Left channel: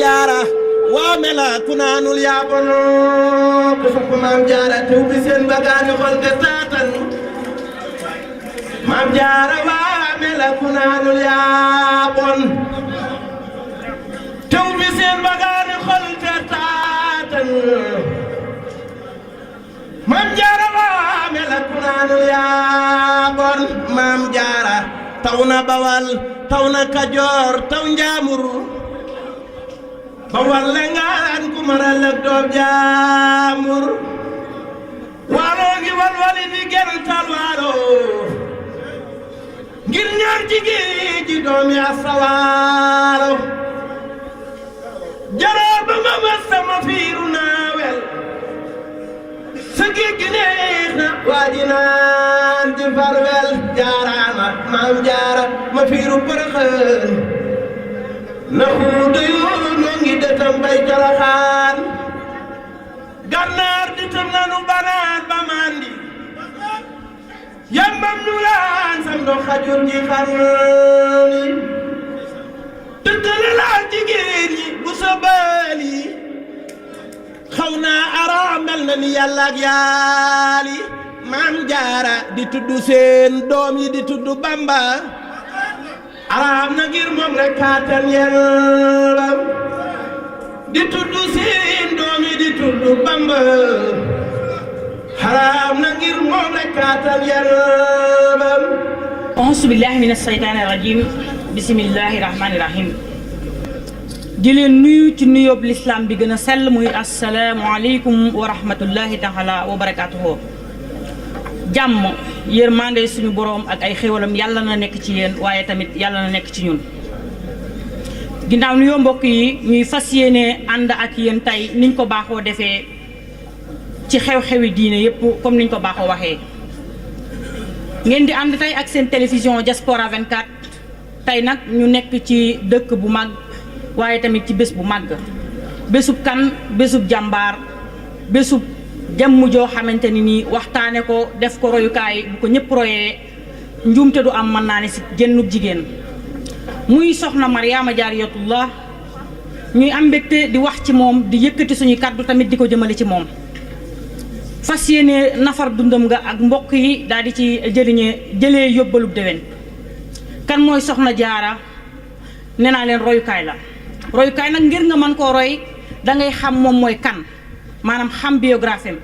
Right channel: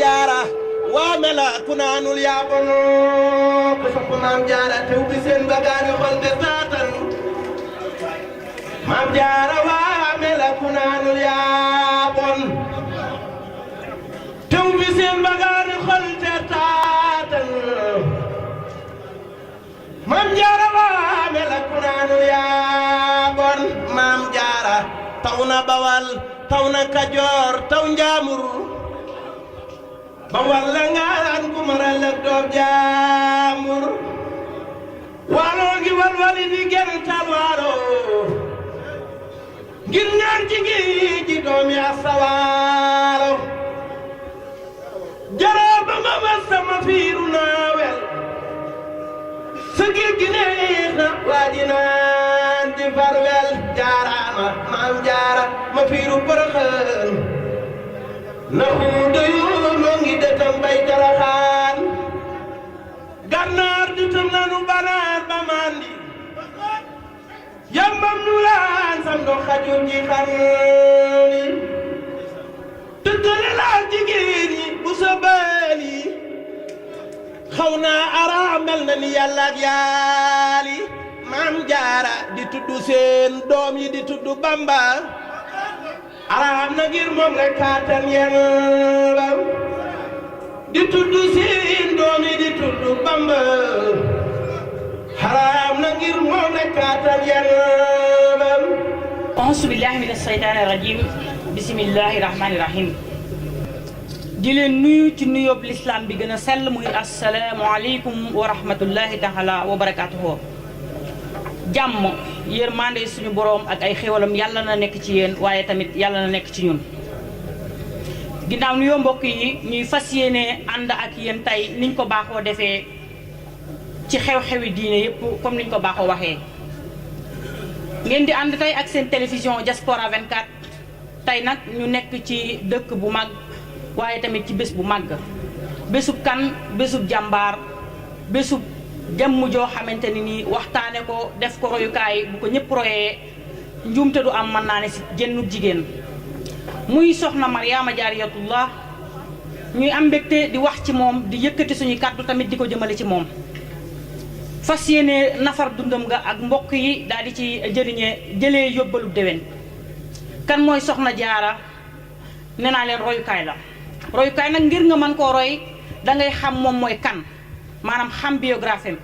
jaara waa mela ku naanul yaa bon ku sopp maam jaara tew bi seen bagaani xol te taatan maam jaara waa mela ku naanul yaa bon tew bi seen bagaani xol te taatan maam jaara waa mela ku naanul yaa bon maam jaara taw na bawal taw na kajoor taw njaamur ba walla ngaan ku maral ak doom jaamur waaloo ngi walwali di gental waalo ngir ñaan ci gi doomi asawaalo jaraa ba ma mas sama fiiru naawel sa géej gi neex na waa ji naan di farwel jaaraama maam jaara ma fiiru përëxën na xuuta yoon noo ngi dëtam bay jalaxaan gànnaar di tëm nanu banaar ba mandi yambam nu laan sam do xajur ji xarni tëddale laal jigéen ñi bu sa baali xaw naa araam mel na ni yàlla ak yaali maam jaara di tudd seen doom yi di tudd bamba araam na ngir moom rek kaatal yellam di tudd seen doom yi di tudd bamba araam na ngir moom rek kaatal yellam auzu billahi mina shaytaani rajim bismillahi rahmaani rahim di leen nuyu ci nuyoob lislaam bi gën a sell muy asalaamualeykum wa rahmatullahi taala wa barakaatuhu jàmm yërmande suñu boroom ak ay xéwalam yàlla na nekk ci yéen waaye tamit yàlla na nekk ci ñun ginnaaw nuyoo mbokk yi ñuy fas yéene ànd ak yéen tey niñ ko baaxoo defee ci xew-xewi diine yépp comme niñ ko baaxoo waxee ngeen di ànd tey ak seen télévision Diaspora 24 tey nag ñu nekk ci dëkk bu mag waaye tamit ci bés bu màgg bésub kan bésub jàmbaar bésub jëmm joo xamante ni nii waxtaane ko def ko royukaay bu ko ñëpp royee njuumte du am mën naa ne si génnub jigéen muy soxna Mariama Jaariyatullah ñuy am mbégte di wax ci moom di yëkkati suñuy kàddu tamit di ko jëmale ci moom fas yéene nafar dundam nga ak mbokk yi daal di ci jëlee yóbbalub déwén kan mooy soxna jaara nee naa leen royukaay la royukaay nag ngir nga mën koo roy dangay xam moom mooy kan maanaam xam biographie am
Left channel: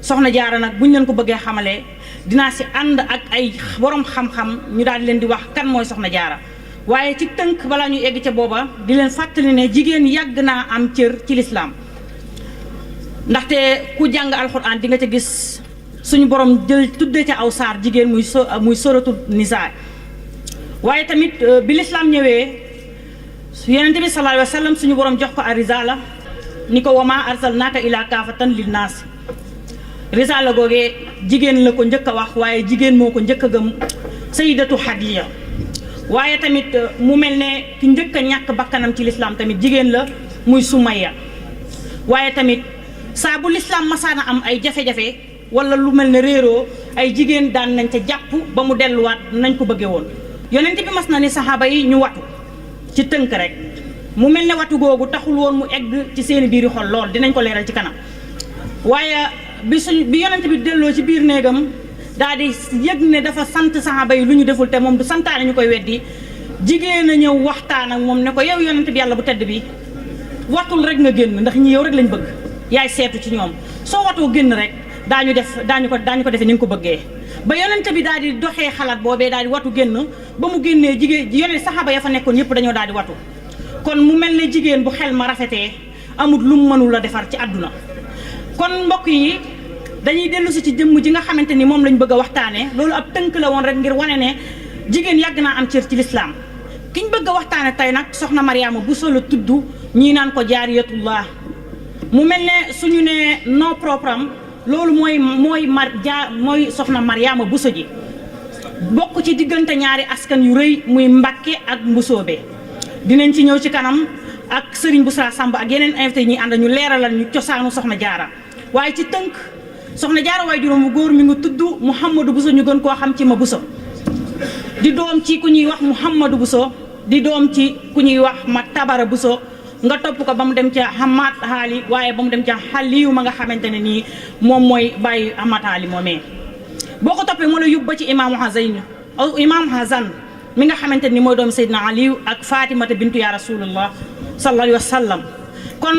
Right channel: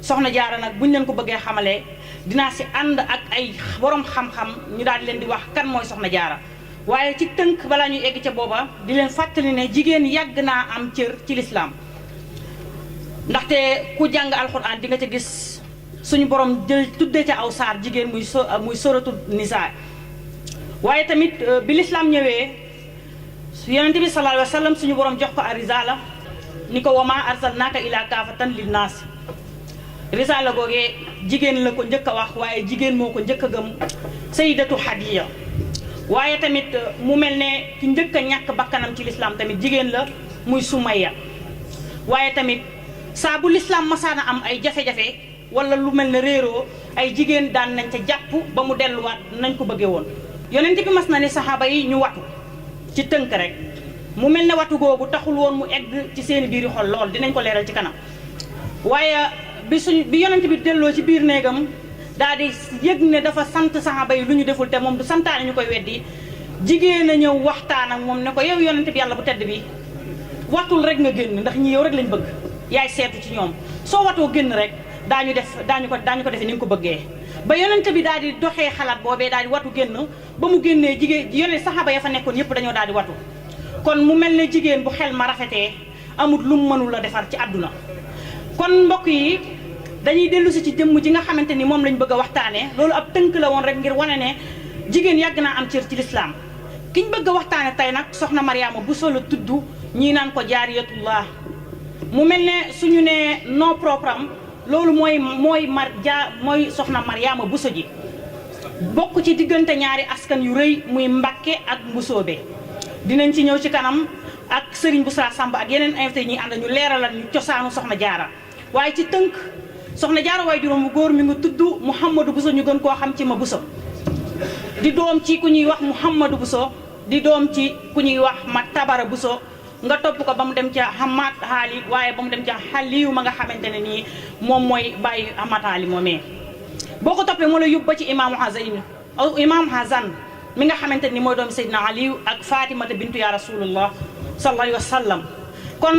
soxna jaara nag buñ leen ko bëggee xamalee dinaa si ànd ak ay borom xam-xam ñu daal di leen di wax kan mooy soxna jaara waaye ci tënk balaa ñuy egg ca booba di leen fàttali ne jigéen yàgg naa am cër ci lislaam ndaxte ku jàng alxuraan di nga ca gis suñu borom jël tuddee ca aw saar jigéen muy soratu nisaa waaye tamit bi lislaam ñëwee yonente bi sallallahu alayhi wa sallam suñu borom jox ko a risaala ni ko wama arsalnaaka ilaa kaafatan linnaas risaala googee jigéen la ko njëkk a wax waaye jigéen moo ko njëkk a gëm sayyidatu Xadiija waaye tamit mu mel ne ki njëkk a ñàkk bakkanam ci lislaam tamit jigéen la muy Sumayya waaye tamit saa bu lislaam masaana am ay jafe-jafe wala lu mel ne réeroo ay jigéen daan nañ ca jàpp ba mu delluwaat nañ ko bëggee woon yonent bi mas na ni saxaaba yi ñu watu ci tënk rek mu mel ne watu googu taxul woon mu egg ci seeni biiri xol lool dinañ ko leeral ci kanam waaye bi yonent bi delloo ci biir néegam daal di yëg ne dafa sant saxaaba yi lu ñu deful te moom du santaane ñu koy weddi jigéen a ñëw waxtaan ak moom ne ko yow yonent bi yàlla bu tedd bi watul rek nga génn ndax ñi yow rek lañ bëgg yaay seetu ci ñoom soo watoo génn rek daañu ko defee ni nga ko bëggee ba yonent bi daal di doxee xalaat boobee daal di watu génn ba mu génnee jigéen yonent saxaaba ya fa nekkoon yëpp dañoo daal di watu kon mu mel ne jigéen bu xel ma rafetee amul lu mu mënul a defar ci àdduna kon mbokk yi dañuy dellu si ci jëmm ji nga xamante ni moom lañ bëgg a waxtaanee loolu ab tënk la woon rek ngir wane ne jigéen yàgg naa am cër ci lislaam kiñ bëgg a waxtaane tey nag soxna Mariama Bousso la tudd ñii naan ko Jaariyatullah mu mel ne suñu ne nom propre am loolu mooy soxna Mariama Bousso ji bokk ci diggante ñaari askan yu rëy muy Mbàkke ak Mbusoobe dinañ ci ñëw ci kanam ak Serigne Boussa Samb ak yeneen invité ñi ànd ñu leeralal ñu cosaanu soxna jaara waaye ci tënk soxna jaara waaye juróom bu góor mi ngi tudd Mouhamadou Bousso ñu gën koo xam ci ma Bousso di doom ci ku ñuy wax Mouhamadou Bousso di doom ci ku ñuy wax ma Tabara Bousso nga topp ko ba mu dem ca Hamad Haali waaye ba mu dem ca Xaliyu ma nga xamante ne nii moom mooy bàyyi Hamad Haali moomee boo ko toppee moo la yóbbu ba ci imaamu Hasan mi nga xamante ni mooy doom Seydina Aliyu ak Fatimata bintu ya rasulullah sallallahu alayhi wa sallam kon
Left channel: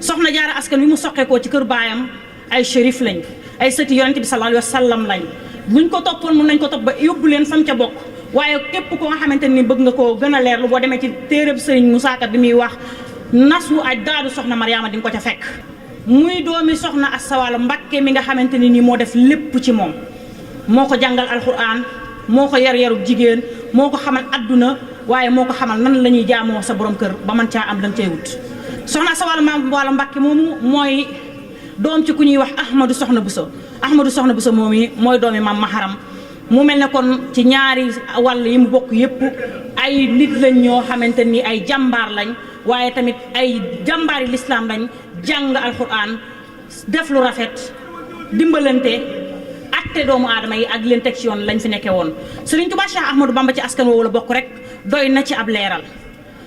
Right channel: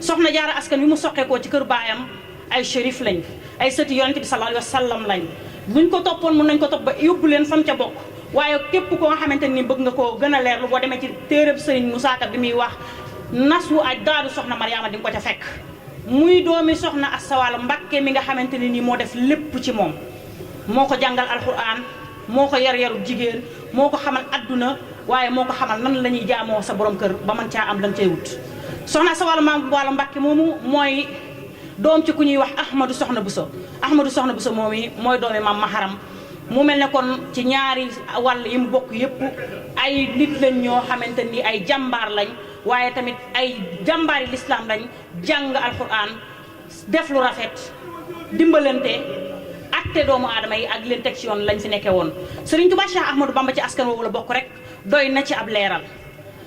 soxna jaara askan wi mu soqeekoo ci kër baayam ay shérif lañ ay sëti yonente bi sallallahu alayhi wa sallam lañ buñ ko toppoon mun nañ ko topp ba yóbbu leen fam ca bokk waaye képp koo nga xamante ni bëgg nga koo gën a leerlu boo demee ci téereb Sëriñ Musaa Ka bi muy wax nasu aj daadu soxna Mariama di nga ko ca fekk muy doomi soxna Asta Walo Mbakke mi nga xamante ni nii moo def lépp ci moom moo ko jàngal alquran moo ko yar-yarub jigéen moo ko xamal adduna waaye moo ko xamal nan la ñuy jaamoo sa borom kër ba man caa am lan cay wut soxna Asta Walo Mbakke moomu mooy doom ci ku ñuy wax Ahmadou Soxna Bousso moom yi mooy doomi maam Maharam mu mel ne kon ci ñaari wàll yi mu bokk yépp ay nit lañ ñoo xamante ni ay jàmbaar lañ waaye tamit ay jàmbaari lislaam lañ jàng alquran def lu rafet dimbalante atte doomu aadama yi ak leen teg ci yoon lañ fi nekkee woon Sëriñ Tuubaa Cheikh Ahmadou Bamba ci askan woowu la bokk rek doy na ci ab leeral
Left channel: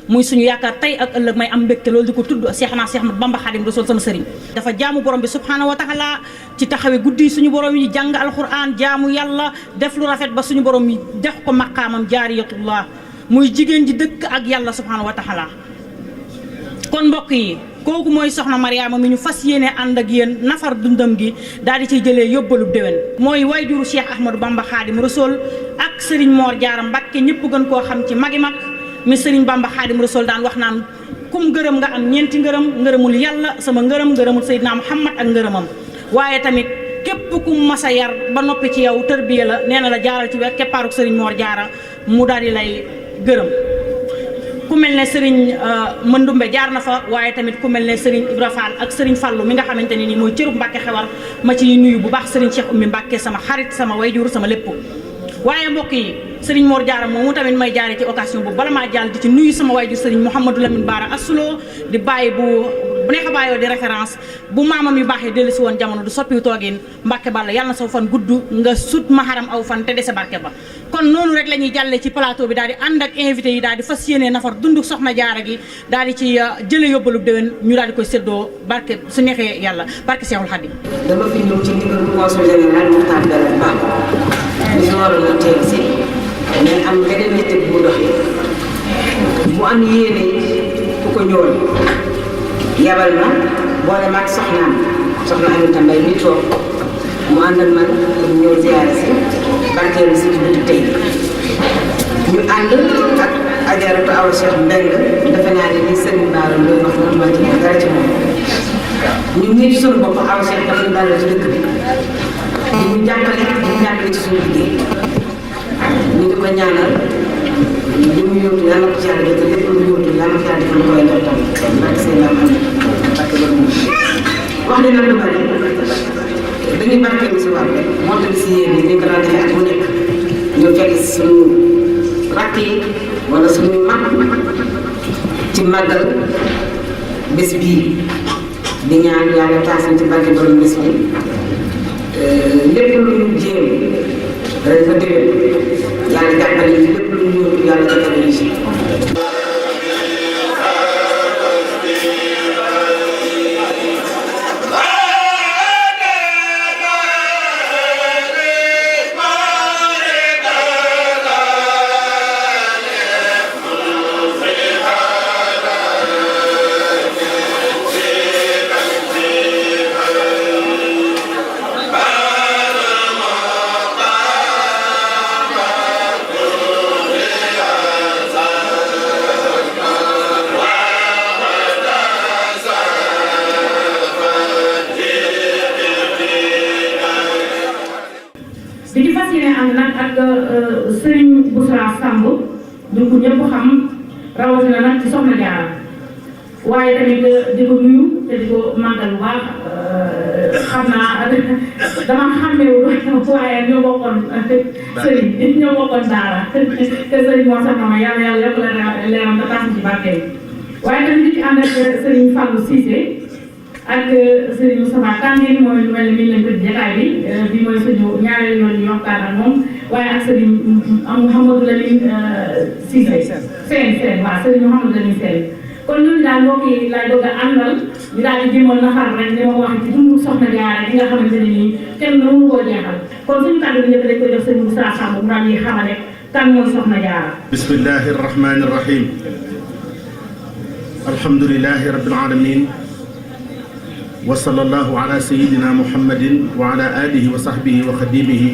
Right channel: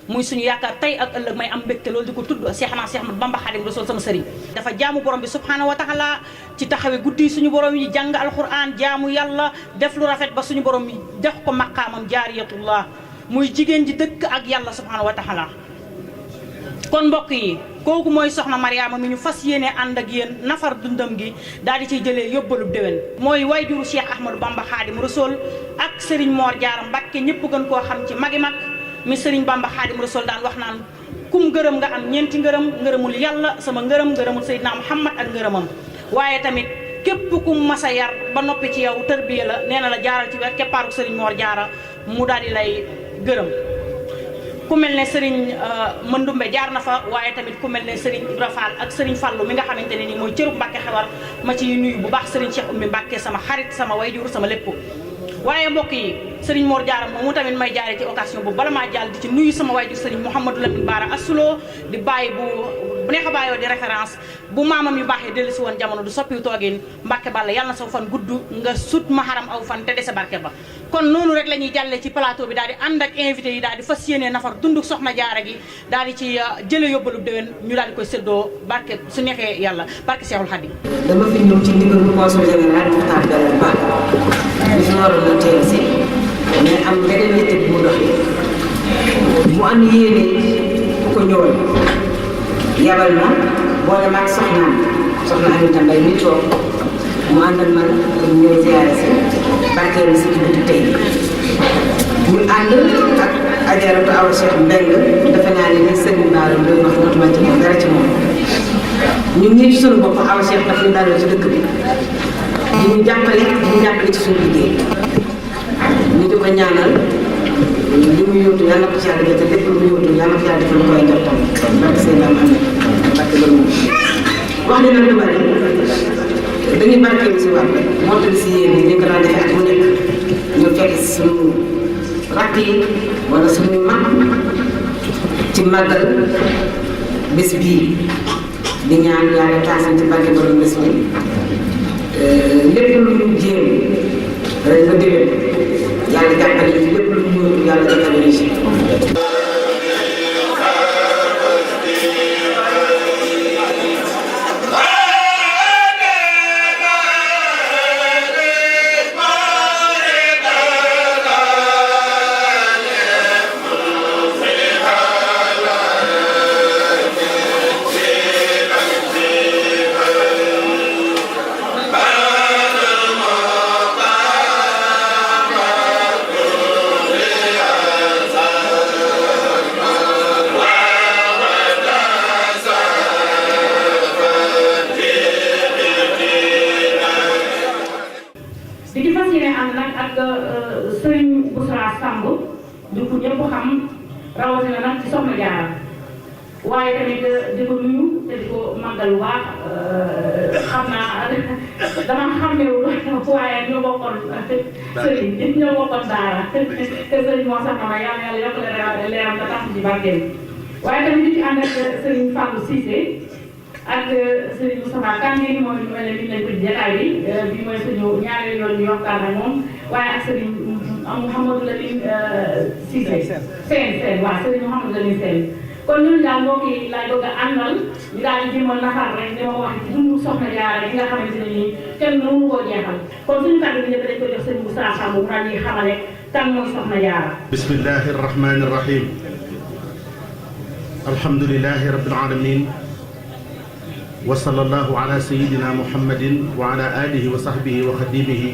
muy suñu yaakaar tey ak ëllëg may am mbégte loolu di ko tudd Cheikh Ahmadou Bamba Xaadimu Rasuul sama sëriñ dafa jaamu borom bi subhaanahu wa taala ci taxawe guddi suñu borom yi jàng alquran jaamu yàlla def lu rafet ba suñu borom yi def ko maqaamam jaariyatullah muy jigéen ji dëkk ak yàlla subhaanahu wa taala kon mbokk yi kooku mooy soxna Mariama mi ñu fas yéene ànd ak yéen nafar dundam gi daal di ciy jëlee yóbbalu déwén mooy wayjuru Cheikh Ahmadou Bamba Xaadimu Rasuul ak Serigne Mor Jaara Mbakke ñëpp gën koo xam ci magi mag mi Serigne Bamba Xaadimu Rasuul daan wax naan kum ngërëm nga am ñeenti ngërëmul yàlla sama ngërëmul Seydina Muhammad ak ngërëmam waaye tamit képp ku masa yar ba noppi ci yow tërbiya la nee na la jaaral ci wet keppaaruk Serigne Mor Jaara mu daal di lay gërëm ku mel ne Serigne Mandumbe jaar na fa waaye tamit ku mel ne Serigne Ibra Fall ak Serigne Fallu mi nga xamante ne nii mooy cërub Mbàkke Xewar ma ci nuyu bu baax Serigne Cheikh Oumy Mbàkke sama xarit sama wayjur sama lépp waaye mbokk yi Serigne Mor Jaara moomu tamit may jaare ci occasion bu bala maa jàll di ci nuyu sama wayjur Serigne Mouhamadou Lamine Bara Assulo di bàyyi bu neex a bàyyoo di référence bu maamam yu baaxee dellu si woon jamono du soppiwu toogin Mbàkke Balla yàlla na saw fan gudd nga sut Maharam aw fan te dese barke ba kon noonu rek la ñuy jàllee ci plateau bi daal di ànd ak invité yi daal di fas yéene nafar dundu soxna jaara gi daal di ci jële yóbbalub déwén ñu daal di koy séddoo barke su neexee yàlla barke Seexul Xadim dama fi ñëw ci ndigalu consul général Mokhtar Belal Ba ñu fi waroon a teew si mais am beneen yitte bu mu doxee mu am yéene ku ko ñëwal yabal ma boole maag soxna Aminata Mbay mi toog mu àndal man pour ñëw ziyaare si barkeelu si ci guddi tey ñu ànd ak ajaratu Awa Cheikh Mbeng defe naa ne ni sëriñ Bara doy wax dootuma ci dara ci moom ñun ñii ci sunu bopp Awa Cheikh daf ñu dalal ci dëkk bi ñu jàppale ci suñu liggéey ñu di ko ñaanal li mu yóotu yàlla ko ci yàlla jot lépp lu mu yóotu yàlla ko ci yàlla defal lu koy jot tamit barke seen am barke loolu moom wax ne nag lu bari dañuy barkeelu si war moo tax si yéen ñi ñu ko daan defee at mu nekk ñu fekk suñu rakk yi wala suñu mag ci màggal bés bii di ñaan yàlla taasal ci barke borom bés bi lépp lu ñu jéem rek ba déwén yàlla jàppale ñu lépp lu ñu yóotu yàlla jàppale ñu si ñu ko ñëpp xam rawatina nag ci soxna Jaara waaye tamit di ko nuyu te di ko màggal bu baax xam naa dama xàmmewu waaye ñoo bokkoon sëriñ ñoo bokkoon daara te sëriñ moo sax ma yàlla yokk la leeram te tax ci barke waaye tamit di ci ànd ak sëriñ Fallou Cissé ak sëriñ Moustapha Kandé mooy lu mel ne mi leen tëdd jataay bi mooy suñu ñaareelu yoon ñu waxtaan ak moom waaye ak sëriñ Mouhamadou Lamine Cissé seen waaw sëriñ Mouhamadou Lamine Sène kon ñooñu daal mbokk yi laay bëgg a àndal ñu daal di jëmoon nafar rek ni ma ko waxee ci dundu soxna Jaara gi nga xamante ne nii kenn mënu koo jeexal kon suñu kàddu bi ñëpp dañ koy jox sëñ Moussa Samb mu daal ñuy xamale kan mooy soxna Jaara. bismillahi rahmani rahim. alhamdulilahi rabbil alamin wa sallallahu ala sayyidina muhammadin wa ala alihi wa sahbihi wa xadimihi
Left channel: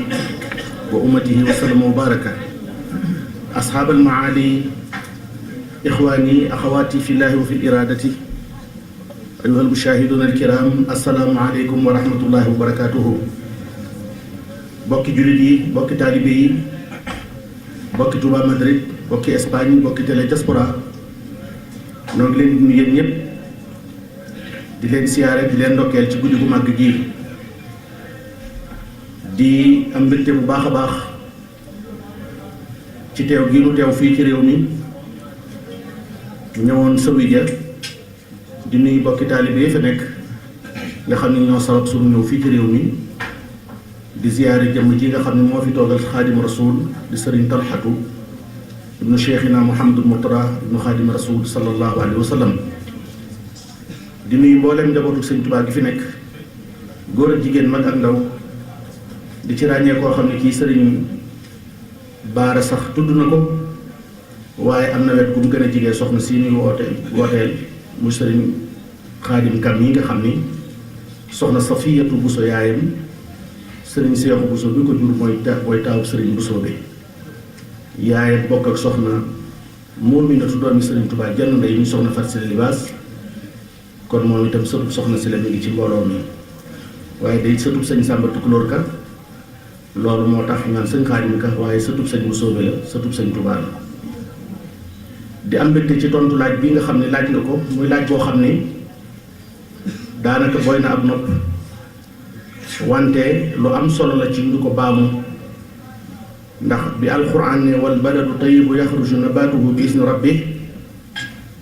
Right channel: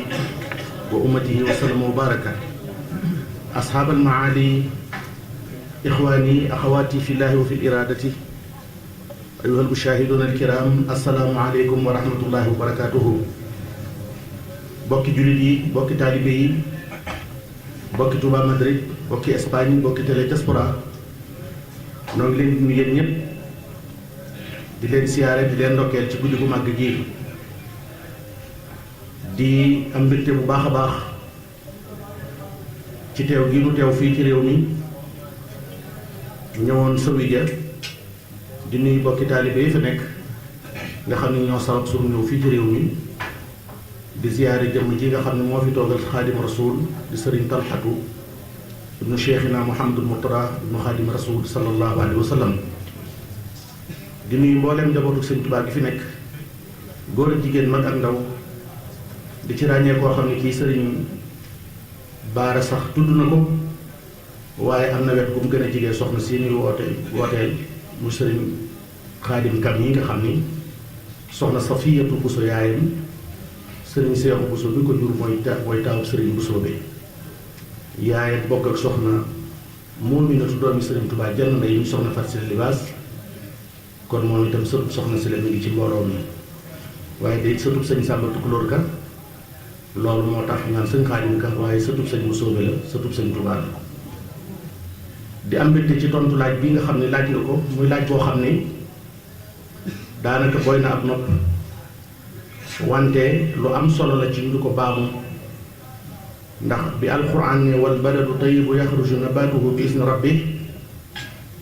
wa ummatihi wa sallama wa baraka. ashab almaali ixwaani axawaati fi llahi wa fi iradati ayuha almushahiduna alkiram assalaamu aleykum wa rahmatullahi wa barakatuhu. bokki jullit yi bokki taalibe yi bokki Touba Madrid bokki Espagne bokki télé diaspora noo ngi leen di nuyu yéen ñëpp di leen siyaare di leen ndokkeel ci guddi gu màgg gi di am mbégte bu baax a baax ci teew gi nu teew fii ci réew mi ñëwoon Sowija di nuyu bokki taalibe yi fa nekk nga xam ne ñoo sabab suñu ñëw fii ci réew mi di ziyaare jëmm ji nga xam ne moo fi toogal xaadim rasul di sëriñ Talxatu ibnu cheikhina Muhammadul Murtada ibnu xaadim rasul sallallahu alayhi wa sallam. di nuyu mbooleem njabootu sëñ Tuubaa gi fi nekk góor ak jigéen mag ak ndaw di ci ràññee koo xam ne kii sëriñ Baara sax tudd na ko waaye am na wet gu mu gën a jigee soxna si ñuy wooteel mu sëriñ xaadim kam yi nga xam ni soxna Safiyatu Buso yaayam sëriñ Seexu Buso bi ko jur mooy taawub sëriñ Buso bi yaayam bokk ak soxna Muuminatu doomi sëriñ Tuubaa jenn ndey ñu soxna Fat Sili Libaas kon moom itam sëtub soxna si la mi ngi ci mbooloo mi waaye day sëtub sëñ Sàmba Tukulóor ka loolu moo tax naan sëñ Xaadim ka waaye sëtub sëñ Buso bi la sëtub sëñ Tuubaa la di am mbégte ci tontu laaj bi nga xam ne laaj nga ko muy laaj boo xam ne daanaka booy na ab nopp wante lu am solo la ci ñu ko baamu ndax bi alquran ne wal baladu tayyibu yaxruju nabatuhu bi isni rabbi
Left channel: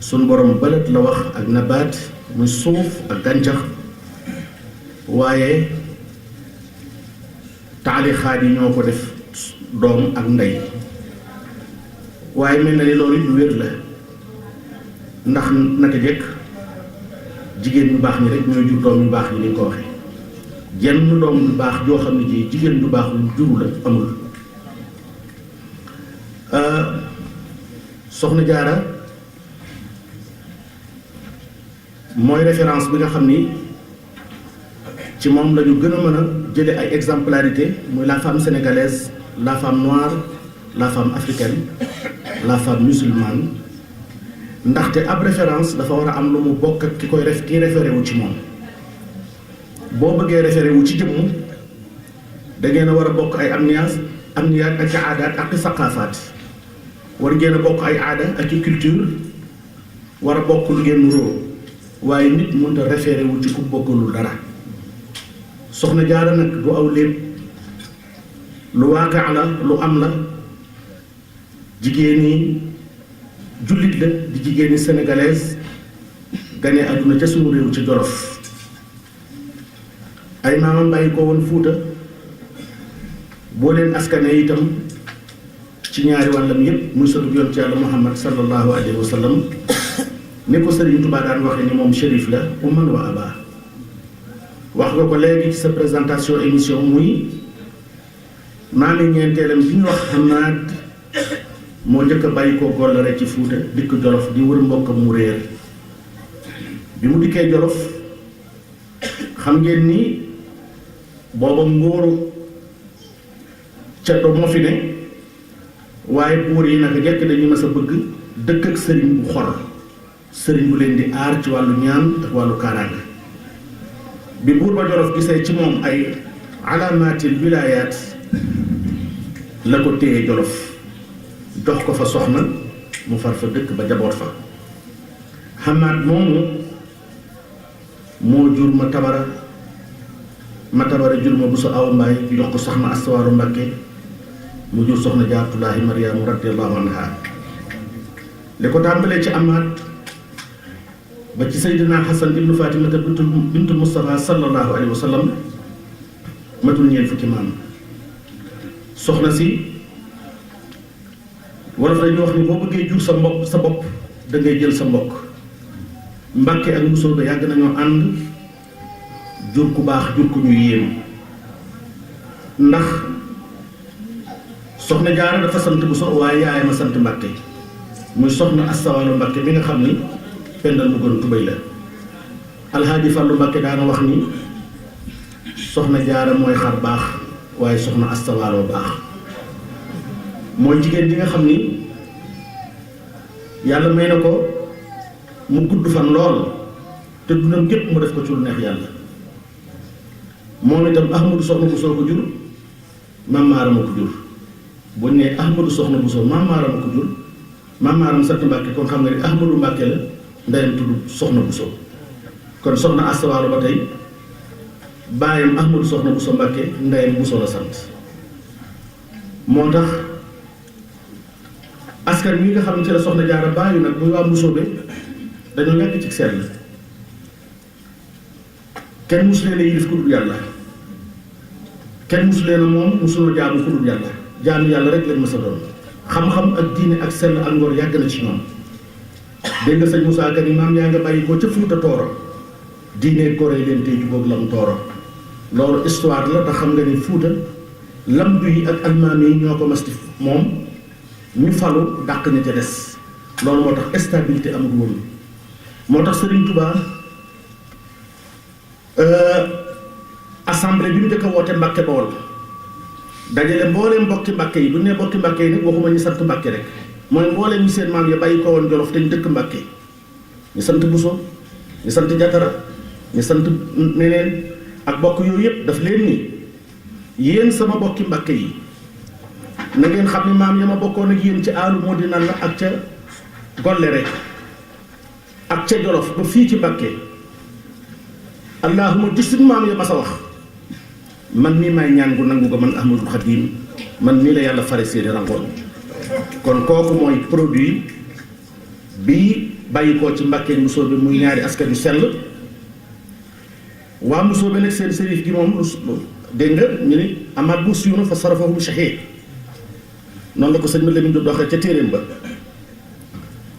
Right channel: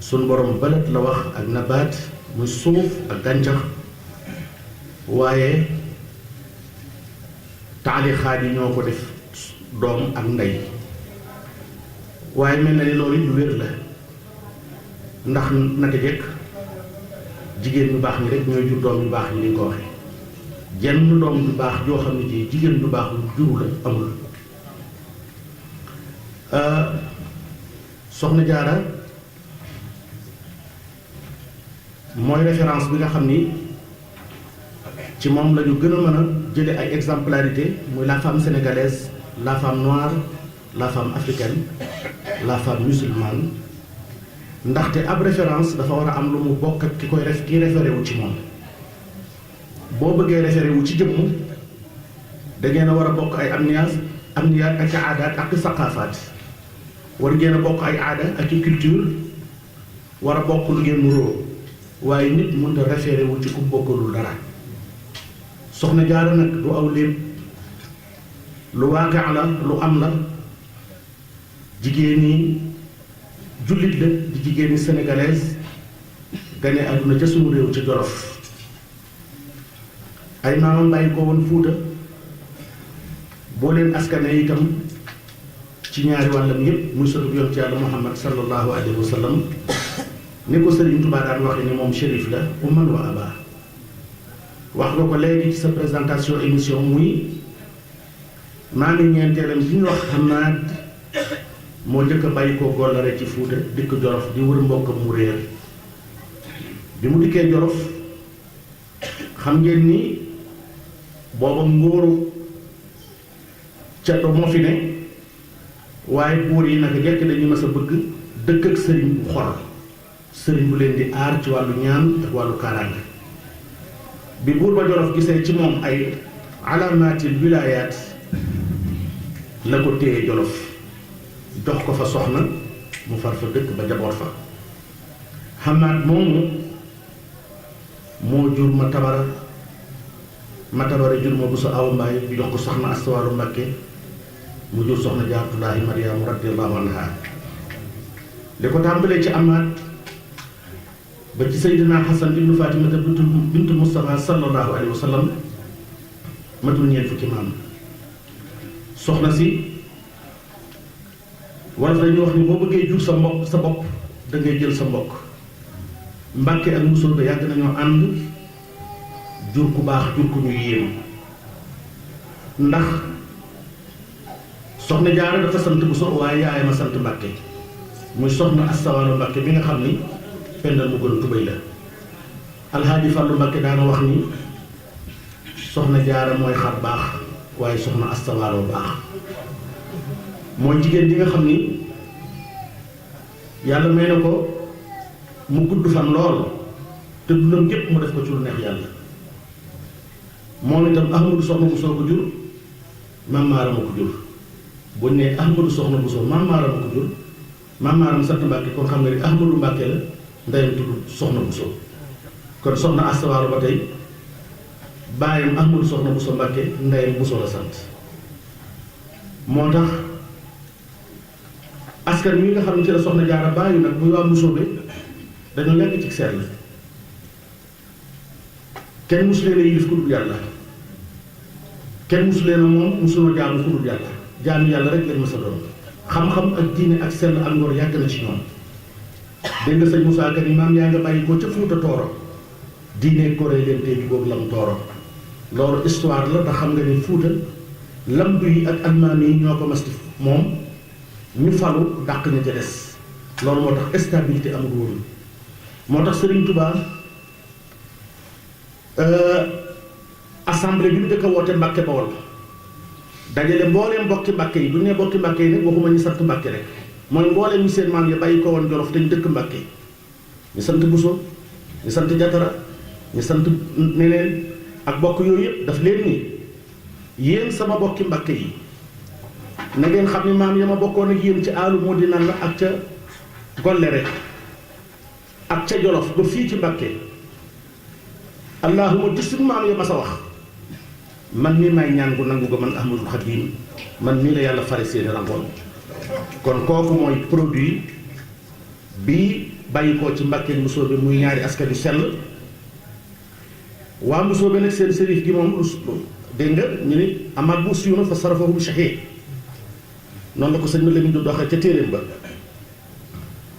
suñ borom balad la wax ak nabaat muy suuf ak gàncax waaye taalixaat yi ñoo ko def doom ak ndey waaye mel na ni loolu lu wér la ndax naka jekk jigéen ñu baax ñi rek ñooy jur doom yu baax ñi ni nga ko waxee jenn doom yu baax joo xam ne ji jigéen ju baax lu juru la amul. soxna Jaara mooy référence bi nga xam ni ci moom la ñu gën a mën a jële ay exemplarité muy la femme sénégalaise la femme noire la femme africaine la femme musulmane ndaxte ab référence dafa war a am lu mu bokk ak ki koy kii référé wu ci moom. boo bëggee référé wu ci jëmm da ngeen a war a bokk ay amniyaat ak i aadaat ak i saqaafaat war ngeen a bokk ay aada ak i culture war a bokk lu ngeen nuroo waaye nit mënut a référé wu ci ku bokkalul dara. soxna Jaara nag du aw lépp lu waaqaa la lu am la jigéen ñi jullit la di jigéen ñi sénégalaise gane àdduna ca suñu réew ci Jolof ay maamam bàyyi ko woon Fuuta boo leen askane itam ci ñaari wàllam yépp muy sëtu yoon ci yàlla Muhammad sallallahu alayhi wa sallam ni ko Sëriñ Tuubaa daan waxe ni moom shérif la umman wa aba wax nga ko léegi ci sa présentation émission muy maami ñeenteelam bi ñu wax Hamad moo njëkk a bàyyi ko Gollare ci Fuuta dikk Jolof di wër mbokkam mu réer bi mu dikkee Jolof xam ngeen ni booba ngóoru ceddo moo fi ne waaye buur yi naka jekk dañuy mas a bëgg dëkk ak sëriñ bu xor sëriñ bu leen di aar ci wàllu ñaan ak wàllu kaaraange bi buur ba Jolof gisee ci moom ay alaamaatil wilaayaat la ko téye Jolof jox ko fa soxna mu far fa dëkk ba jaboot fa. Hamad moomu moo jur ma tabara jur ma Buso Awa Mbaay jox ko soxna Astawaalo Mbakke mu jur soxna Jaaratullaahi Maryaama radiyallaahu anha li ko tàmbalee ci Hamad ba ci Seydina Xasan ibnu Fatimata bintu Mustafa sallallahu alayhi wa sallam matul ñeent fukki maam. soxna si wala dañuy wax ni boo bëggee jur sa bopp da ngay jël sa mbokk Mbàkke ak Mbusoobe yàgg nañoo ànd jur ku baax jur ku ñu yéem ndax soxna Jaara dafa sant Buso waaye yaayam a sant Mbàkke muy soxna Asta Waalo Mbàkke bi nga xam ni pendal mu gën tubéy la. Alxaaji Fàllu Mbàkke daana wax ni soxna Jaara mooy xar baax waaye soxna Asta Waalo baax mooy jigéen ji nga xam ni yàlla may na ko mu gudd fan lool te dundam gépp mu def ko ci lu neex yàlla. moom itam Ahmadu soxna Buso ko jur Maam Maaram ko jur bu ñu nee Ahmadu soxna Buso Maam Maaram ko jur Maam Maaram sant Mbàkke kon xam nga ni Ahmadu Mbàkke la ndeyam tudd soxna Buso kon soxna Asta Waalo ba tey baayam Ahmadu soxna Buso Mbàkke ndeyam Buso la sant moo tax askan wi nga xam ne ci la soxna Jaara baayu nag muy waa Mbusoobe dañoo nekk ci seet la kenn musu leen a yilif ku dul yàlla kenn musu leen a moom musuloo jaamu ku dul yàlla jaamu yàlla rek leen mës a doon xam-xam ak diine ak sell ak ngor yàgg na ci ñoom dégg nga sëñ Moussa Ka ni maam yaa nga bàyyi ko ca Fuuta Tooro diine goree leen tey jubóog lam tooro loolu histoire la ndax xam nga ni Fuuta lamdu yi ak almaami yi ñoo ko mas moom ñu falu dàq ña ca des loolu moo tax stabilité amul woon moo tax Serigne Touba assemblée bi mu njëkk a woote Mbàkke Bawol dajale mbooleem mbokki Mbàkke yi bu ñu nee mbokki Mbàkke yi nag waxuma ñu sant Mbàkke rek mooy mbooleem ñu seen maam ya bàyyi ko woon Jolof te ñu dëkk Mbàkke ñu sant Buso ñu sant Jatara ñu sant neneen ak bokk yooyu yëpp daf leen ni yéen sama bokki Mbàkke yi na ngeen xam ni maam ya ma bokkoon ak yéen ci aalu moo di nan la ak ca Gollere ak ca Jolof ba fii ci Mbàkke allahuma di suñ maam ya ma sa wax man mii may ñaan gu nangu ko man Ahmadul Xadim man mii la yàlla fare seeni rangoon kon kooku mooy produit bi bàyyi koo ci Mbàkke Mbusoobe muy ñaari askan yu sell waa Mbusoobe nag seen sërif gi moom dégg nga ñu ni amaat bu siyuna fa sarafahum shahid noonu la ko sëñ ma Lamin do doxee ca téeréem ba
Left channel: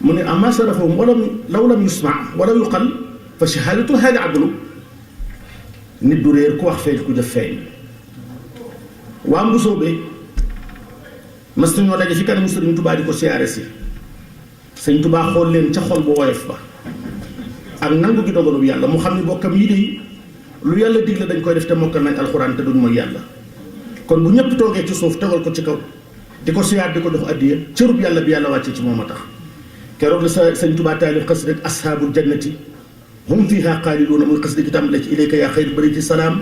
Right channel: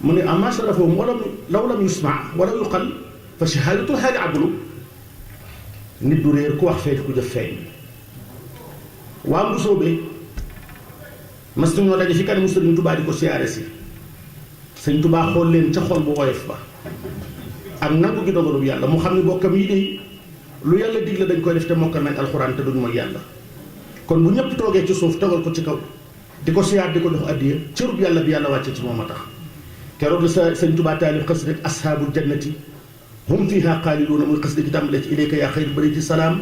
mu ne ama sarafahum wala law lam yusma wala yuqal fa shahadatul haali adlu nit du réer ku wax feeñ ku jëf feeñ waa Mbusoobe mas nañoo daje fi kanamu Sëriñ Tubaa di ko siyaare si Sëriñ Tubaa xool leen ca xol bu woyof ba ak nangu gi dogalub yàlla mu xam ne bokkam yi de lu yàlla digle dañ koy def te mokkal nañ alxuraan te duñ mooy yàlla kon bu ñëpp toogee ci suuf tegal ko ci kaw di ko siyaar di ko jox addiya cërub yàlla bi yàlla wàcce ci moom a tax keroog la Sëriñ Tubaa taalif xës rek ashaabul jannati hum fiihaa xaaliduuna muy xës di tàmbale ci ilayka yaa xayr bariti salaam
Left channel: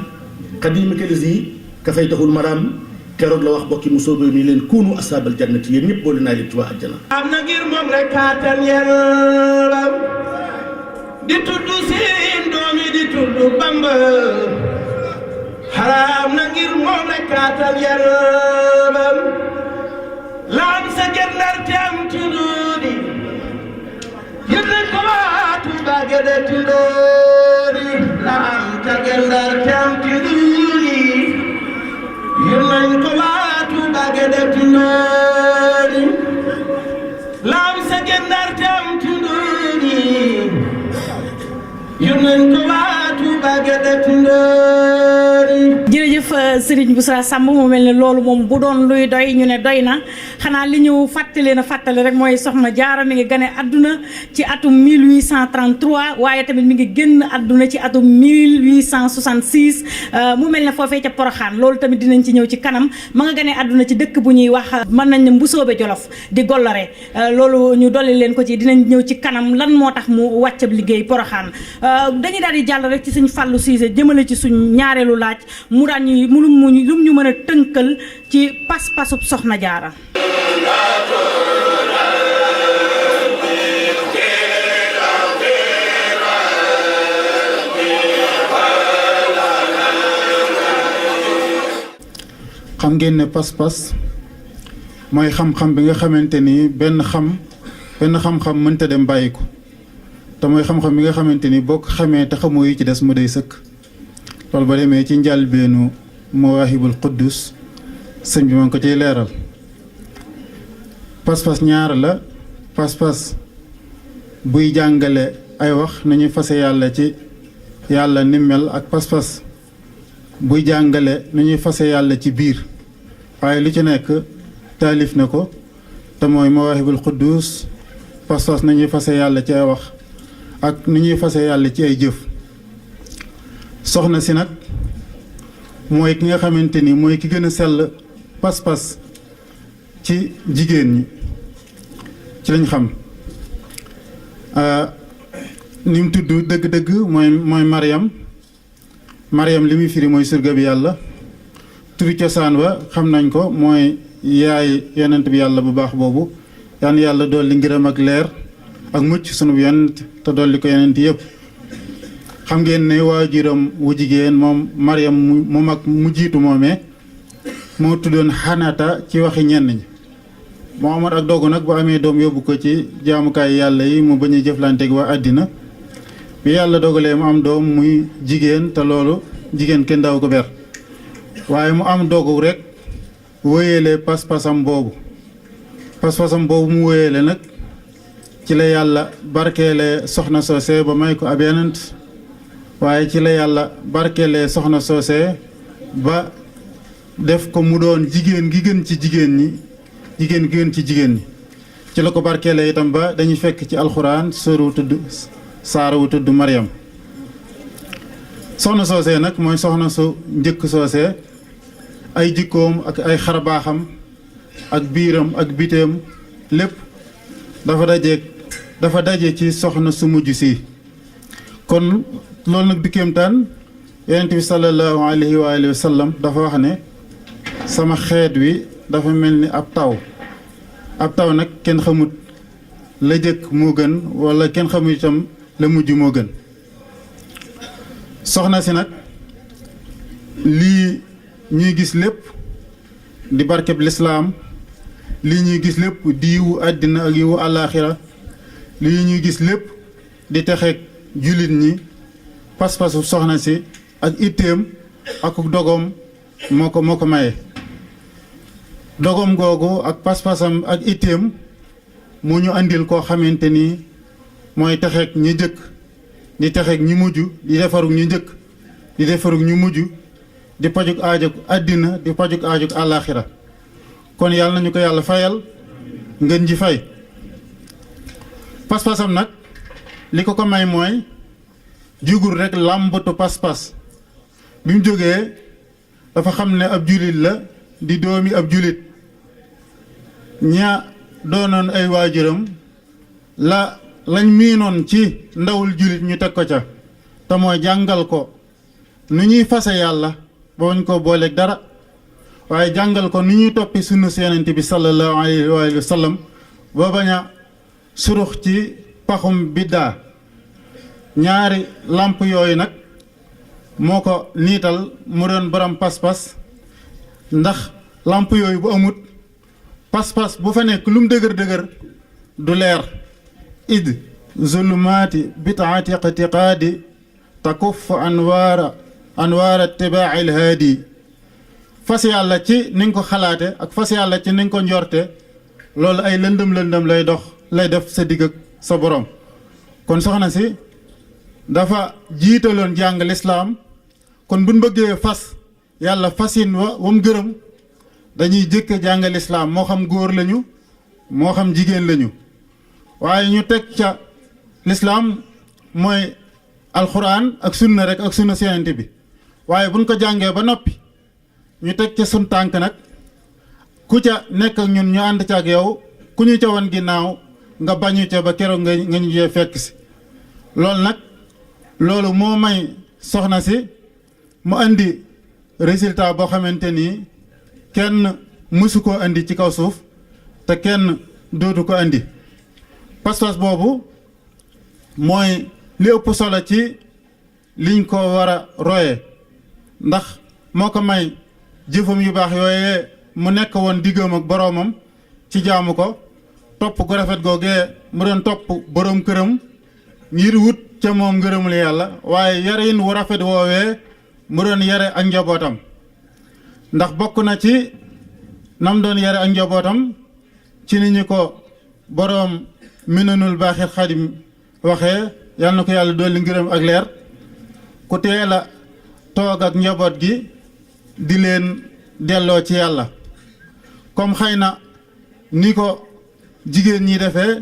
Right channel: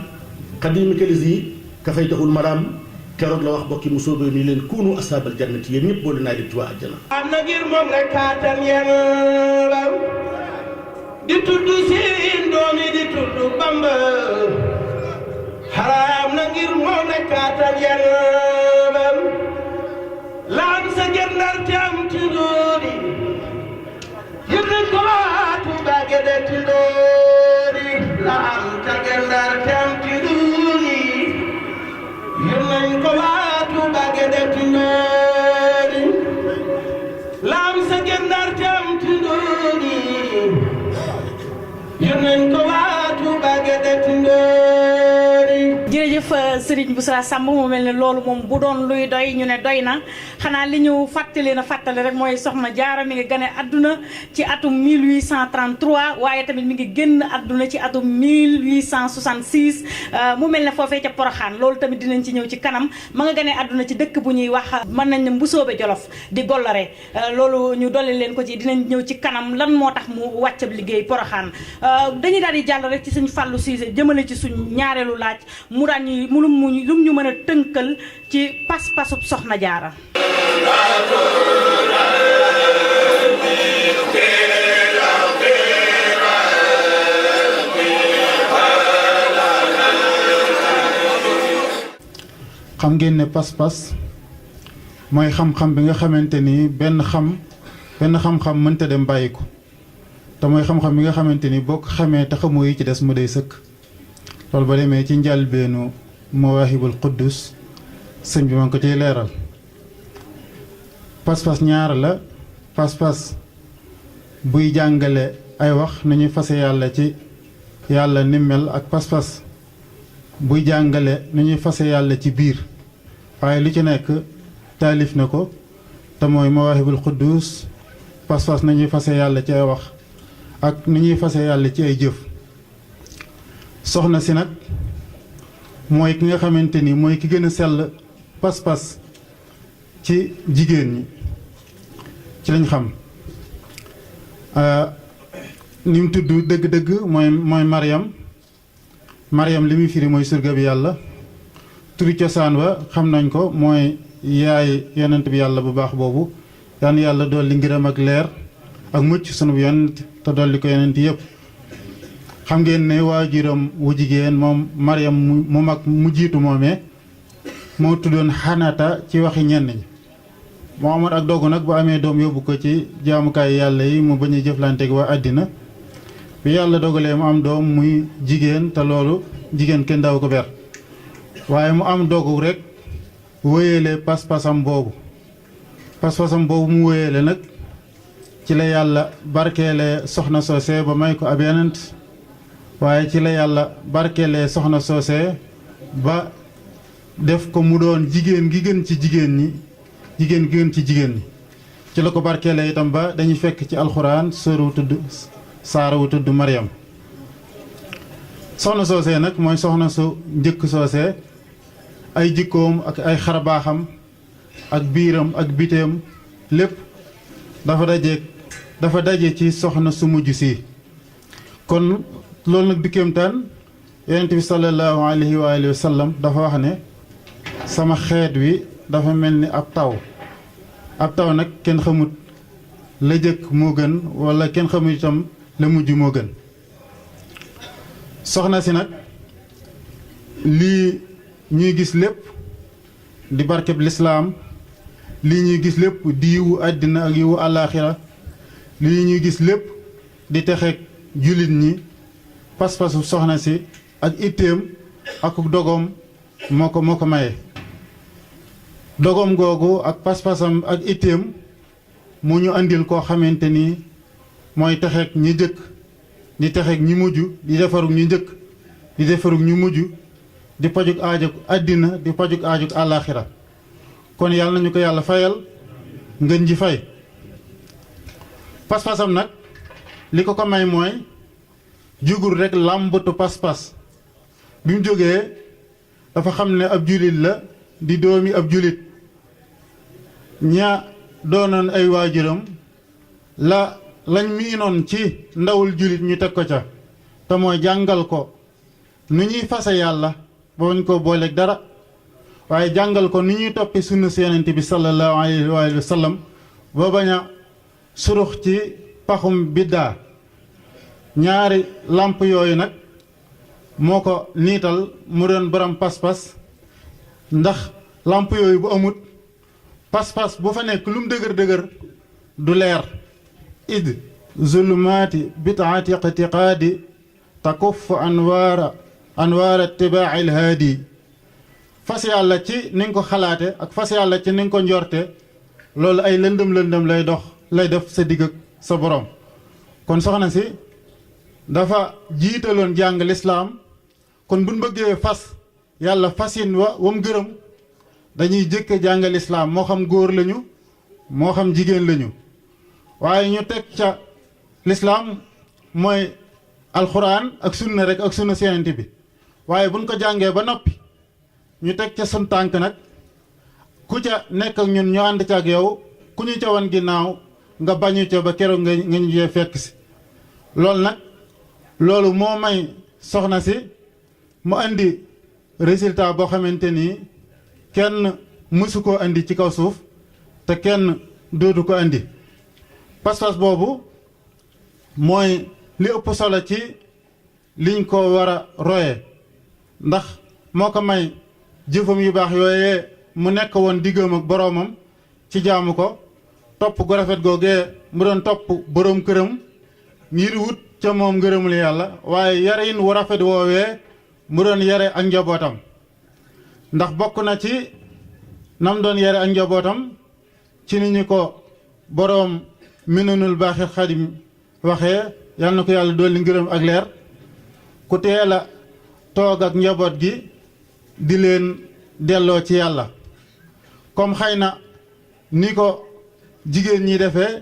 xadimika lisi ka fay taxul maraam keroog la wax bokki Mbusoobe ni leen kuunu ashaabal jannati yéen ñëpp boole naa leen ci waa àjjana am na ngir moom rek kàttan yaram di tudd seen doom yi di tudd Bamba xaraam na ngir moom rek kàttan yaram laan sa gendar te am tundoodi yëg nañ ko waatu baage de tundoodi laan sa gendar te am tundoodi yëg nañ ko waatu baage de tundoodi laan sa gendar te am tundoodi yëg nañ ko waatu baage de tundoodi. jërëjëf Serigne Boussa Samb mu mel ne loolu moom bu doon luy doy ñu ne doy na xanaa li ñu fàttali na fàttali rek mooy soxna Jaara mi ngi gane àdduna ci atum 1833 waaye tamit mi ngi génn àdduna ci atum 1866 mu mel ne foofee ca Poroxaan loolu tamit dinañ ci ñëw ci kanam ma nga gane àdduna ci dëkk bu ñuy wax mën nañ ne Mbusoobe Jolof di Gollare loolu ñu dolli leen ko ci dinañ ñëw ci kanam lan moo tax mu wàccab liggéey Poroxaan dañuy daal di jàll rek ci suñ Fàllu Siise jëmale ci suñ ñaareelu laaj mu daan ñuy lum ñu mën a tënkal ci pas-pasub soxna Jaara. xam ngeen ne pas-pas mooy xam-xam bi nga xamante ni benn xam-xam mënta dem bàyyi ko te mooy xam-xam bi nga xamante ni boo ko xamee te xamoo yi ci des mu day sëkk loolu ba demee ci njàlbeenu Mawaahibul Quddus sëñ bi ma ngi ko ciy leeral pas-pas ñaar la pas-pas buy jàngale ay wax nu ñuy fase yàlla ci yàlla ni mel ak pas-pas buy jàngale nu ñuy fase yàlla ci biir waaye lu ci nekk taalif na ko te mooy Mawaahibul Quddus pas-pas nañuy fase yàlla ci ay wax ak ni ñuy fase yàlla ci ay jëf. soxna si nag mooy ki nga xamante ni mooy ki gën a sell pas-pas ci jigéen ñi ci lañ xam ni mu tudd dëgg-dëgg mooy Mariam li muy firi mooy surga bi yàlla. turi cosaan wa xam nañ ko mooy yaay yonent bi yàlla bu baax boobu yaan yàlla dolli ngërëm ak leer ak mucc sunu yonent te dolli ko yonent yëpp. xam ngeen ne waajuram wu jigéen moom Mariam mu mag mu jiitu moomee moo tuddoon Xanata ci waxi ñenn ñi moo amoon ak dogu nag bu amee doom yóbbu ko ci jaamukaay yàlla yi mu bañ a jëflanteeg waa àddina bi yàlla dogalee mu am doom muy jigéen te loolu jigéen kenn daaw ko ber waaye mu am dogu rek wéyale pas-pasam boobu mu wéyale nag ci la yàlla barkeele soxna soose ba may ko ab yonent waaye ci la yàlla barkeele soxna soose ba def ko mu doon jigéen gi gën ci jigéen ñi ci la ko barkeele itam ba dañuy fekk ci alxuraan saara wu tudd Mariam. soxna soose nag mooy soxna su njëkk soose ay jikkoom ak ay xarbaaxam ak biiram ak biteem lépp dafa daje ci soxna su mujj si kon loolu nag di kéemtaan yonent bi sallallahu alayhi wa sallam dafa wax ne sama xeet wi dafa mel ni ab taw nag kenn xamut la jëkk moo gën wala kenn xamut itam la mujj moo gën. soxna si nag lii ñuy gis lépp di barkeb lislaam lii ñuy gis lépp di yiwu àddina ak yiwu àllaaxira lii ñuy gis lépp di texeeg jullit ñi pas-pasu soxna si ak itteem ak dogoom moo ko maye. dogoom googu ak pas-pasam ak itteem mu ñu andil koo xamante ni mooy texeeg ñi jëkk di texeeg ñi mujj di defarug ñu njëkk di defarug ñu mujj di pajug aajug àddina di pajug aajug àllaaxira kon yàlla nañu ko yàlla fayal ngeen ji fay. pas-pasam nag li ko may mooy jugul rek làmbatu pas-pas bi mu jógee dafa xam ne ab julit la di doomi ab julit ña doonoon ay waajuram lañ miinoon ci ndawul julit ñu teg ko ca te mooy jàngal ko nu ñuy fase yàlla ba bañ ko booleeg dara waaye jàngal ko nu ñuy toppi sunna Yonent bi sallallahu alayhi wa sallam ba bañ a surux ci paxum biddaa. ñaari làmp yooyu nag moo ko niital mu doon borom pas-pas ndax làmp yooyu bu amut pas-pas bu fa nekk lu mu dëgër du leer. id zulumaati bitaati iqtiqaadi takuf anwaara tibaa'i lhaadi fas yàlla ci ni nga ko xalaate ak fas yàlla ci ni nga ko njorte loolu ay lëndëm lay def sa digg ak sa borom. kon soxna si dafa jiitaloon jàng lislaam kon buñ bëggee fas yàlla fasin wam gërëm dañuy jëkk jàng lislaam moo xam góor lañu moo xam jigéen lañu waaye ñu teg ca lislaam mooy alxuraan ak sunna rek ak sunna Yonent bi waaye buñ ko jàngee ba noppi ñu teg ca sun tànk nag ku ca nekk ak ñun ñu ànd ca ak yow ku ñu ca wan ginnaaw nga bañu ca ba keroog nga ñu jee fekk si loolu moo may soxna si mu andi résultat boo xamante ni kenn mësu koo andi ci kaw suuf te kenn dootu ko andi. pas-pas boobu mooy li ëpp solo ci liñ ko war a roye ndax moo ko may jëfam yu baax yooyee mu nekk woon diggam ak boroomam ci jaamu ko topp gu rafet googee mu doon topp boroom këram ngir wut ca moom ngërëmul yàlla waaye yarin wu rafet woowee mu doon yare ak njabootam ndax bokk na ci nam doon yare ak njabootam ci ni ñu ko boroom Minanul Baaxil Xadim waxee yal na ko yàlla dolli ngërëm ak leer ku teel a toog ak njaboot gi di leen delloo ci yàlla comme xëy na ni ko jigéen ñi defee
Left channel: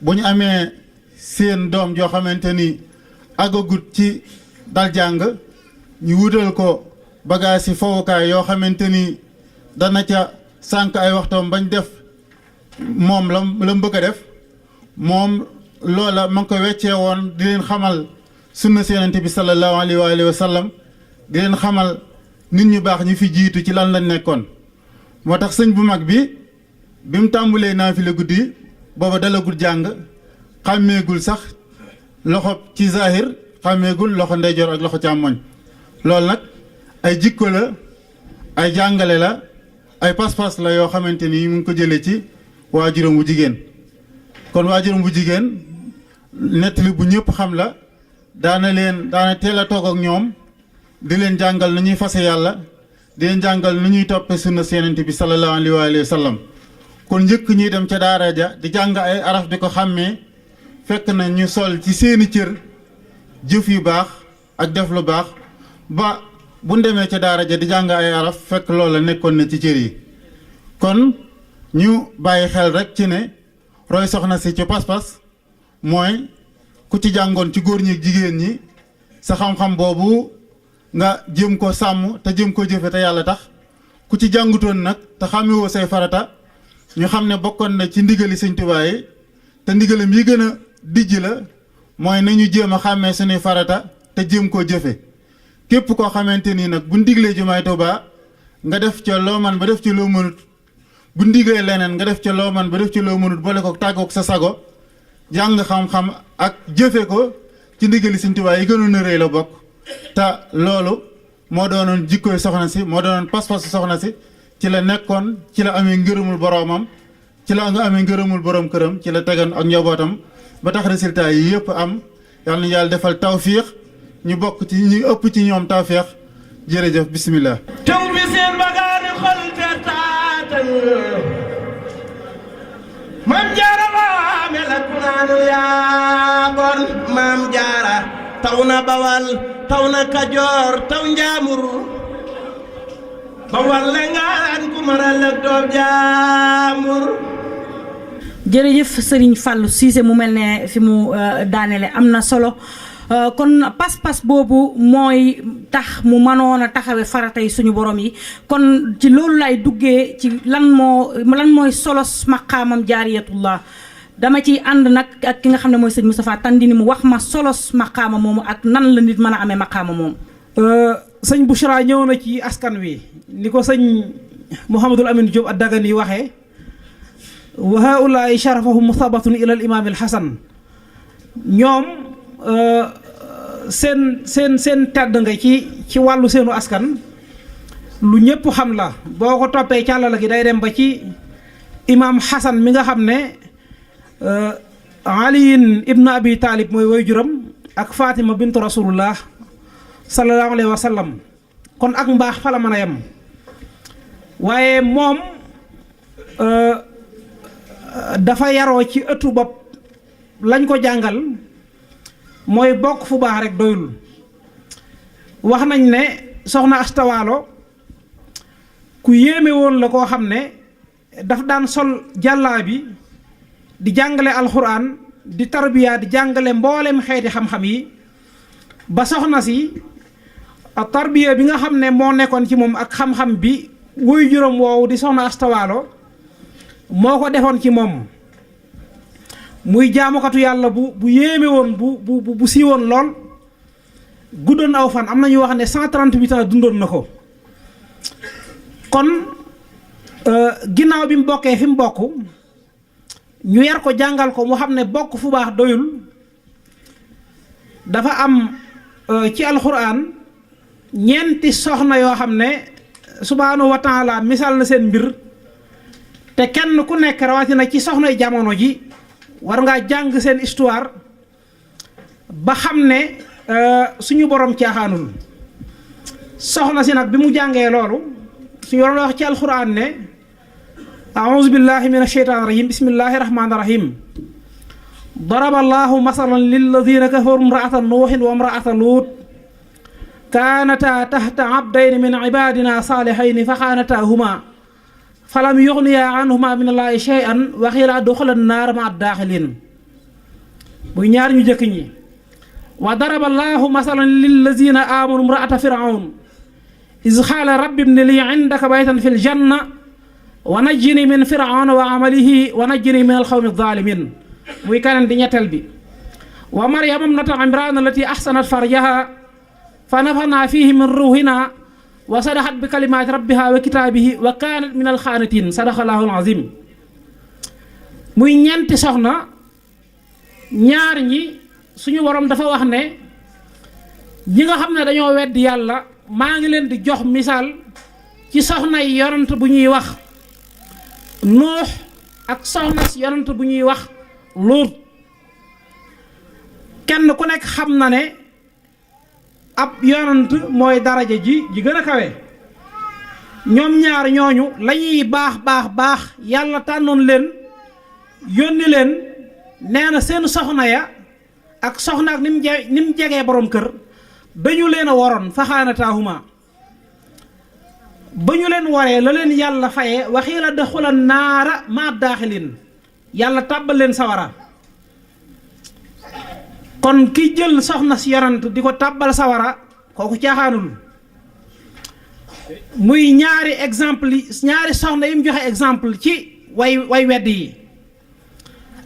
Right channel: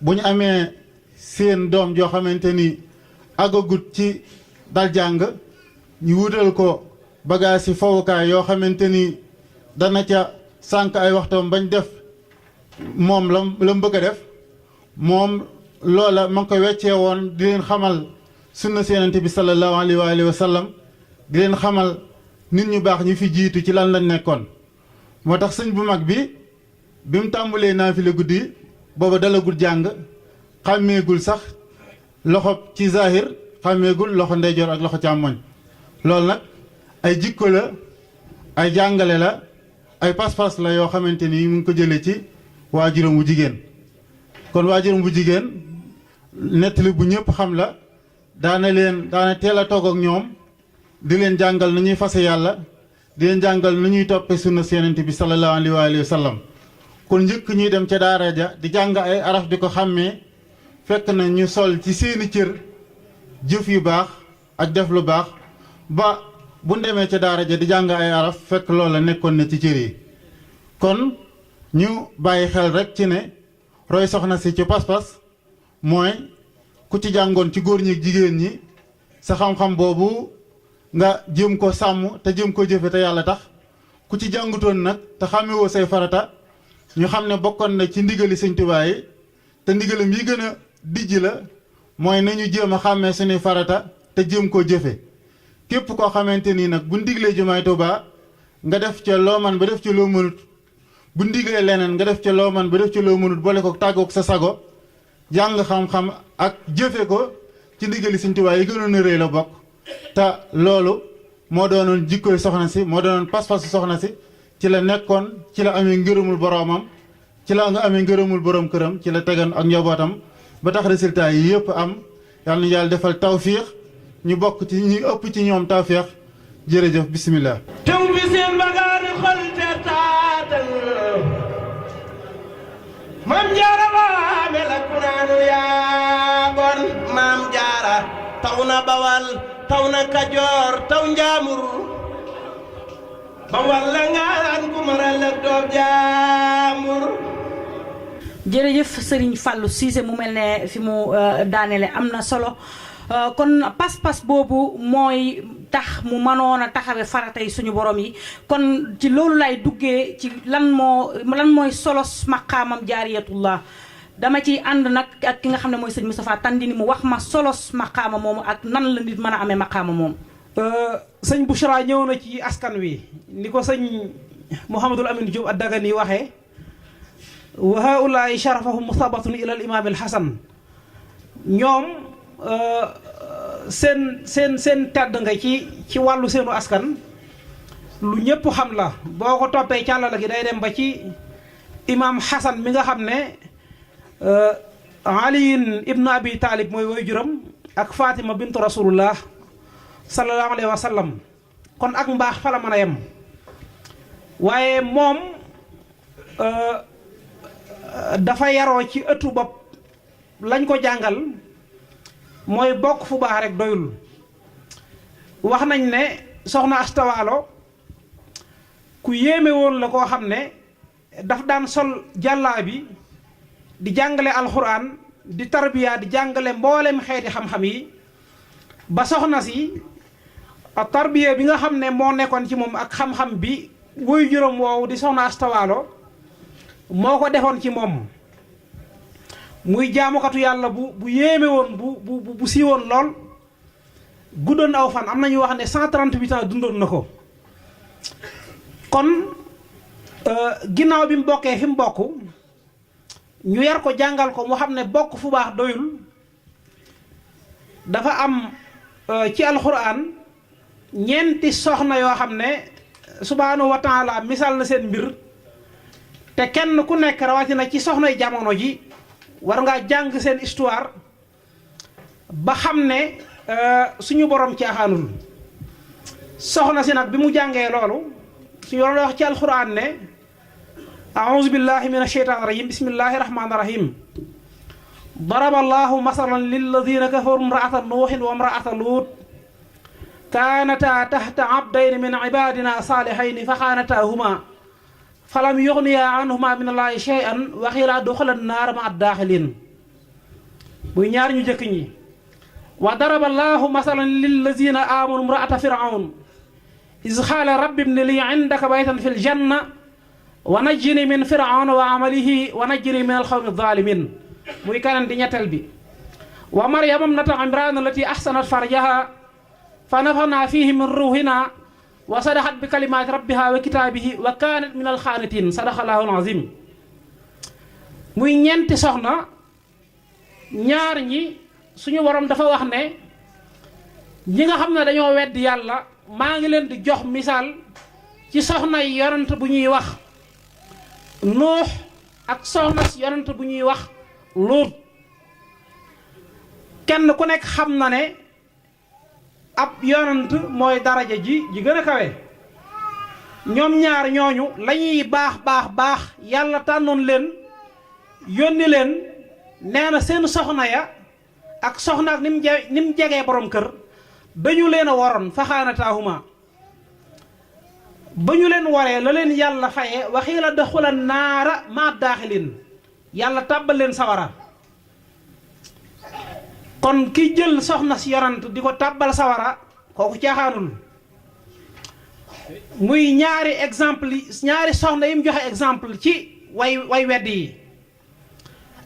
bu ñu amee seen doom joo xamante ni àggagut ci dal jàng ñu wutal ko bagage yi fowukaay yoo xamante ni dana ca sànq ay waxtoom bañ def moom la mu bëgg a def moom loola ma ngi ko weccee woon di leen xamal sunna si Yonent bi sallallahu alayhi wa sallam di leen xamal nit ñu baax ñi fi jiitu ci lan lañ nekkoon. moo tax sëñ bu mag bi mu tàmbulee naafile guddi booba dalagul jàng xàmmeegul sax loxo ci zahir xàmmeegul loxo ndeyjoor ak loxo càmmoñ loolu nag ay jikko la ay jàngale la ay pas-pas la yoo xamante ni mu ngi ko jëlee ci waajuram bu jigéen kon waajuram bu jigéen nettali bu ñëpp xam la daana teel a toog ak ñoom di leen jàngal nu ñuy fase yàlla di leen jàngal nu ñuy toppe sunna si Yonent bi sallallahu alayhi wa sallam kon njëkk ñuy dem ca daara ja di jàng ay araf di ko xàmmee fekk na ñu sol ci seeni cër jëf yu baax ak def lu baax ba bu demee ca daara ja di jàng ay araf fekk loola nekkoon na ci cër yi kon ñu bàyyi xel rek ci ne roy soxna si ci pas-pas mooy ku ci jàngoon ci góor ñi ak jigéen ñi sa xam-xam boobu nga jëm ko sàmm te jëm ko jëfe te yàlla tax ku ci jàngutoon nag te xàmmewoo say farata ñu xam ne bokkoon na ci ndigali Sëñ Tuubaa yi te ndigalam yi gën a dijj la mooy nañu jéem a xàmmee suñuy farata te jéem koo jëfe képp koo xamante nii nag bu ndiglee jumaay Tuubaa nga def ca loo man ba def ca loo mënut bu ndiglee leneen nga def ca loo man ba def ca loo mënut boole ko tàggoog sa sago jàng xam-xam ak jëfe ko ci ndigali Sëñ Tuubaa yi gënoon a rëy la bokk te loolu moo doonoon jikkoy soxna si moo doonoon pas-pasu soxna si ci la nekkoon ci la amee ngërëmul boroomam ci la nga amee ngërëmul borom këram ci la tegan ak njabootam ba tax résultat yi yëpp am yàlla na yàlla defal tawfiix ñu bokk ci ñu ëpp ci ñoom tawfiix jërëjëf bisimilah. taw bi seen bagaani xol te taatan maam jaara baa mel ak naanu yaa bon maam jaara taw na bawal taw na kajoor taw njaamur bawal la ngaan ku maral ak doom jaamur. jërëjëf Serigne Fallou Cissé mu mel ne fi mu daanele am na solo kon pas-pas boobu mooy tax mu mënoon a taxawe faratay suñu borom yi kon ci loolu lay duggee ci lan mooy solos maqaamam jaariyatullah dama ciy ànd nag ak ki nga xam ne mooy sëñ Moustapha Tandini mu wax ma solos maqaama moomu ak nan la nit mën a amee maqaama moom. sëñ Bouchra ñëw na ci askan wi ni ko sëñ Mouhamadul Amin Diop ad-Dagani waxee wa haulaai sharafahum musabatun ila al imam al hasan ñoom seen tedd nga ci wàllu seenu askan lu ñëpp xam la boo ko toppee càllala gi day dem ba ci imam Hasan mi nga xam ne aliyin ibnu abi talib mooy waajuram ak fatima bintu rasulullah sallallahu alayhi wa sallam kon ak mbaax fa la mën a yem waaye moom dafa yaroo ci ëttu bopp lañ ko jàngal mooy bokk fu baax rek doyul wax nañ ne soxna astawaalo ku yéeme woon la koo xam ne daf daan sol jàllaa bi di jàngale alxuraan di tarbiya di jàngale mboolem xeeti xam-xam yi ba soxna si tarbiya bi nga xam ne moo nekkoon ci moom ak xam-xam bi woy juróom woowu di soxna astawaalo moo ko defoon ci moom muy jaamukatu yàlla bu yéeme woon bu siiwoon lool guddoon aw fan am na ñuy wax ne 138 ans dundoon na ko kon ginnaaw bi mu bokkee fi mu bokk ñu yar ko jàngal ko mu xam ne bokk fu baax doyul dafa am ci alxuraan ñeenti soxna yoo xam ne subhaanahu wa taala misaal na seen mbir te kenn ku nekk rawatina ci soxnay jamono ji war ngaa jàng seen histoire ba xam ne suñu borom caaxaanul soxna si nag bi mu jàngee loolu suñu borom la wax ci alxuraan ne a'uuzu billahi min asheytaan rajim bismillahi rahmaani rahim daraba allahu masalan lilladina kafaru imraata nuuhin wa imraata luut kaanataa tahta abdayni min ibadina saalihayni fa xaanataahuma falam yuxniya anhuma min allahi shay'an wa qiila udxula naar ma addaaxilin muy ñaar ñu jëkk ñi wa daraba allahu masalan lillazina amanu imraata firawn iz qaala rabbi ibni li indaka baytan fi ljanna wa najjini min firawna wa amalihi wa najjini min alxawmi alzalimin muy kanam di ñetteel bi wa maryama ibnata imran allati ahsanat farjaha fa nafaxna fihi min ruuhina wa sadaxat bi kalimaati rabbiha wa kitaabihi wa kaanat min alxaanitin sadaxallahu alazim muy ñeenti soxna ñaar ñi suñu borom dafa wax ne ñi nga xam ne dañoo weddi yàlla maa ngi leen di jox misaal ci soxna yi yonent bu ñuy wax nuux ak soxna si yonent bu ñuy wax luut kenn ku nekk xam na ne ab yonent mooy daraja ji gën a kawe ñoom ñaar ñooñu lañuy baax yàlla tànnoon leen yónni leen nee na seen soxna ya ak soxna ak ni mu jegee borom kër dañu leen a waroon faxaanataahuma ba ñu leen waree la leen yàlla faye waxiila daxula naara ma daaxilin yàlla tàbbal leen sawara kon ki jël soxna si yonent di ko tàbbal sawara kooku caaxaanul muy ñaari exemple yi ñaari soxna yi mu joxe exemple ci way wedd yi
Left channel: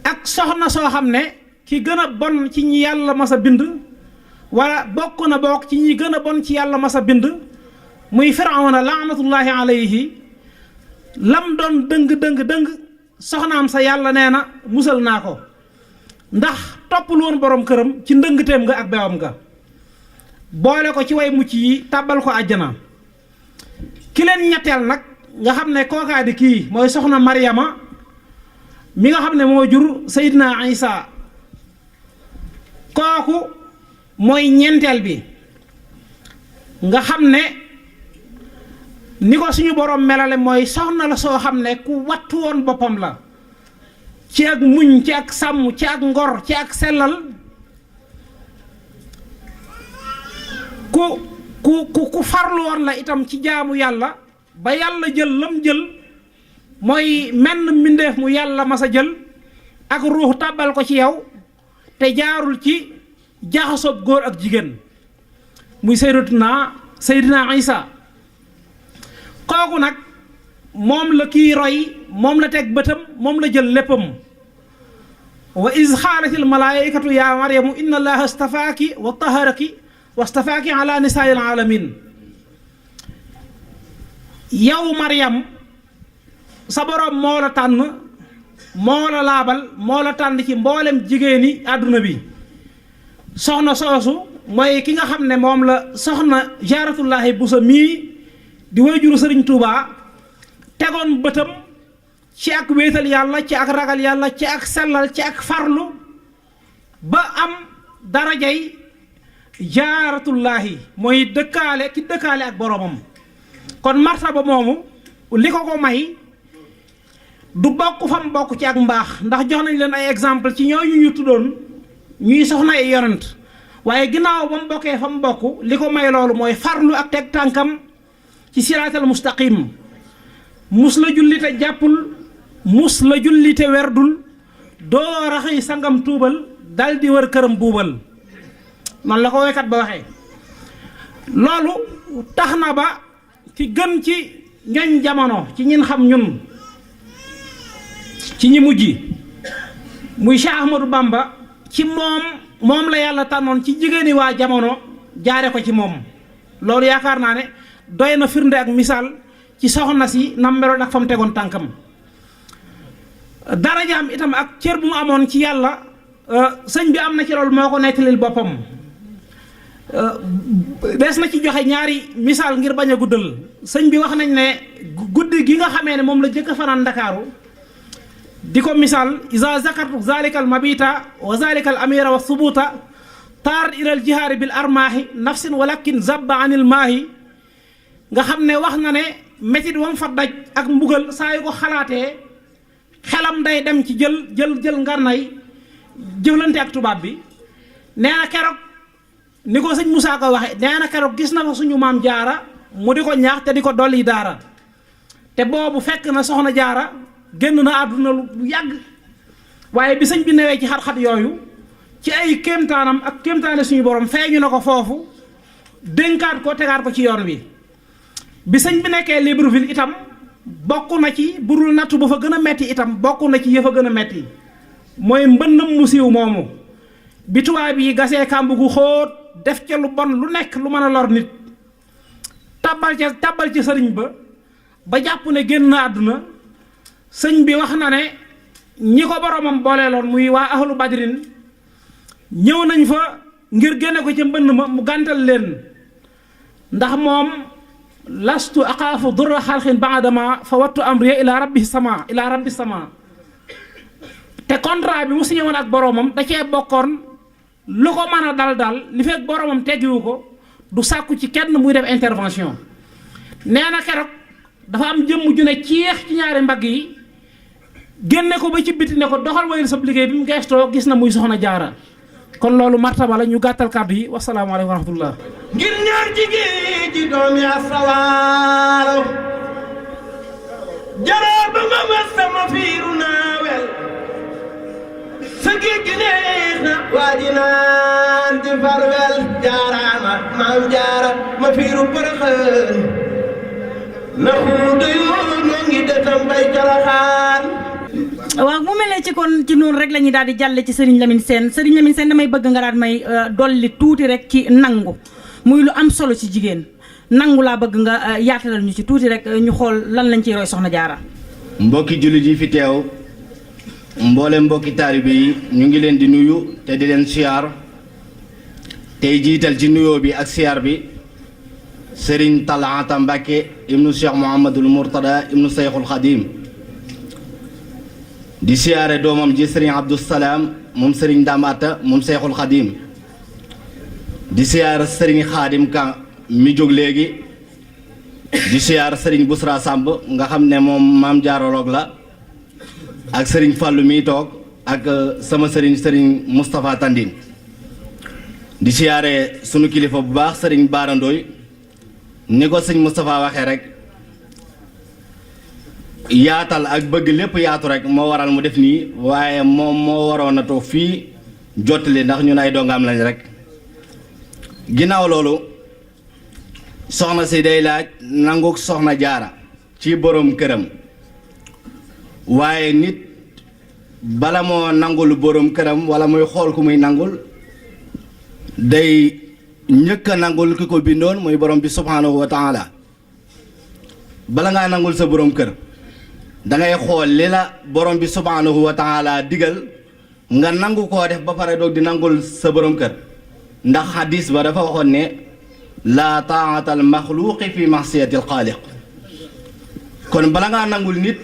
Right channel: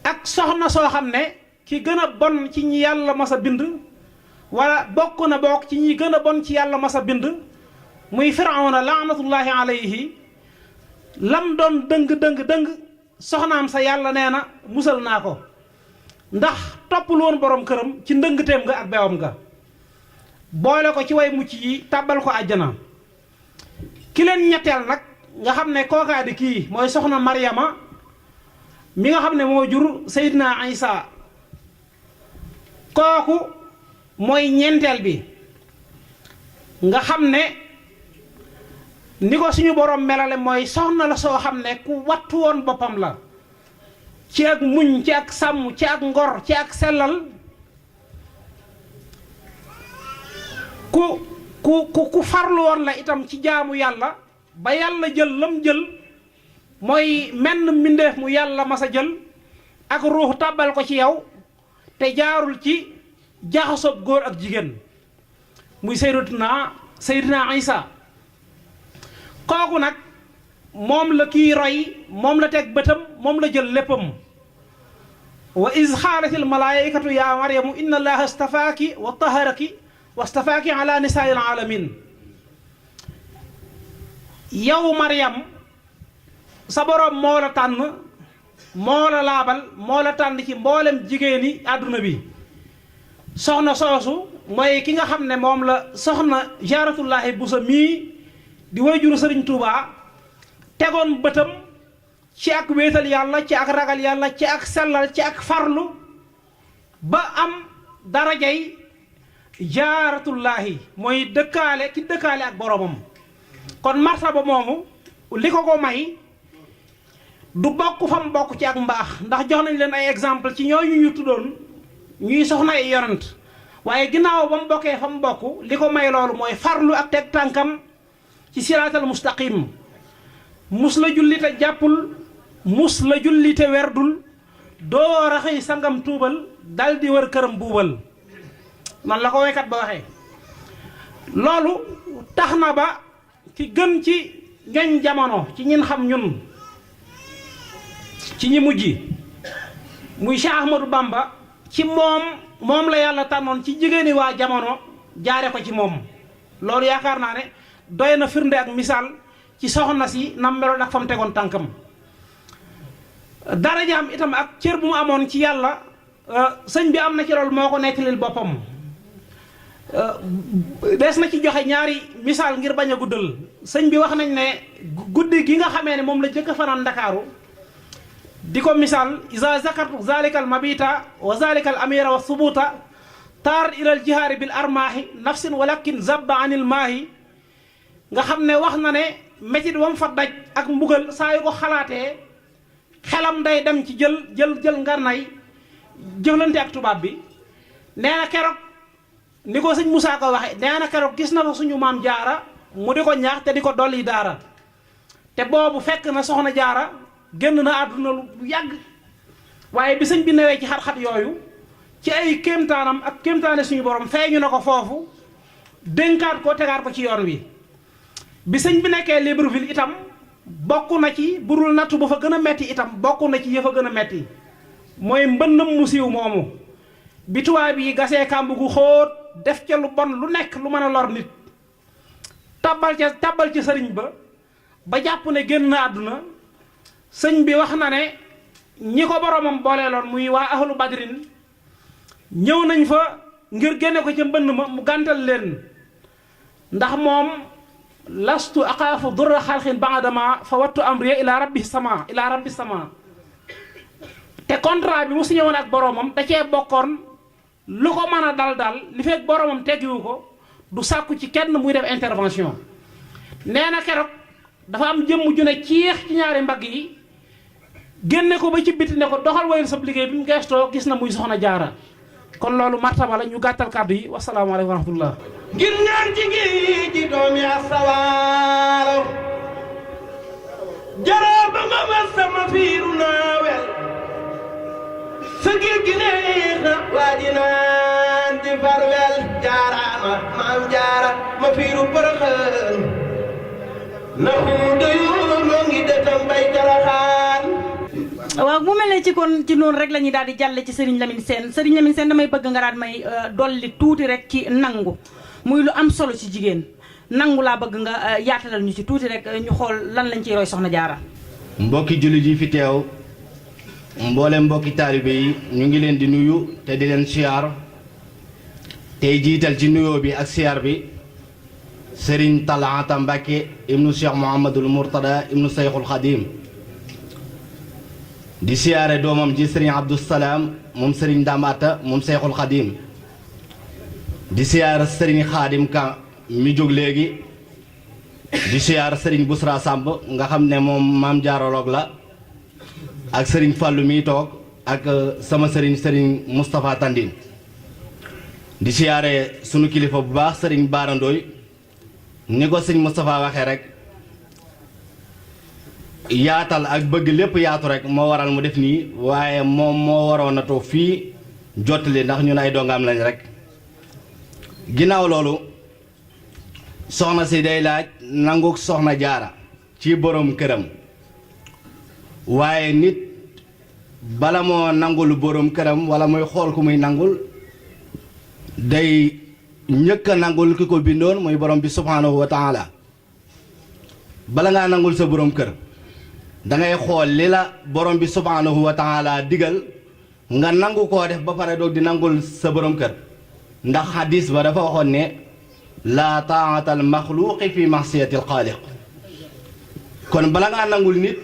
ak soxna soo xam ne ki gën a bon ci ñi yàlla mas a bind wala bokk na bokk ci ñi gën a bon ci yàlla mas a bind muy firawna laanatullahi alayhi lam doon dëng soxnaam sa yàlla nee na musal naa ko ndax toppul woon borom këram ci ndëngteem nga ak bewam nga boole ko ci way mucc yi tàbbal ko àjjana ki leen ñetteel nag nga xam ne kookaa di kii mooy soxna Maryama mi nga xam ne moo jur Seydina Isa kooku mooy ñeenteel bi nga xam ne ni ko suñu borom melale mooy soxna la soo xam ne ku wattu woon boppam la ci ak muñ ci ak sàmm ci ak ngor ci ak sellal ku farlu woon la itam ci jaamu yàlla ba yàlla jël lam jël mooy menn mbindeef mu yàlla masa jël ak ruux tàbbal ko ci yow te jaarul ci jaxasoob góor ak jigéen muy Seydina Isa kooku nag moom la kii roy moom la teg bëtam moom la jël léppam wa iz xaalatil malaayikatu yaa maryamu inna allaha astafaaki wa taharaki wa astafaaki ala nisaa'il alamin yow Maryam sa borom moo la tànn moo la laabal moo la tànn ci mboolem jigéeni àdduna bi soxna soosu mooy ki nga xam ne moom la soxna jaaratullaahi busa mii di wayjuru sëriñ Tuubaa tegoon bëtam ci ak wéetal yàlla ci ak ragal yàlla ci ak sellal ci ak farlu ba am darajay jaaratullaahi mooy dëkkaale ki dëkkaale ak boromam kon martaba moomu li ko may du bokk fam bokk ci ak mbaax ndax jox nañ leen ay exemple ci ñooñu ñu tuddoon ñuy soxna ay yonent waaye ginnaaw ba mu bokkee fa mu bokk li ko may loolu mooy farlu ak teg tànkam ci siraatal mustaqim mus la julli te jàppul mus la julli te werdul doo raxëy sangam tuubal dal di wër këram buubal noonu la ko waykat ba waxee loolu tax na ba ki gën ci ñoñ jamono ci ñin xam ñun ci ñi mujj muy Cheikh Ahmadou Bamba ci moom la yàlla tànnoon ci jigéeni waa jamono jaare ko ci moom loolu yaakaar naa ne doy na firnde ak misaal ci soxna si nam meloon ak fa mu tegoon tànkam darajaam itam ak cër bu mu amoon ci yàlla sëñ bi am na ci loolu moo ko nettalil boppam des na ci joxe ñaari misaal ngir bañ a guddal sëñ bi wax nañ ne guddi gi nga xamee ne moom la jëkk fanaan Ndakaaru di ko misaal isa zakartu zalika al mabita wa zalika al amira wa subuta taar ila al jihaari bil armaahi nafsin walakin zabba anil maahi nga xam ne wax na ne métit wam fa daj ak mbugal saa yu ko xalaatee xelam day dem ci jël ngarnay jëflante ak tubaab bi nee na keroog ni ko sëñ Moussa ko waxe nee na keroog gis na fa suñu maam jaara mu di ko ñaax te di ko dolli daara te boobu fekk na soxna jaara génn na àdduna lu yàgg waaye bi sëñ bi newee ci xat-xat yooyu ci ay kéemtaanam ak kéemtaane suñu borom feeñu na ko foofu dénkaat ko tegaat ko ci yoon wi bi sëñ bi nekkee Libreville itam bokk na ci burul nattu ba fa gën a metti itam bokk na ci yëf a gën a metti mooy mbënnam mu siiw moomu bi tubaab yi gasee kàmb gu xóot def ca lu bon lu nekk lu mën a lor nit tàbbal ci sëriñ ba jàpp ne génn na àdduna sëñ bi wax na ne ñi ko boromam booleeloon muy waa ahlu badrin ñëw nañ fa ngir génne ko ca mbënn ma mu gàntal leen ndax moom lastu axaafu durra xalqin baadama fa wattu amriya ila rabbi sama te contrat bi mu signé woon ak boromam da cee bokkoon lu ko mën a dal li fekk boromam teggiwu ko du sàkku ci kenn muy def intervention nee na keroog dafa am jëmm ju ne ciix ci ñaari mbagg yi génne ko ba ci biti ne ko doxal wayal sab liggéey bi mu geestoo gis na muy soxna jaara kon loolu martaba la ñu gàttal kàddu yi wasalaamaaleykum wa rahmatullah ngir ñaan ci géej gi doomi asawaalo jaraa ba nga ma sama fiiru naawel sa géej gi neex na waa ji naan di farwel jaaraama maam jaara ma fiiru përëxën na xuuta yoon noo ngi detam bay calaxaan waaw mu mel ne ci kon ci noonu rek la ñuy daal di jàlle ci Serigne Lamine Sène damay bëgg nga daal may dolli tuuti rek ci nangu muy lu am solo ci jigéen nangu laa bëgg nga yaatalal ñu ci tuuti rek ñu xool lan lañ ciy roy soxna jaara mbokki jullit yi fi teew mboole mbokki taalibe yi ñu ngi leen di nuyu te di leen siyaar tey jiital ci nuyoo bi ak siyaar bi Serigne Talata Mbacke ibnu Cheikh Mouhamadul Mourtada ibnu Seyxul Xadim di siyaare doomam ji Serigne Abdou Salaam moom Serigne Dambata moom Seyxul Xadim di siyaare Serigne Xaadim Kan mi jóg léegi di siyaare Serigne Bousra Samb nga xam ne moom maam jaaroloog la ak Serigne Fallou mi toog ak sama Serigne Moustapha Tandine di siyaare sunu kilifa bu baax Serigne Barandooy ni ko sëñ Moustapha waxee rek yaatal ak bëgg lépp yaatu rek moo waral mu def nii waaye moom moo waroon a toog fii jottali ndax ñun ay dongaam lañ rek ginnaaw loolu soxna si day laaj nanguk soxna jaara ci borom këram waaye nit bala moo nangul borom këram wala muy xool ku muy nangul day njëkk a nangul ki ko bindoon muy borom bi subhanahu wa taala bala ngaa nangul sa borom kër dangay xool li la borom bi subhanahu wa taala digal nga nangu koo def ba pare doog di nangul sa borom kër ndax hadis ba dafa waxoon ne laa taata al maxluqi fi maxsiyati al xaaliq kon bala ngaa nangul nit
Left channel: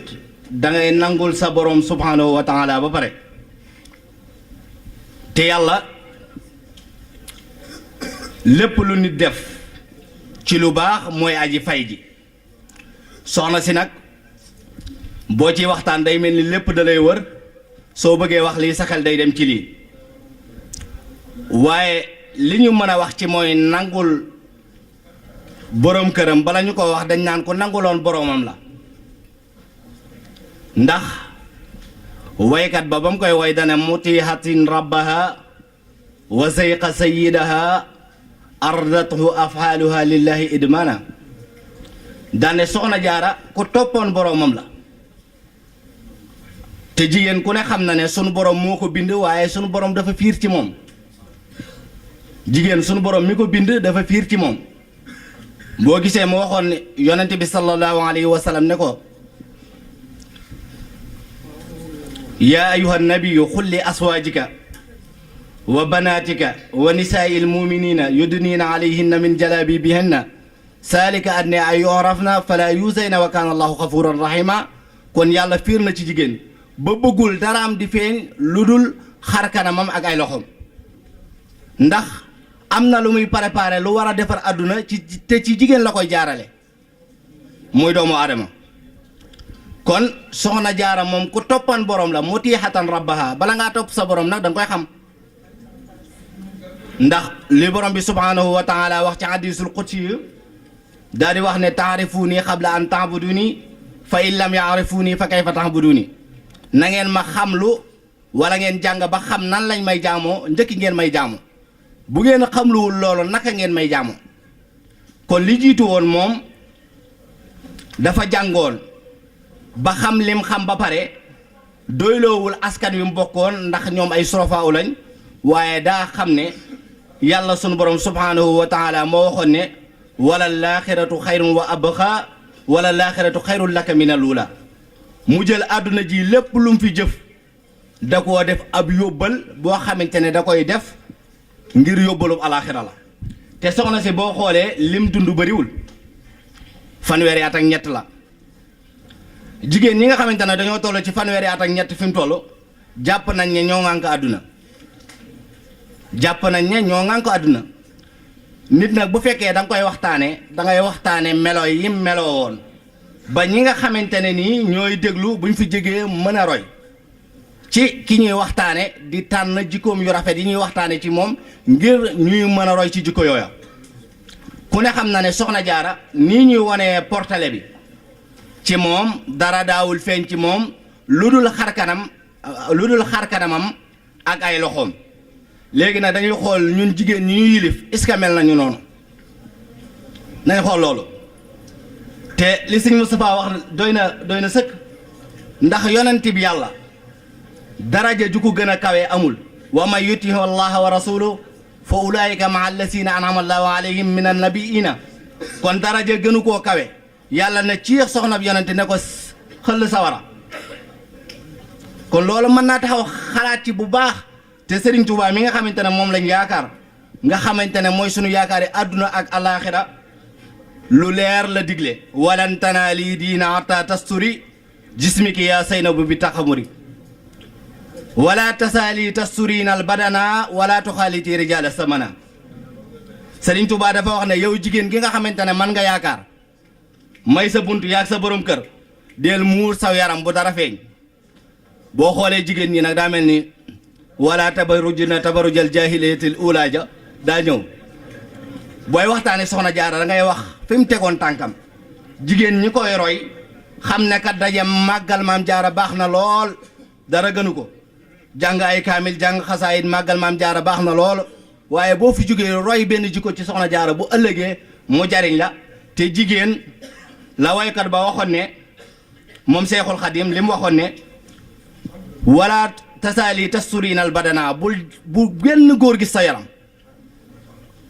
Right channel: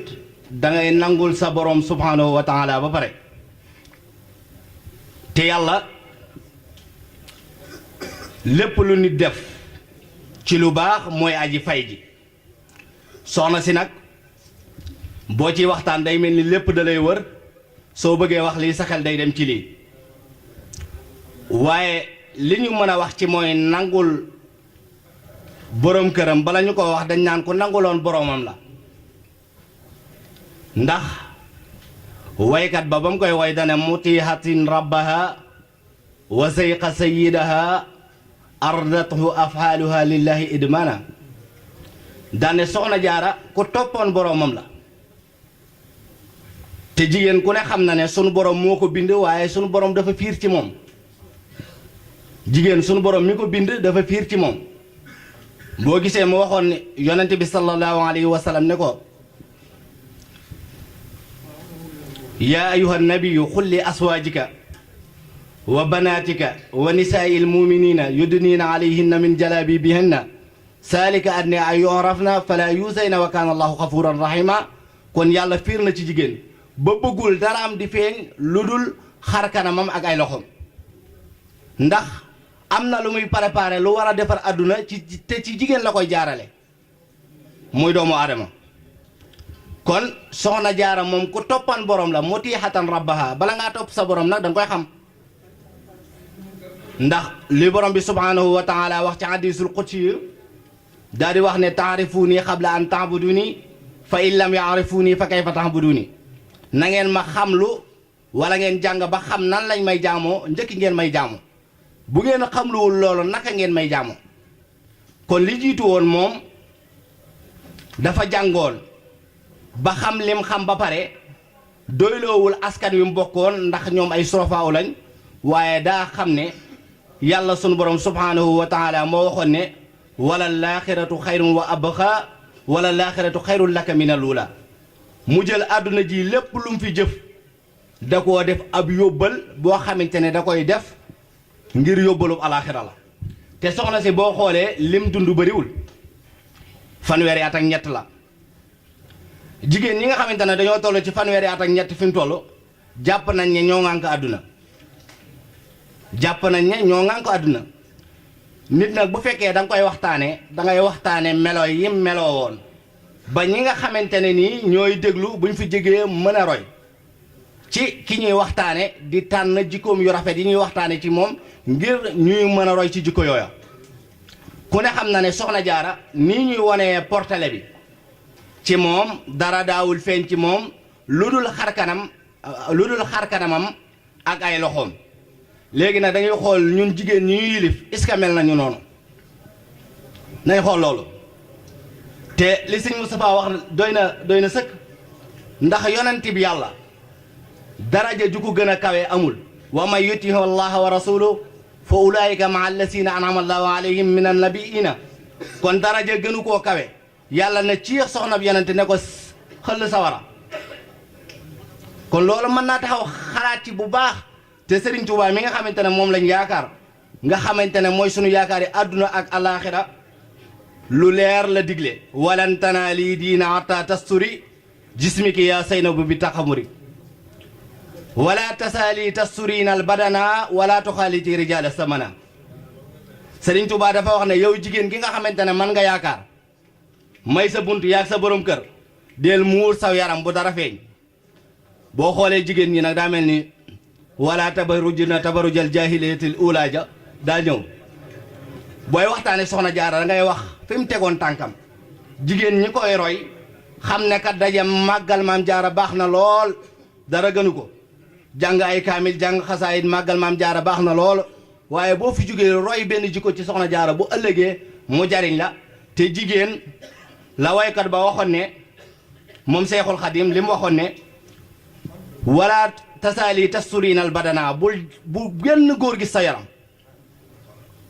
dangay nangul sa borom subhanahu wa taala ba pare te yàlla lépp lu nit def ci lu baax mooy aji fay ji soxna si nag boo ci waxtaan day mel ni lépp da lay wër soo bëggee wax lii sa xel day dem ci lii waaye li ñu mën a wax ci mooy nangul borom këram bala ñu ko wax dañ naan ko nanguloon boromam la ndax waykat ba mu koy way dane mutihatin rabbaha wa sayqa sayyidaha ardathu afaaluha lillahi idmana daane soxna jaara ku toppoon boromam la te jigéen ku ne xam na ne sunu borom moo ko bind waaye sunu borom dafa fiir ci moom jigéen sunu borom mi ko bind dafa fiir ci moom boo gisee mu waxoon ne yonente bi sallallahu alayhi wa sallam ne ko yaa ayuha nabiyu xul li aswaajika wa banaatika wa nisaa'i almuminina yudniina alayhinna min jalaabibihinna saalika adne ay yorafna fala yusayna wa kaana allahu xafuran rahima kon yàlla fiir na ci jigéen ba bëggul dara am di feeñ lu dul xar kanamam ak ay loxom ndax am na lu muy préparé lu war a defar àdduna te ci jigéen la koy jaarale muy doomu aadama kon soxna jaara moom ku toppan borom la mutiihatan rabbaha bala ngaa topp sa borom nag da nga koy xam ndax li borom bi subhanahu wa taala wax ci hadisul qudsi yi daal di wax ne taarifuuni qabla an taabuduni fa in lam yaarifuuni fa kayfa taabuduni na ngeen ma xamlu wala ngeen jàng ba xam nan lañ may jaamoo njëkki ngeen may jaamu bu ngeen xamluwul loolu naka ngeen may jaamu kon li jiitu woon moom dafa jàngoon ba xam lim xam ba pare doyloowul askan wi mu bokkoon ndax ñoom ay surafaaw lañ waaye daa xam ne yàlla sunu borom subhanahu wa taala moo waxoon ne wala laaxiratu xayrun wa abqa wala laaxiratu xayrun laka min alula mu jël àdduna ji lépp lu mu fi jëf da koo def ab yóbbal boo xamante ne da koy def ngir yóbbalub alaaxira la te soxna si boo xoolee lim dund bëriwul fanweeri at ak ñett la jigéen ñi nga xamante ne dañoo toll ci fanweeri at ak ñett fi mu toll jàpp nañ ne ñoo ŋànk àdduna jàpp nañ ne ñoo ŋànk àdduna nit nag bu fekkee da nga koy waxtaanee da ngay waxtaane melo yi meloo woon ba ñi nga xamante ne nii ñooy déglu buñ fi jógee mën a roy ci ki ñuy waxtaane di tànn jikkoom yu rafet yi ñuy waxtaane ci moom ngir ñuy mën a roy ci jikko yooya ku ne xam na ne soxna jaara nii ñuy wonee portale bi ci moom dara daawul feeñ ci moom lu dul xarkanamam ak ay loxoom léegi nag dañuy xool ñun jigéen ñi ñu yilif est-ce que mel nañu noonu nañ xool loolu te li sëñ Moustapha wax doy na sëkk ndax yonent bi yàlla daraja ju ko gën a kawe amul wa man yutihi allaha wa rasuluhu fa ulaika maa allasina an'ama allahu alayhim min annabiina kon daraja gënu koo kawe yàlla na ciix soxna bi yonent ne ko xëll sawara kon loolu mën naa taxaw xalaat ci bu baax te Serigne Touba mi nga xamante ne moom lañ yaakaar nga xamante ne mooy sunu yaakaari àdduna ak alaaxira lu leer la digle walan tanaali diina hatta tasturi jismiki yaa Saynabu bi taxamuri wala tasaali tasturiina al badana wala tuxaaliti rijaala samana Serigne Touba dafa wax ne yow jigéen gi nga xamante ne man nga yaakaar may sa bunt yaag sa borom kër del muur saw yaram bu dara feeñ boo xoolee jigéen ñi nag daa mel ni wala tabarujna tabarujal jaahiliyatil uulaa ja daa ñëw booy waxtaane soxna jaara da ngay wax fi mu tegoon tànkam jigéen ñi koy roy xam ne kat daje màggal maam jaara baax na lool dara gënu ko jàng ay kaamil jàng xasaayit màggal maam jaara baax na lool waaye boo fi jógee roy benn jikko ci soxna jaara bu ëllëgee mu jariñ la te jigéen la waykat ba waxoon ne moom Seexul Xadim li mu waxoon ne wala tasaali tasturiinal badana bu benn góor gis sa yaram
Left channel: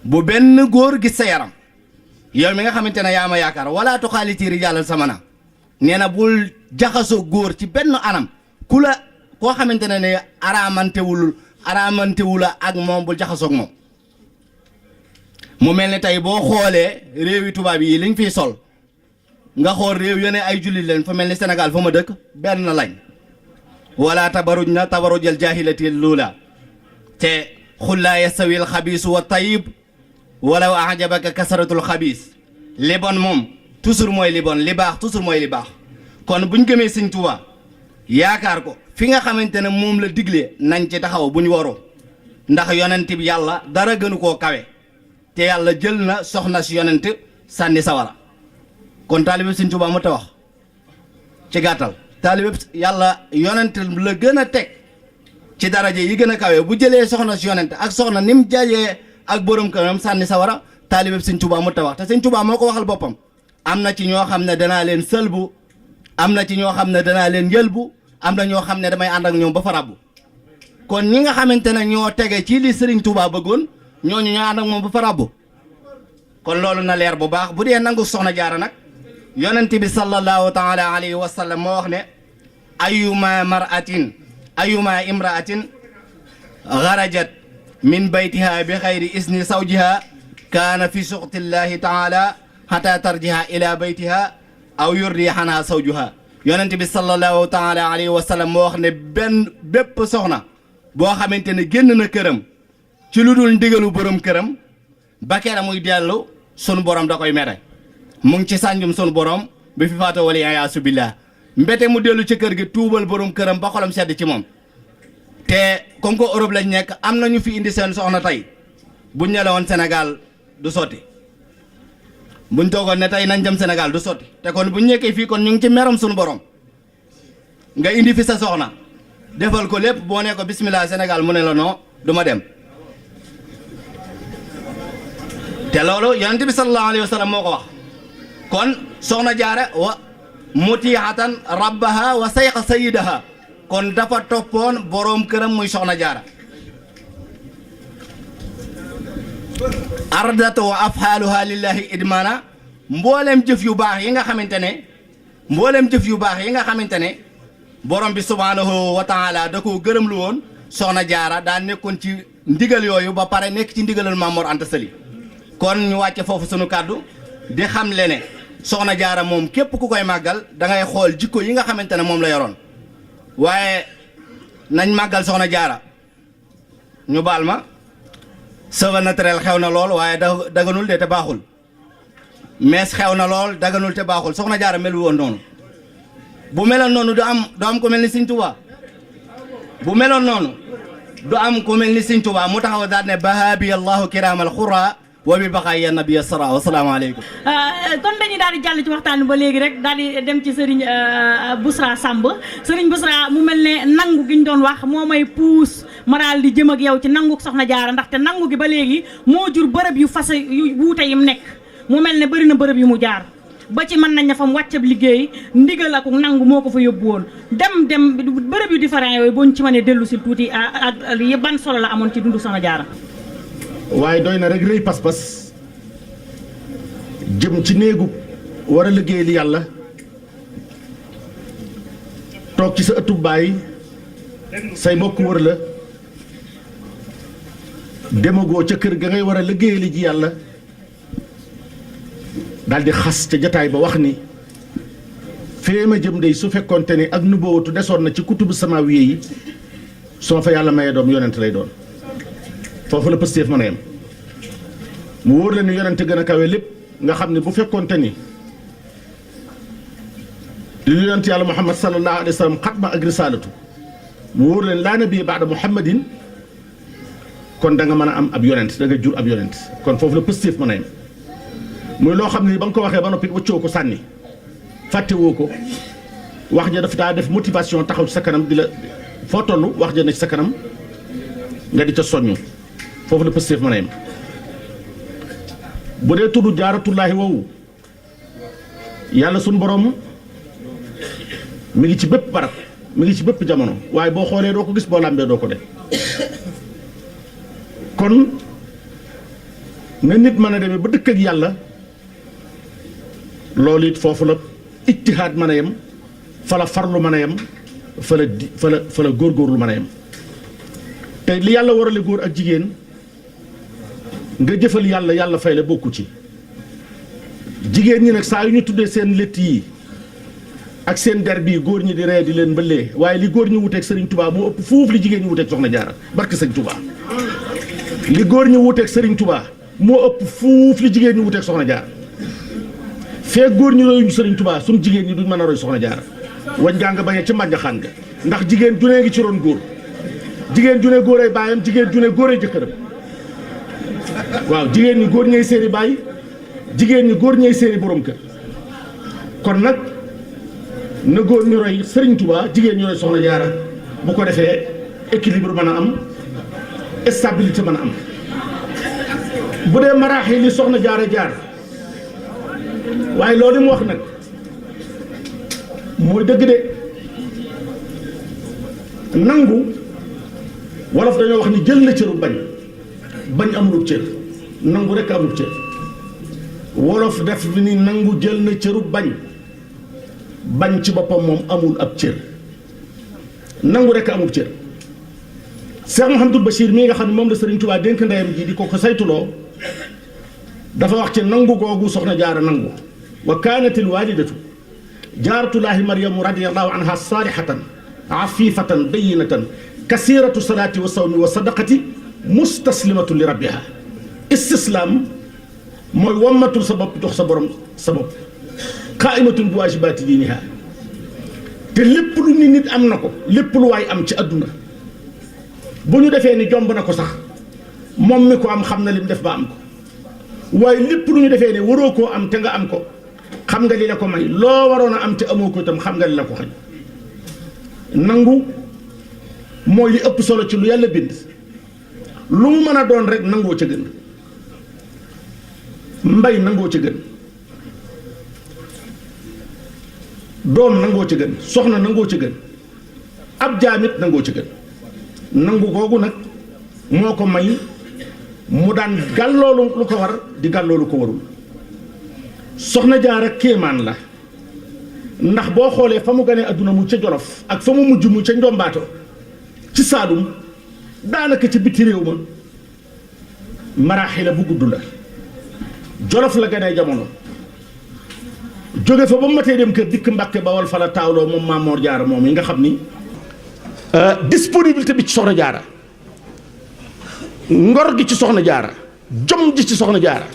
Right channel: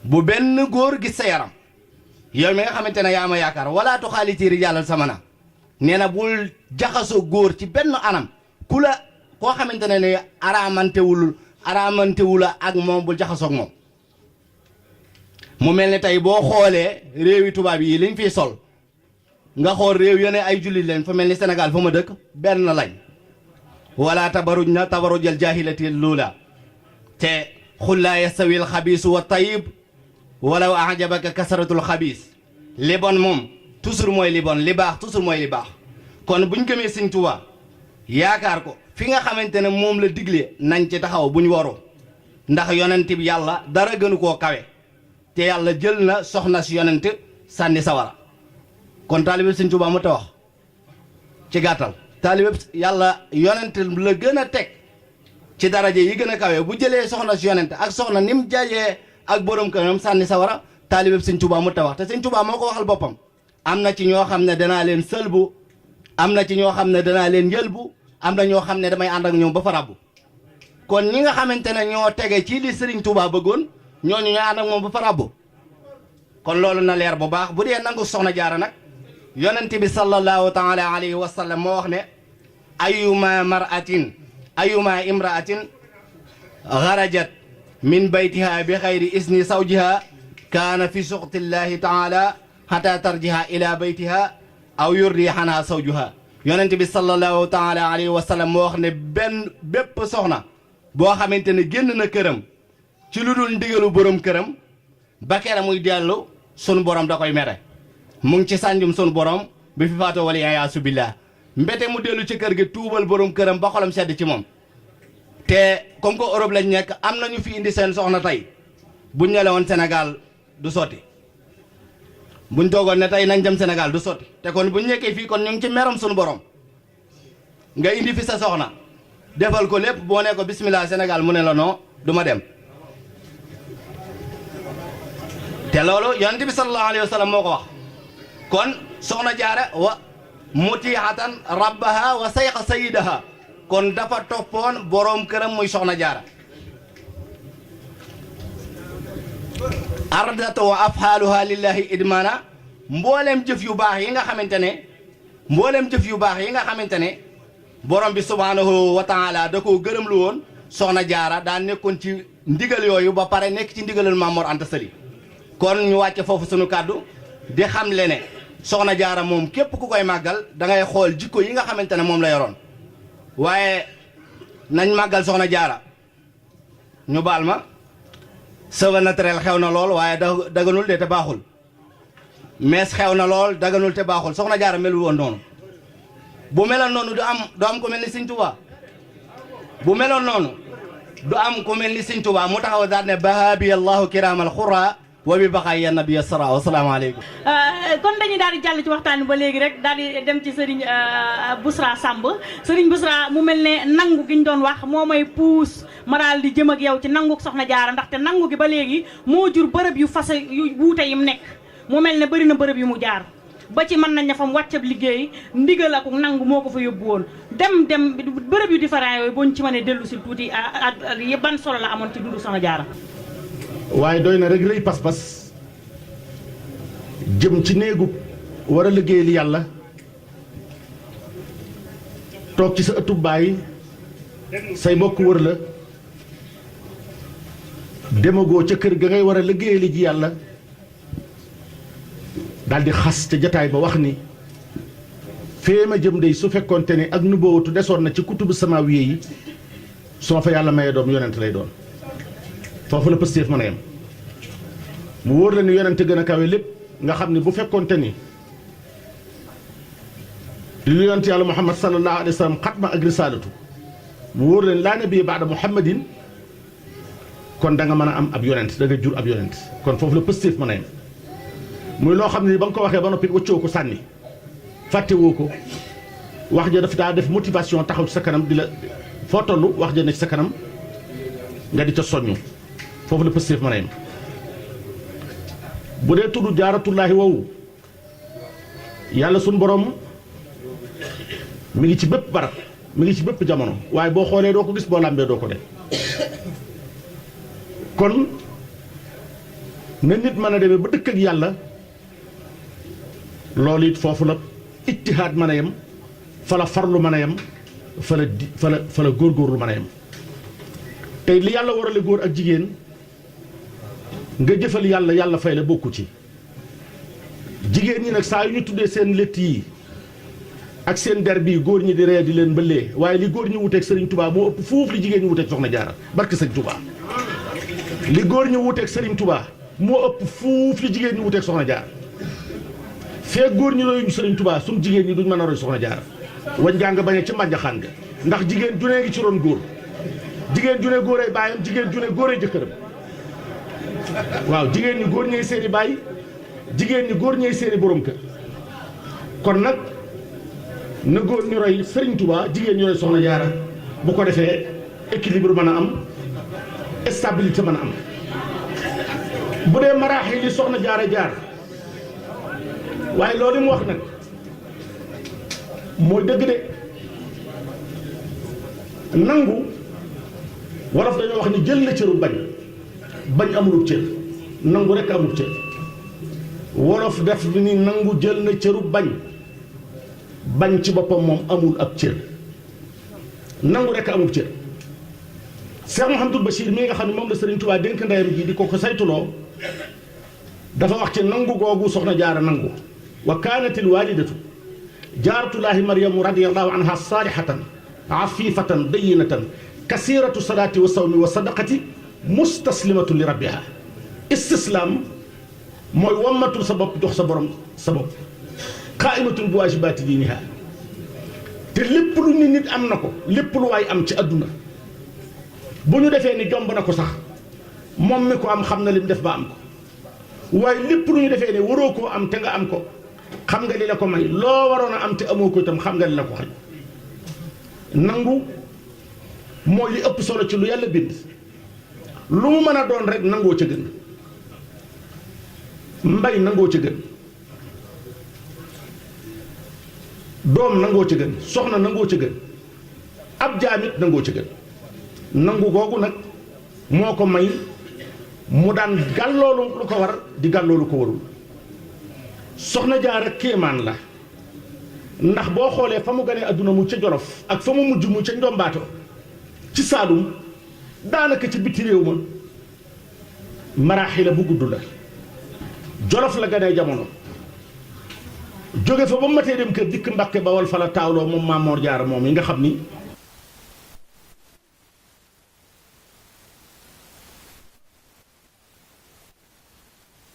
bu benn góor gis sa yaram yow mi nga xamante ne yaa ma yaakaar wala tuxaaliti rijaalal samana nee na bul jaxasoo góor ci benn anam ku la koo xamante ne araamantewula ak moom bul jaxasoog moom mu mel ni tey boo xoolee réewi tubaab yi liñ fiy sol nga xool réew yone ay jullit leen fa mel ni Sénégal fa ma dëkk benn lañ wala tabaruj na tabarujal jaahilati luula te xul laa yastawi al xabiisu wa tayib walaw ajabaka kasaratul xabiis li bon moom toujours mooy li bon li baax toujours mooy li baax kon buñ gëmee Sëñ Tuubaa yaakaar ko fi nga xamante ne moom la digle nañ ci taxaw buñ waru ndax yonent bi yàlla dara gënu koo kawe te yàlla jël na soxna si yonent sànni sawara kon taalibe Sëñ Tuubaa mu ta wax ci gàttal taalibe yàlla yonent la gën a teg ci daraje yi gën a kawe bu jëlee soxna si yonent ak soxna ni mu jajee ak borom këram sànni sawara taalibe Sëñ Tuubaa mu ta wax te Sëñ Tuubaa moo ko waxal boppam am na ci ñoo xam ne danaa leen sëlbu am na ci ñoo xam ne danaa leen yëlbu am na ñoo xam ne damay ànd ak ñoom ba fa rabbu kon ñi nga xamante ne ñoo tege ci li Sëriñ Tuubaa bëggoon ñooñu ñoo ànd ak moom ba fa rabbu kon loolu na leer bu baax bu dee nangu soxna jaara nag yonent bi sallallahu taala alayhi wa sallam moo wax ne ayuma imraatin xarajat min baytiha bi xayri isni zawjiha kaana fi suxtillahi taala xata tarjiha ila baytiha aw yurdi xanaa zawjuha yonent bi sallallahu taala alayhi wa sallam moo wax ne bépp soxna boo xamante ne génn na këram ci lu dul ndigalu borom këram ba kera muy dellu sunu borom da koy mere mu ngi ci sànjum sunu borom bi fi faatoo wala yaasu billah mbete mu dellu ci kër gi tuubal borom këram ba xolam sedd ci moom. te comme que Europe lañ nekk am na ñu fi indi seen soxna tey buñ ne la woon Sénégal du sotti buñ toogoon ne tey nañ dem Sénégal du sotti te kon buñ nekkee fii kon ñu ngi ci meram suñu borom nga indi fi sa soxna defal ko lépp boo ne ko bismillah Sénégal mu ne la non du ma dem. te loolu yonent bi sallallahu alayhi wa sallam moo ko wax kon soxna jaara wa mutiihatan rabbaha wa sayqa sayidaha kon dafa toppoon boroom këram muy soxna jaara ardat wa afxaaluha lillahi idmaana mbooleem jëf yu baax yi nga xamante ne borom bi subhaanahu wa taala da koo gërëm lu woon soxna jaara daa nekkoon ci ndigal yooyu ba pare nekk ci ndigalal Maam Mor Anta Sali kon ñu wàcce foofu sunu kàddu di xam le ne soxna jaara moom képp ku koy màggal da ngay xool jikko yi nga xamante ne moom la yoroon waaye nañ màggal soxna jaara ñu baal ma cheveux naturel xew na lool waaye daganul de te baaxul mees xew na lool daganul te baaxul soxna jaara melu woon noonu bu meloon noonu du am ko mel ni Sëñ Tuubaa bu meloon noonu du am ko mel ni Sëñ Tuubaa mu taxaw daal ne bahabi allahu kiraamal xura wa bi baxaay ya nabi sara wasalaamaaleykum kon dañuy daal di jàll ci waxtaan ba léegi rek daal di dem ci Serigne Bousra Samb Serigne Bousra mu mel ne nangu gi ñu doon wax moo may puus ma daal di jëm ak yow ci nangu soxna jaara ndaxte nangu gi ba léegi moo jur bërëb yu fase yu wuute yim nekk mu mel ne bëri na bërëb yu mu jaar ba ci mën nañ ne fa mu wàccab liggéey ndigal ak nangu moo ko fa yóbbu woon dem bërëb yu différent yooyu boo ñu ci mënee dellu si tuuti ak ban solo la amoon ci dundu soxna jaara. waaye doy na rek rëy pas-pas jëm ci néegu war a liggéey li yàlla toog ci sa ëttub baay say mbokk wër la demagoo ca kër ga ngay war a liggéey li ji yàlla daal di xas ca jataay ba wax ni fee ma jëm dey su fekkoonte ni ak nubuwatu desoon na ci kutubu samaawiye yi soo fa yàlla mayee doom yonent lay doon foofu la pëstéef mën a yem mu wóor la ni yonent gën a kawe lépp nga xam ne bu fekkoonte ni li yonent yàlla muhammad sallallahu alayhi wa sallam xatma ak risaalatu mu wóor la ni laa nabi baada muhammadin kon da nga mën a am ab yonent da nga jur ab yonent kon foofu la pëstéef mën a yem muy loo xam ne ba nga ko waxee ba noppi wëccoo ko sànni fàttewoo ko wax ja daf daa def motivation taxaw ci sa kanam di la foo toll wax ja ne ci sa kanam nga di ca soññu foofu la pëstéef mën a yem bu dee tudd jaaratullaahi woowu yàlla suñ borom mi ngi ci bépp barab mi ngi ci bépp jamono waaye boo xoolee doo ko gis boo làmbee doo ko de kon na nit mën a demee ba dëkk ak yàlla loolu it foofu la ijtihaad mën a yem fa la farlu mën a yem fa la góorgóorlu mën a yem te li yàlla warale góor ak jigéen nga jëfal yàlla yàlla fay la bokku ci jigéen ñi nag saa yu ñu tuddee seen létt yi ak seen der bii góor ñi di ree di leen mbëllee waaye li góor ñi wuteeg Serigne Touba moo ëpp fuuf li jigéen ñi wuteeg Soxna Jaara barke Serigne Touba li góor ñi wuteeg Serigne Touba moo ëpp fuuf li jigéen ñi wuteeg Soxna Jaara fee góor ñi royuñu Serigne Touba suñ jigéen ñi duñ mën a roy Soxna Jaara wañ gaa nga bañee ci mbànjaxaan nga ndax jigéen junee ngi ci ron góor jigéen june góoree baayam jigéen june góoree jëkkëram waaw jigéen ñi góor ñooy seeni baay jigéen ñi góor ñooy seeni borom kër kon nag na góor ñu roy Serigne Touba jigéen ñu roy Soxna Jaara bu ko defee équilibre mën a am stabilité mën a am bu dee maraaxi li Soxna Jaara jaar waaye loolu mu wax nag mooy dëgg de nangu wolof dañoo wax ni jël na cëru bañ amulub cër nangu rekk amul cër wolof def ni nangu jël na cëru bañ ci boppam moom amul ab cër nangu rekk amul cër Cheikh Mouhamadul Bachir mii nga xam ne moom la Serigne Touba dénk ndeyam ji di ko saytuloo dafa wax ci nangu googu Soxna Jaara nangu wa kaanatil waalidatu jaaratullaahi maryamu radiyallaahu anha saalihatan afifatan bayyinatan kasiratu salaati wa sawmi wa sadaqati mustaslimatu li rabbiha istislaam mooy wammatul sa bopp jox sa borom sa bopp qaaimatun bi waajibaati diiniha te lépp lu ni nit am na ko lépp lu waay am ci àdduna bu ñu defee ni jomb na ko sax moom mi ko am xam na lim def ba am ko waaye lépp lu ñu defee ne waroo koo am te nga am ko xam nga li la ko may loo waroon a am te amoo ko itam xam nga li la ko xañ nangu mooy li ëpp solo ci lu yàlla bind lu mu mën a doon rek nangoo ca gën mbay nangoo ca gën doom nangoo ca gën soxna nangoo ca gën ab jaamit nangoo ca gën nangu googu nag moo ko may mu daan gàlloolu lu ko war di gàlloolu ko warul soxna Jaara kéemaan la ndax boo xoolee fa mu ganee adduna mu ca Jolof ak fa mu mujj mu ca Njombaato ci Saalum daanaka ci biti réew ma maraaxila bu gudd la Jolof la ganee jamono jóge fa ba mu matee dem kër dikk Mbàkke Bawol fa la taawloo moom Maam Moor Jaara moom yi nga xam ni disponibilité bi ci soxna Jaara ngor gi ci soxna Jaara jom ji ci soxna Jaara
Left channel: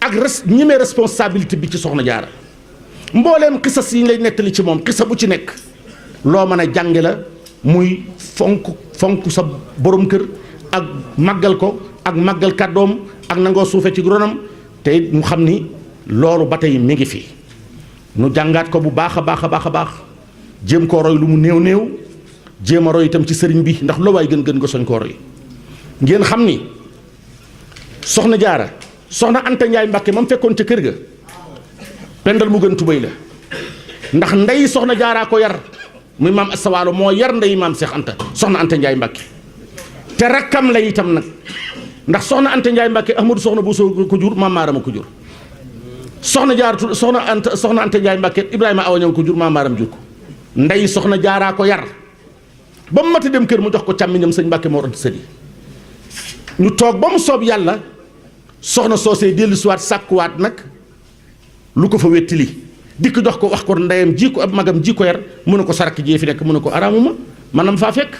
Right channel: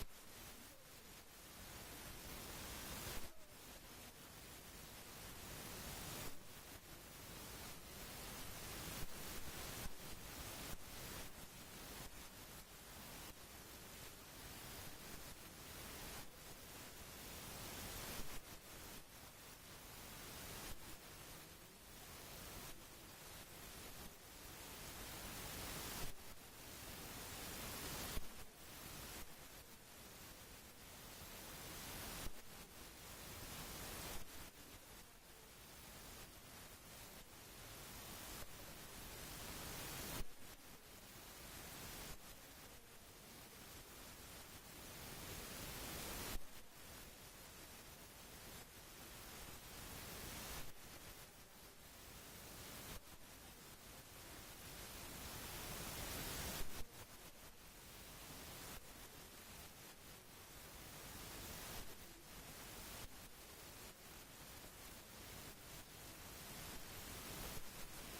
ak ñemee responsabilité bi ci soxna Jaara mbooleem xisas yi ñu lay nettali ci moom xisa bu ci nekk loo mën a jànge la muy fonk sa borom kër ak màggal ko ak màggal kàddoom ak nangoo suufe ci ronam te mu xam ni loolu ba tey mi ngi fi nu jàngaat ko bu baax a baax a baax a baax jéem koo roy lu mu néew néew jéem a roy itam ci sëriñ bi ndax loo waay gën nga soñ koo roy ngeen xam ni soxna Jaara soxna Anta Njaay Mbàkke mam fekkoon ca kër ga pendal mu gën tubéy la ndax ndey soxna Jaaraa ko yar muy maam Asta Waalo moo yar ndey maam Seex Anta soxna Anta Njaay Mbàkke te rakkam la itam nag ndax soxna Anta Njaay Mbàkke Ahmadu soxna Buso ko jur maam Maaram ko jur soxna Jaaratu soxna Anta Njaay Mbàkke Ibrahima Awañang ko jur maam Maaram jur ko ndey soxna Jaaraa ko yar ba mu mata dem kër mu jox ko càmmiñam sëñ Mbàkke Mor Anta Sali ñu toog ba mu soob yàlla soxna soosee dellusiwaat sàkkuwaat nag lu ko fa wettili dikk jox ko wax ko ndeyam ji ko ab magam ji ko yar mu ne ko sarak jee fi nekk mu ne ko araamuma manam faa fekk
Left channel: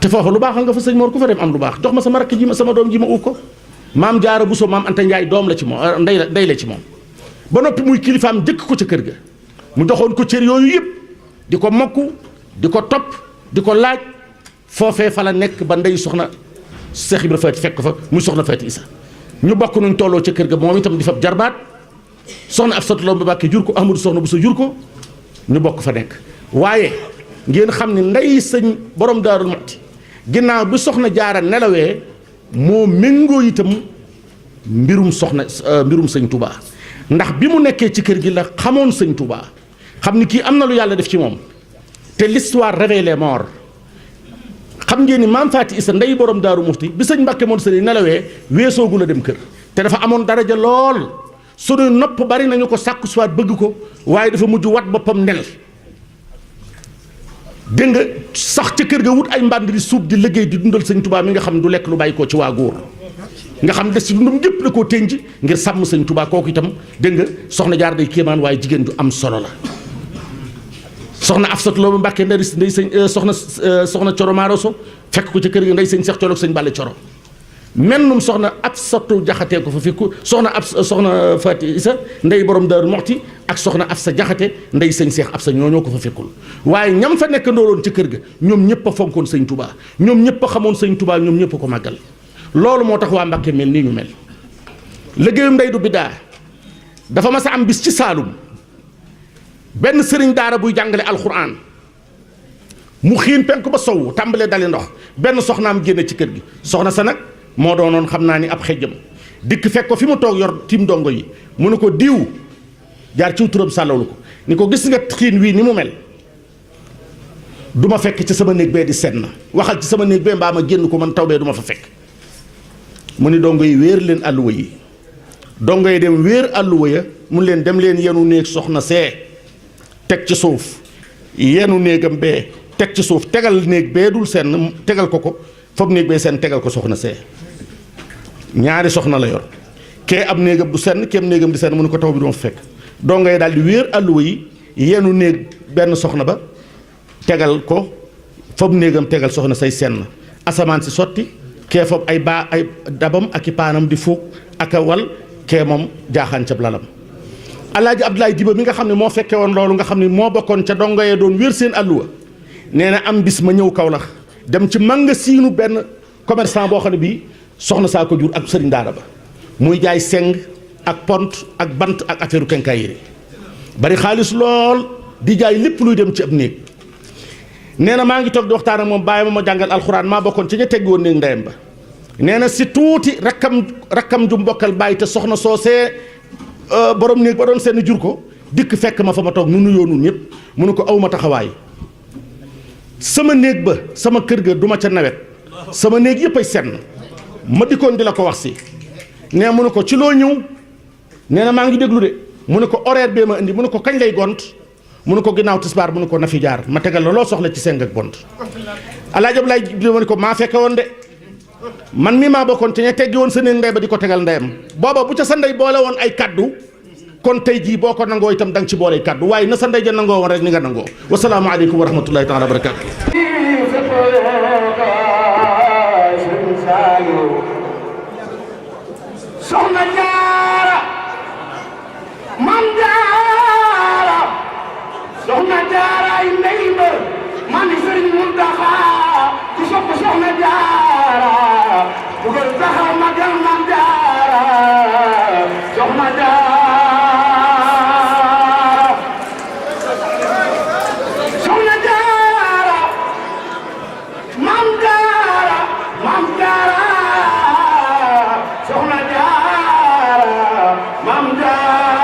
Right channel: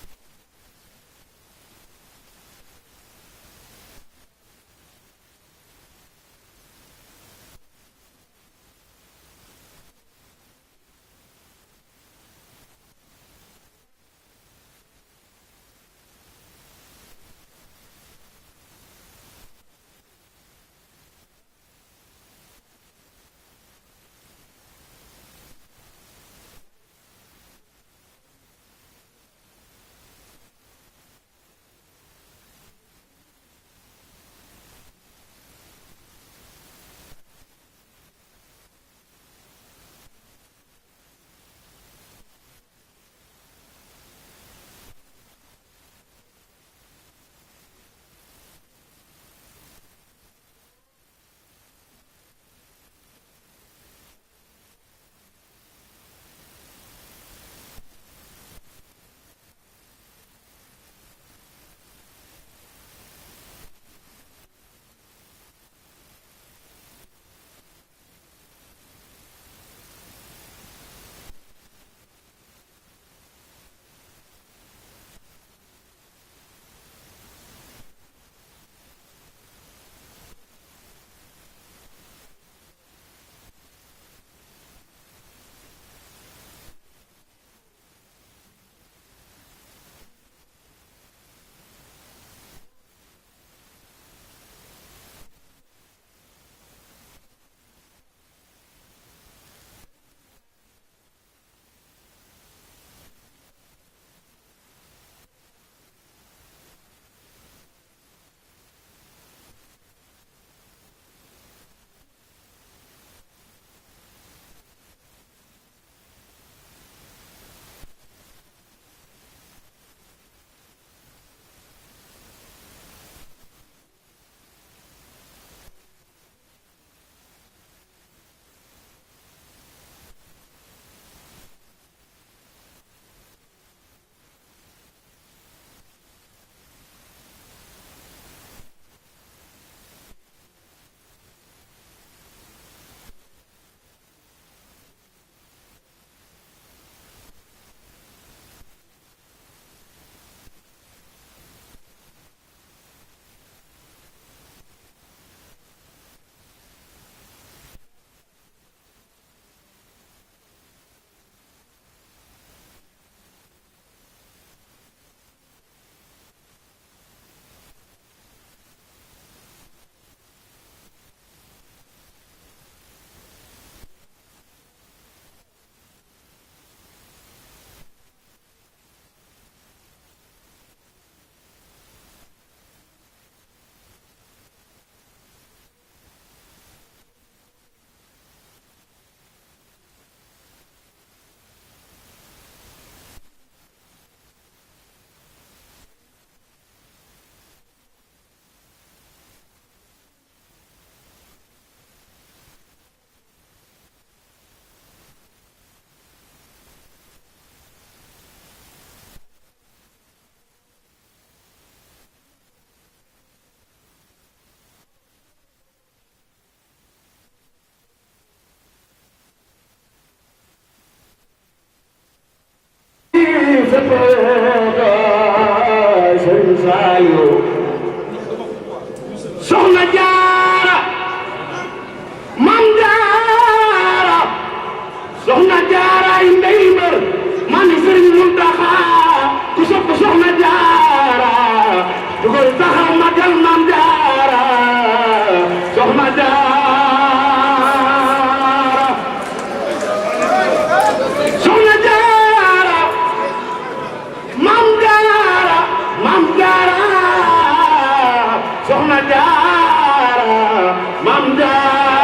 te foofu lu baax nga fa sëñ Mor ku fa dem am lu baax jox ma sama rakk ji ma sama doom ji ma uuf ko maam Jaara Buso maam Anta Njaay doom la ci moom ndey la ci moom ba noppi muy kilifaam jëkk ko ca kër ga mu joxoon ko cër yooyu yëpp di ko mokk di ko topp di ko laaj foofee fa la nekk ba ndey soxna Seex Ibra Faati fekk fa muy soxna Faati Isa ñu bokk nuñ tolloo ca kër ga moom itam di fab jarbaat soxna Absatu Lo Mbàkke jur ko Ahmadu soxna Buso jur ko ñu bokk fa nekk waaye ngeen xam ne ndey sëñ borom Daaru Muxti ginnaaw bi soxna Jaara nelawee moo méngoo itam mbirum sëñ Touba ndax bi mu nekkee ci kër gi la xamoon sëñ Touba xam ni kii am na lu yàlla def ci moom te l'histoire révèle les morts xam ngeen ni maam Faati Isa ndey borom Daaru Muxti bi sëñ Mbàkke moom sëñ nelawee weesoogu la dem kër te dafa amoon daraja lool suñuy nopp bari nañu ko sàkku soit bëgg ko waaye dafa mujj wat boppam nel dégg nga sax ca kër ga wut ay mbànd di suub di liggéey di dundal sëñ Touba mi nga xam du lekk lu bàyyi ko ci waa góor nga xam des ci dundam gépp la koo tënj ngir sàmm sëñ Touba kooku itam dégg nga soxna Jaar day kéemaan waaye jigéen du am solo la soxna Afsatu Lo Mbàkke ndey sëñ soxna Coro Maaroso fekk ko ca kër ga ndey sëñ Seex Coro ak sëñ Bàlle Coro mennum soxna Absatu Jaxate ko fa fekku soxna Faati Isa ndey borom Daaru Muxti ak soxna Absa Jaxate ndey sëñ Seex Absa ñoo ko fa fekkul waaye ñam fa nekk ndooloon ci kër ga ñoom ñëpp a fonkoon sëñ Touba ñoom ñëpp a xamoon sëñ Touba ñoom ñëpp a ko màggal loolu moo tax waa Mbàkke mel nii ñu mel liggéeyum ndey du biddaa dafa mas a am bis ci Saalum benn sëriñ daara buy jàngale alxuraan mu xiin penk ba sowu tàmbalee dali ndox benn soxnaam génne ci kër gi soxna sa nag moo doonoon xam naa ni ab xejjam dikk fekk ko fi mu toog yor tiim ndongo yi mu ne ko diw jaar ciw turam sàllawlu ko ni ko gis nga xiin wii ni mu mel du ma fekk ci sama néeg bee di senn waxal ci sama néeg bee mbaa ma génn ko man taw bee du ma fa fekk mu ni dongo yi wéer leen àlluwa yi dongo yi dem wéer àlluwa ya mun leen dem leen yenu néeg soxna see teg ci suuf yenu néegam bee teg ci suuf tegal néeg bee dul senn tegal ko foog néeg bee senn tegal ko soxna see ñaari soxna la yor kee ab néegam du senn keem néegam di senn mu ne ko taw bi du ma fa fekk dongo yi daal di wéer àlluwa yi yenu néeg benn soxna ba tegal ko foog néegam tegal soxna say senn asamaan si sotti kee foog ay dabam ak i paanam di fuug ak a wal kee moom jaaxaan cab lalam Alaaji Abdoulaye Diba mi nga xam ne moo fekke woon loolu nga xam ne moo bokkoon ca dongo yee doon wér seen àlluwa nee na am bis ma ñëw Kaolack dem ci magasiinu benn commerçant boo xam ne bii soxna saa ko jur ak sëriñ daara ba muy jaay seng ak pont ak bant ak affaire quincaillerie bari xaalis lool di jaay lépp luy dem ci ab néeg nee na maa ngi toog di waxtaan ak moom bàyyi ma jàngal alxuraan maa bokkoon ci ña teggi woon néeg ndeyam ba nee na si tuuti rakkam ju mbokkal bàyyi te soxna soosee borom néeg ba doon seen jur ko dikk fekk ma fa ma toog nu nuyoo nun ñëpp mu ne ko awma taxawaay sama néeg ba sama kër ga duma ca nawet sama néeg yëpp ay senn ma dikkoon di la ko wax si nee mu ne ko ci loo ñëw nee na maa ngi déglu de mu ne ko horaire bee ma indi mu ne ko kañ lay gont mu ne ko ginnaaw tisbaar mu ne ko na fi jaar ma tegal la loo soxla ci seng ak bont Alaaji Ablaay mu ne ko maa fekke woon de man mii maa bokkoon ci ña teggi woon sa néeg ndey ba di ko tegal ndeyam booba bu ca sa ndey boole woon ay kaddu kon tey jii boo ko nangoo itam da nga ci boole kaddu waaye na sa ndey ja nangoo woon rek ni nga nangoo wasalaamu aleykum wa rahmatullahi taala wa barakaatu soxna jaara mam jaara soxna jaara ay ndey ba man sëriñ Muntaxa ku sopp soxna jaara dugal taxaw magal mam jaara soxna jaara soxna jaara mam jaara soxna jaara mam jaara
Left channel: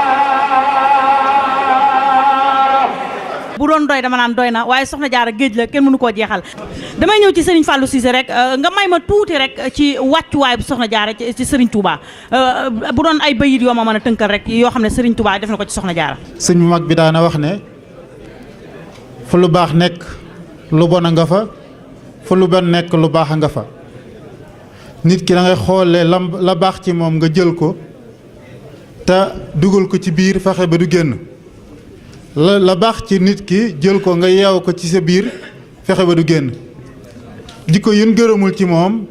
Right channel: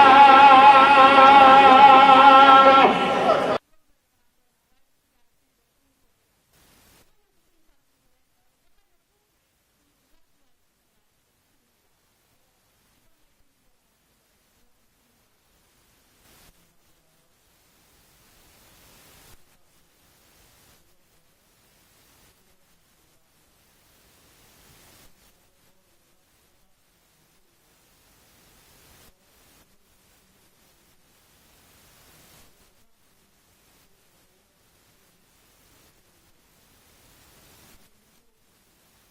bu doon doy dama naan doy na waaye soxna jaara géej la kenn mënu koo jeexal damay ñëw ci Serigne Fallou Cissé rek nga may ma tuuti rek ci wàccuwaay bu soxna jaara ci Serigne Touba bu doon ay bayit yoo ma mën a tënkal rek yoo xam ne Serigne Touba def na ko ci soxna jaara. sëñ bu mag bi daana wax ne fu lu baax nekk lu bon a nga fa fu lu bon nekk lu baax a nga fa nit ki da ngay xoolee la baax ci moom nga jël ko te dugal ko ci biir fexe ba du génn la baax ci nit ki jël ko nga yeew ko ci sa biir fexe ba du génn jikko yun gërëmul ci moom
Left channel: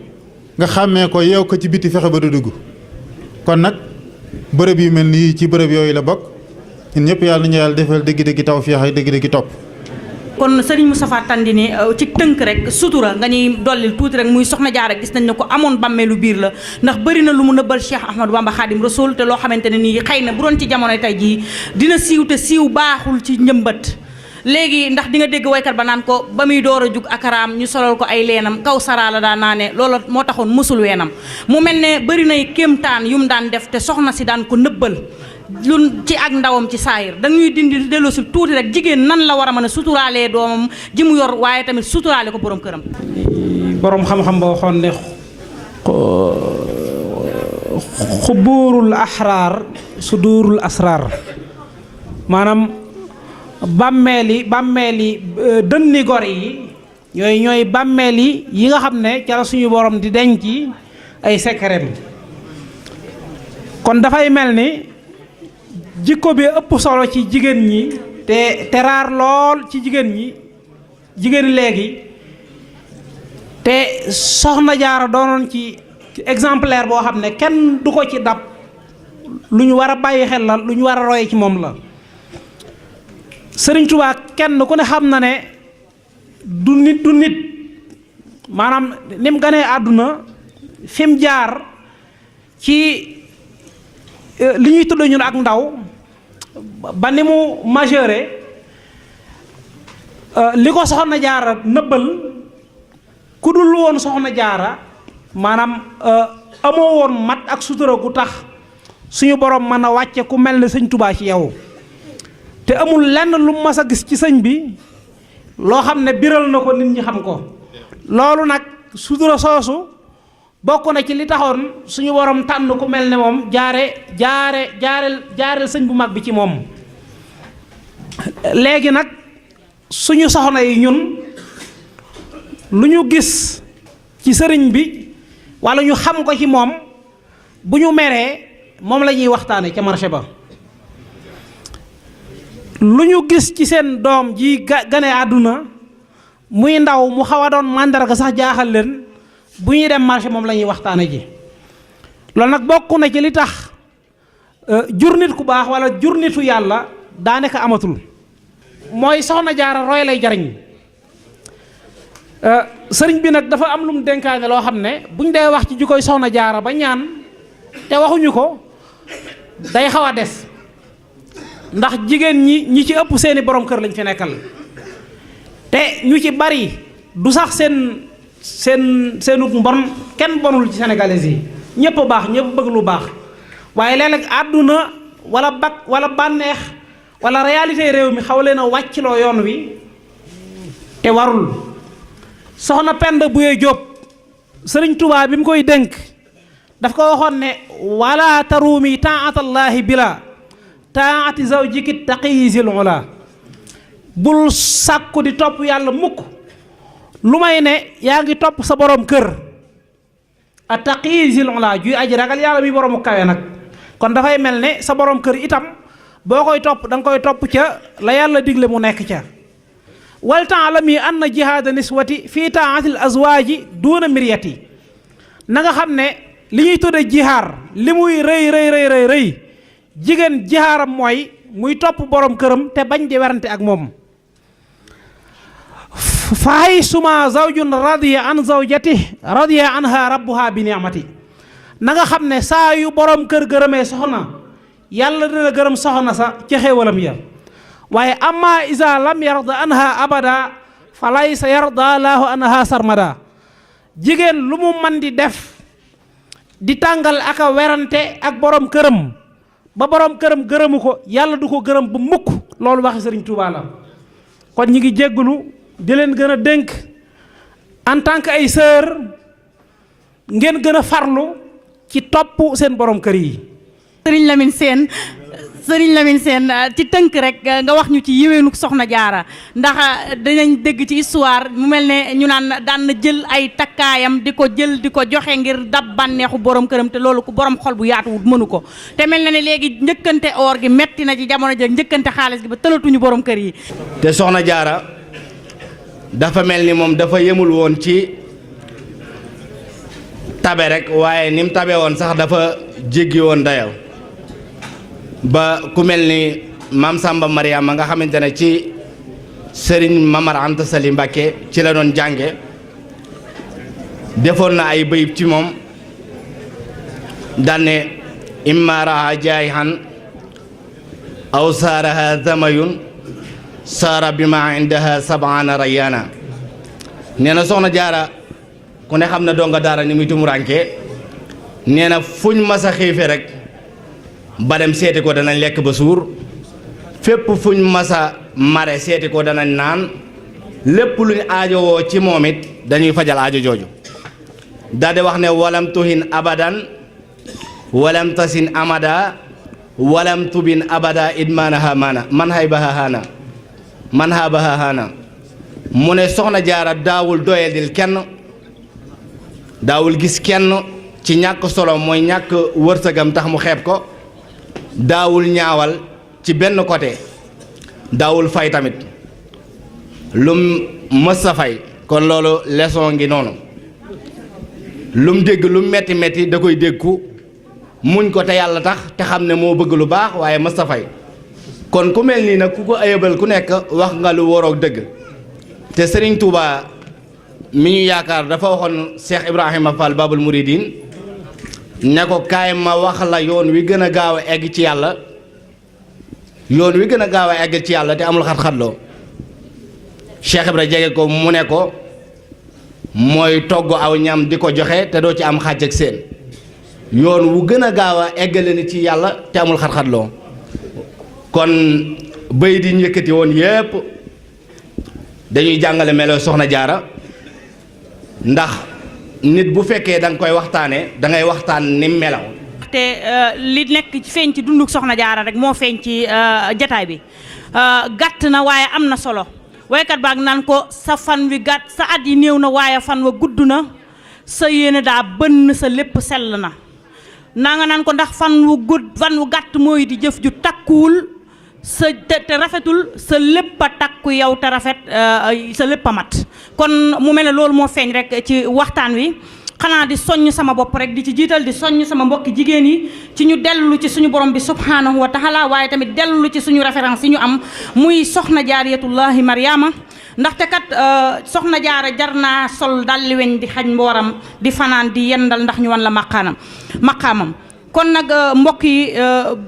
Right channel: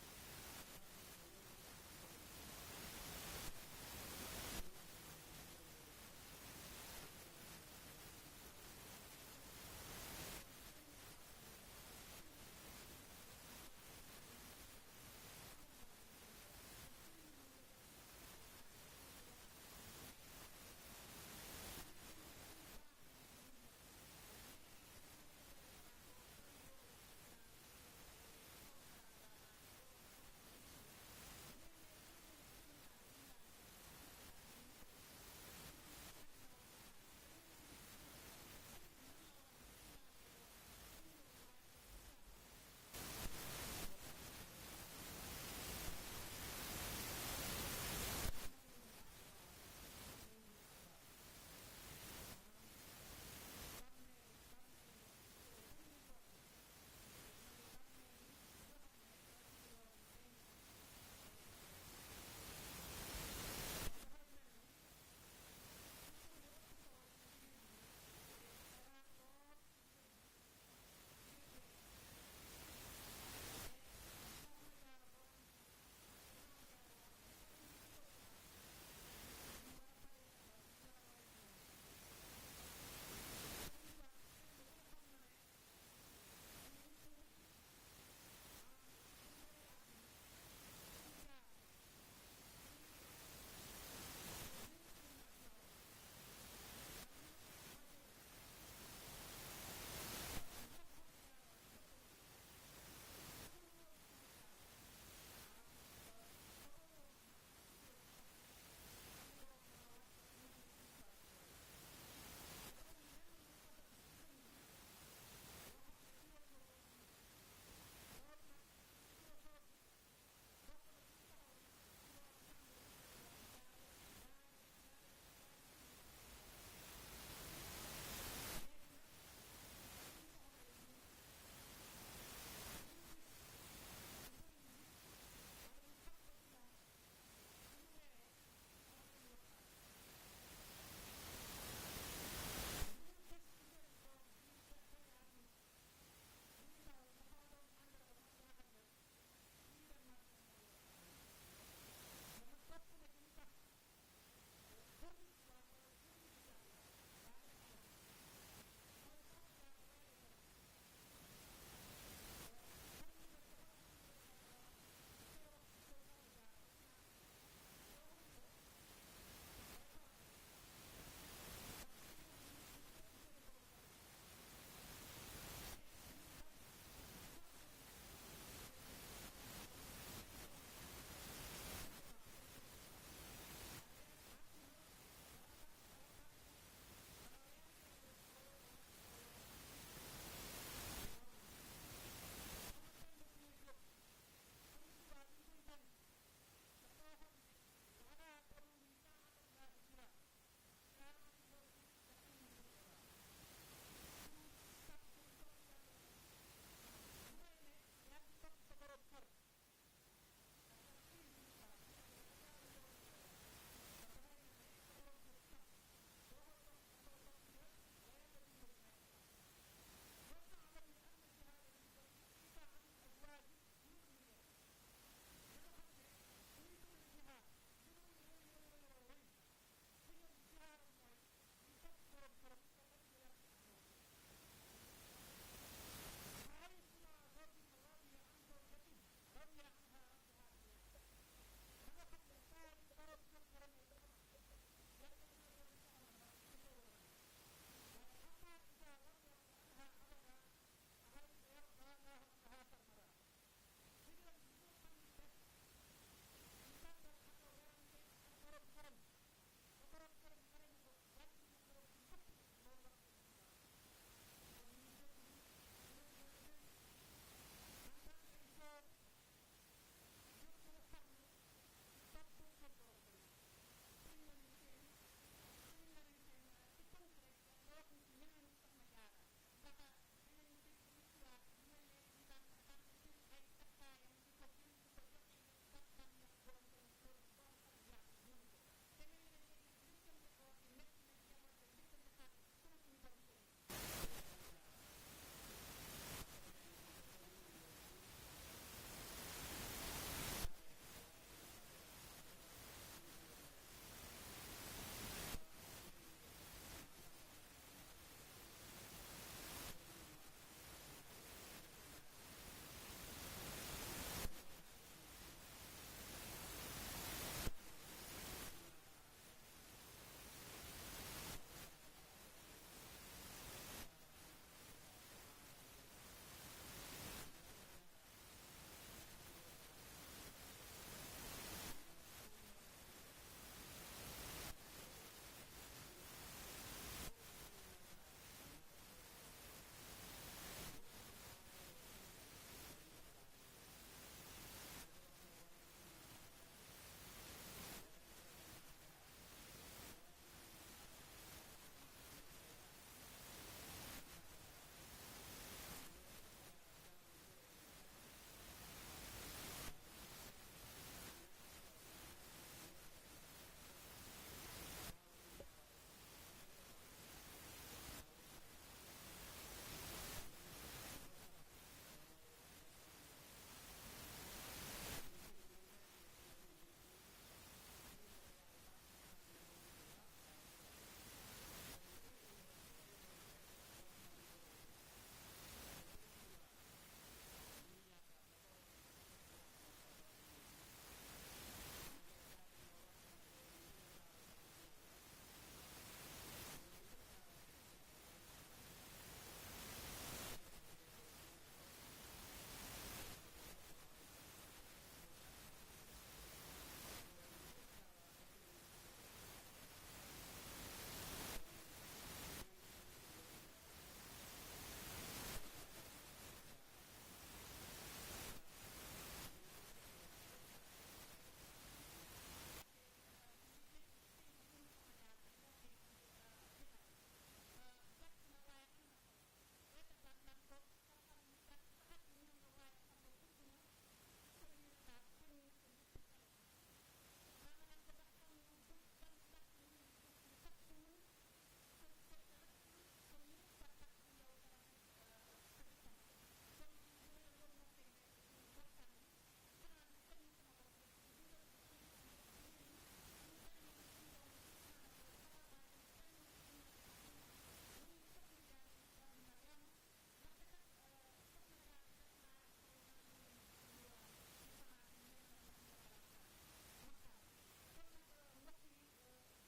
nga xàmmee ko yeew ko ci biti fexe ba du dugg kon nag bërëb yu mel nii ci bërëb yooyu la bokk ñun ñëpp yàlla nañu yàlla defal dëgg-dëgg tawfeex ak dëgg-dëgg topp. kon Serigne Moustapha Tandine ci tënk rek sutura nga ñuy dollil tuuti rek muy soxna jaara gis nañ ne ko amoon bàmmeelu biir la ndax bëri na lu mu nëbbal Cheikh Ahmadou Bamba Khadim Rasoul te loo xamante ne nii xëy na bu doon ci jamono tey jii dina siiw te siiw baaxul ci njëmbat léegi ndax di nga dégg waykat ba naan ko ba muy door a jug akaraam ñu solal ko ay leenam kaw saraala daan naa ne loolu moo taxoon mësul weenam mu mel ne bëri nay kéemtaan yu mu daan def te soxna si daan ko nëbbal lu ci ak ndawam ci saayir dañuy dindi delloo si tuuti rek jigéen nan la war a mën a suturaalee doomam ji mu yor waaye tamit suturaale ko borom këram. borom xam-xam boo xoon ne xubuurul axraar suduurul asraar maanaam bàmmeeli dënni gor yi ñooy bàmmeeli yi nga xam ne ca la suñu borom di denc ay sekkereem kon dafay mel ni jikko bi ëpp solo ci jigéen ñi te raar lool ci jigéen léegi te soxna jaara doonoon ci exemplaire boo xam ne kenn du ko ci dab lu ñu war a bàyyi xel la lu ñu war a roye ci moom la Sëriñ Tuubaa kenn ku ne xam na ne du nit maanaam ni mu ganee àdduna fi mu jaar ci li ñuy tudd ñun ak ndaw ba ni mu majeure li ko soxna jaara nëbbal ku dul woon soxna jaara maanaam amoo woon mat ak sutura gu tax suñu borom mën a wàcce ku mel ne sëñ Tuubaa ci yow te amul lenn lu mas a gis ci sëñ bi loo xam ne biral na ko nit ñi xam ko loolu nag sutura soosu bokk na ci li taxoon suñu borom tànn ku mel ne moom jaareel sëñ bu mag bi ci moom léegi nag suñu soxna yi ñun lu ñu gis ci sëriñ bi walla ñu xam ko ci moom bu ñu meree moom la ñuy waxtaane ca marché ba lu ñu gis ci seen doom ji gane àdduna muy ndaw mu xaw a doon màndarga sax jaaxal leen bu ñuy dem marché moom la ñuy waxtaane ji loolu nag bokk na ci li tax jur nit ku baax wala jur nitu yàlla daanaka amatul. mooy soxna jaara roy lay jariñ sëriñ bi nag dafa am lu mu dénkaane loo xam ne buñ dee wax ci jikkoy soxna jaara ba ñaan te waxuñu ko day xaw a des ndax jigéen ñi ci ëpp seeni borom kër lañ fi nekkal te ñu ci bari du sax seenu mbon kenn bonul ci sénégalais yi ñëpp a baax ñëpp bëgg lu baax waaye léeg-léeg àdduna wala bànneex wala réalité réew mi xaw leen a wàccloo yoon wi te warul. soxna Penda Buye Jóob sëriñ Tuubaa bi mu koy dénk daf ko waxoon ne wala taruumi taatallaahi bila taati zawjiki taqiyi zil ula bul sàkku di topp yàlla mukk lu may ne yaa ngi topp sa borom kër a taqiyi zil ula juy aji ragal yàlla mi boroomu kawe nag kon dafay mel ne sa borom kër itam boo koy topp da nga koy topp ca la yàlla digle mu nekk ca wal taalami anna jihaada niswati fii taatil azwaaji duuna miryati na nga xam ne li ñuy tudde jihaar li muy rëy jigéen jihaaram mooy muy topp borom këram te bañ di werante ak moom fahay suma zawjun radiya an zawjati radiya anha rabbuha bi ni'mati na nga xam ne saa yu borom kër gërëmee soxna yàlla dina gërëm soxna sa ca xéewalam ya waaye amma isa lam yarda anha abada fa laysa yarda laahu anha sarmada jigéen lu mu man di def di tàngal ak a werante ak borom këram ba borom këram gërëmu ko yàlla du ko gërëm ba mukk loolu waxi sëriñ Tuubaa la kon ñi ngi jéggulu di leen gën a dénk en tant que ay sœur ngeen gën a farlu ci topp seen borom kër yi. Sëriñ Lamine Sène ci tënk rek nga wax ñu ci yéwénu soxna jaara ndax dinañ dégg ci histoire mu mel ne ñu naan daan na jël ay takkaayam di ko jël di ko joxe ngir dab bànneexu borom këram te loolu ku borom xol bu yaatuwut mënu ko te mel na ne léegi njëkkante or gi metti na ci jamono jëg njëkkante xaalis gi ba tëlatuñu borom kër yi. te soxna jaara dafa mel ni moom dafa yemul woon ci tabe rek waaye ni mu tabe woon sax dafa jéggi woon dayaw ba ku mel ni maam Samba Mariama nga xamante ne ci Serigne Mamar Anta Sali Mbacké ci la doon jànge defoon na ay bayib ci moom danne imma raha jaayihan aw saaraha zamayun saara bi ma indaha sab'ana rayana nee na soxna jaara ku ne xam na donga daara ni muy tumuranke nee na fuñ masa xiife rek ba dem seeti ko danañ lekk ba suur fépp fuñ masa mare seeti ko danañ naan lépp luñ aajowoo ci moom it dañuy fajal aajo jooju daldi wax ne walam tuhin abadan walam tasin amada walam tubin abada idmanaha mana man haybaha hana man habaha hana mu ne soxna jaara daawul doyadil kenn daawul gis kenn ci ñàkk solo mooy ñàkk wërsëgam tax mu xeeb ko daawul ñaawal ci benn côté daawul fay tamit lum mës a fay kon loolu leçon ngi noonu lum dégg lu metti metti da koy déggu muñ ko te yàlla tax te xam ne moo bëgg lu baax waaye mës a fay kon ku mel nii nag ku ko ayëbal ku nekk wax nga lu waroog dëgg te Serigne Touba mi ñu yaakaar dafa waxoon Cheikh Ibrahima Fall Babul Mouridine ne ko kaay ma wax la yoon wi gën a gaaw a egg ci yàlla yoon wi gën a gaaw a egg ci yàlla te amul xat-xatloo Cheikh Ibra jege ko mu ne ko mooy togg aw ñam di ko joxe te doo ci am xàjj ak seen yoon wu gën a gaaw a eggale ni ci yàlla te amul xat-xatloo kon bëy di njëkkati woon yépp dañuy jàngale melo soxna jaara ndax nit bu fekkee da nga koy waxtaanee da ngay waxtaan ni melaw te li nekk ci feeñ ci dunduk soxna jaara rek moo feeñ ci jataay bi gàtt na waaye am na solo waykat baag naan ko sa fan wi gàtt sa at yi néew na waaye fan wa gudd na sa yéene daa bënn sa lépp sell na naa nga naan ko ndax fan wu gàtt mooy di jëf ju takkuwul sa te rafetul sa lépp a takku yow te rafet sa lépp a mat kon mu mel ne loolu moo feeñ rek ci waxtaan wi xanaa di soññ sama bopp rek di ci jiital di soññ sama mbokki jigéen yi ci ñu dellu ci suñu borom bi subhanahu wa taala waaye tamit dellu ci suñu référence yi ñu am muy soxna jaariyatullahi Mariama ndaxte kat soxna jaara jar naa sol dalli weñ di xañ mbooram di fanaan di yendal ndax ñu wan la maqaamam kon nag mbokk yi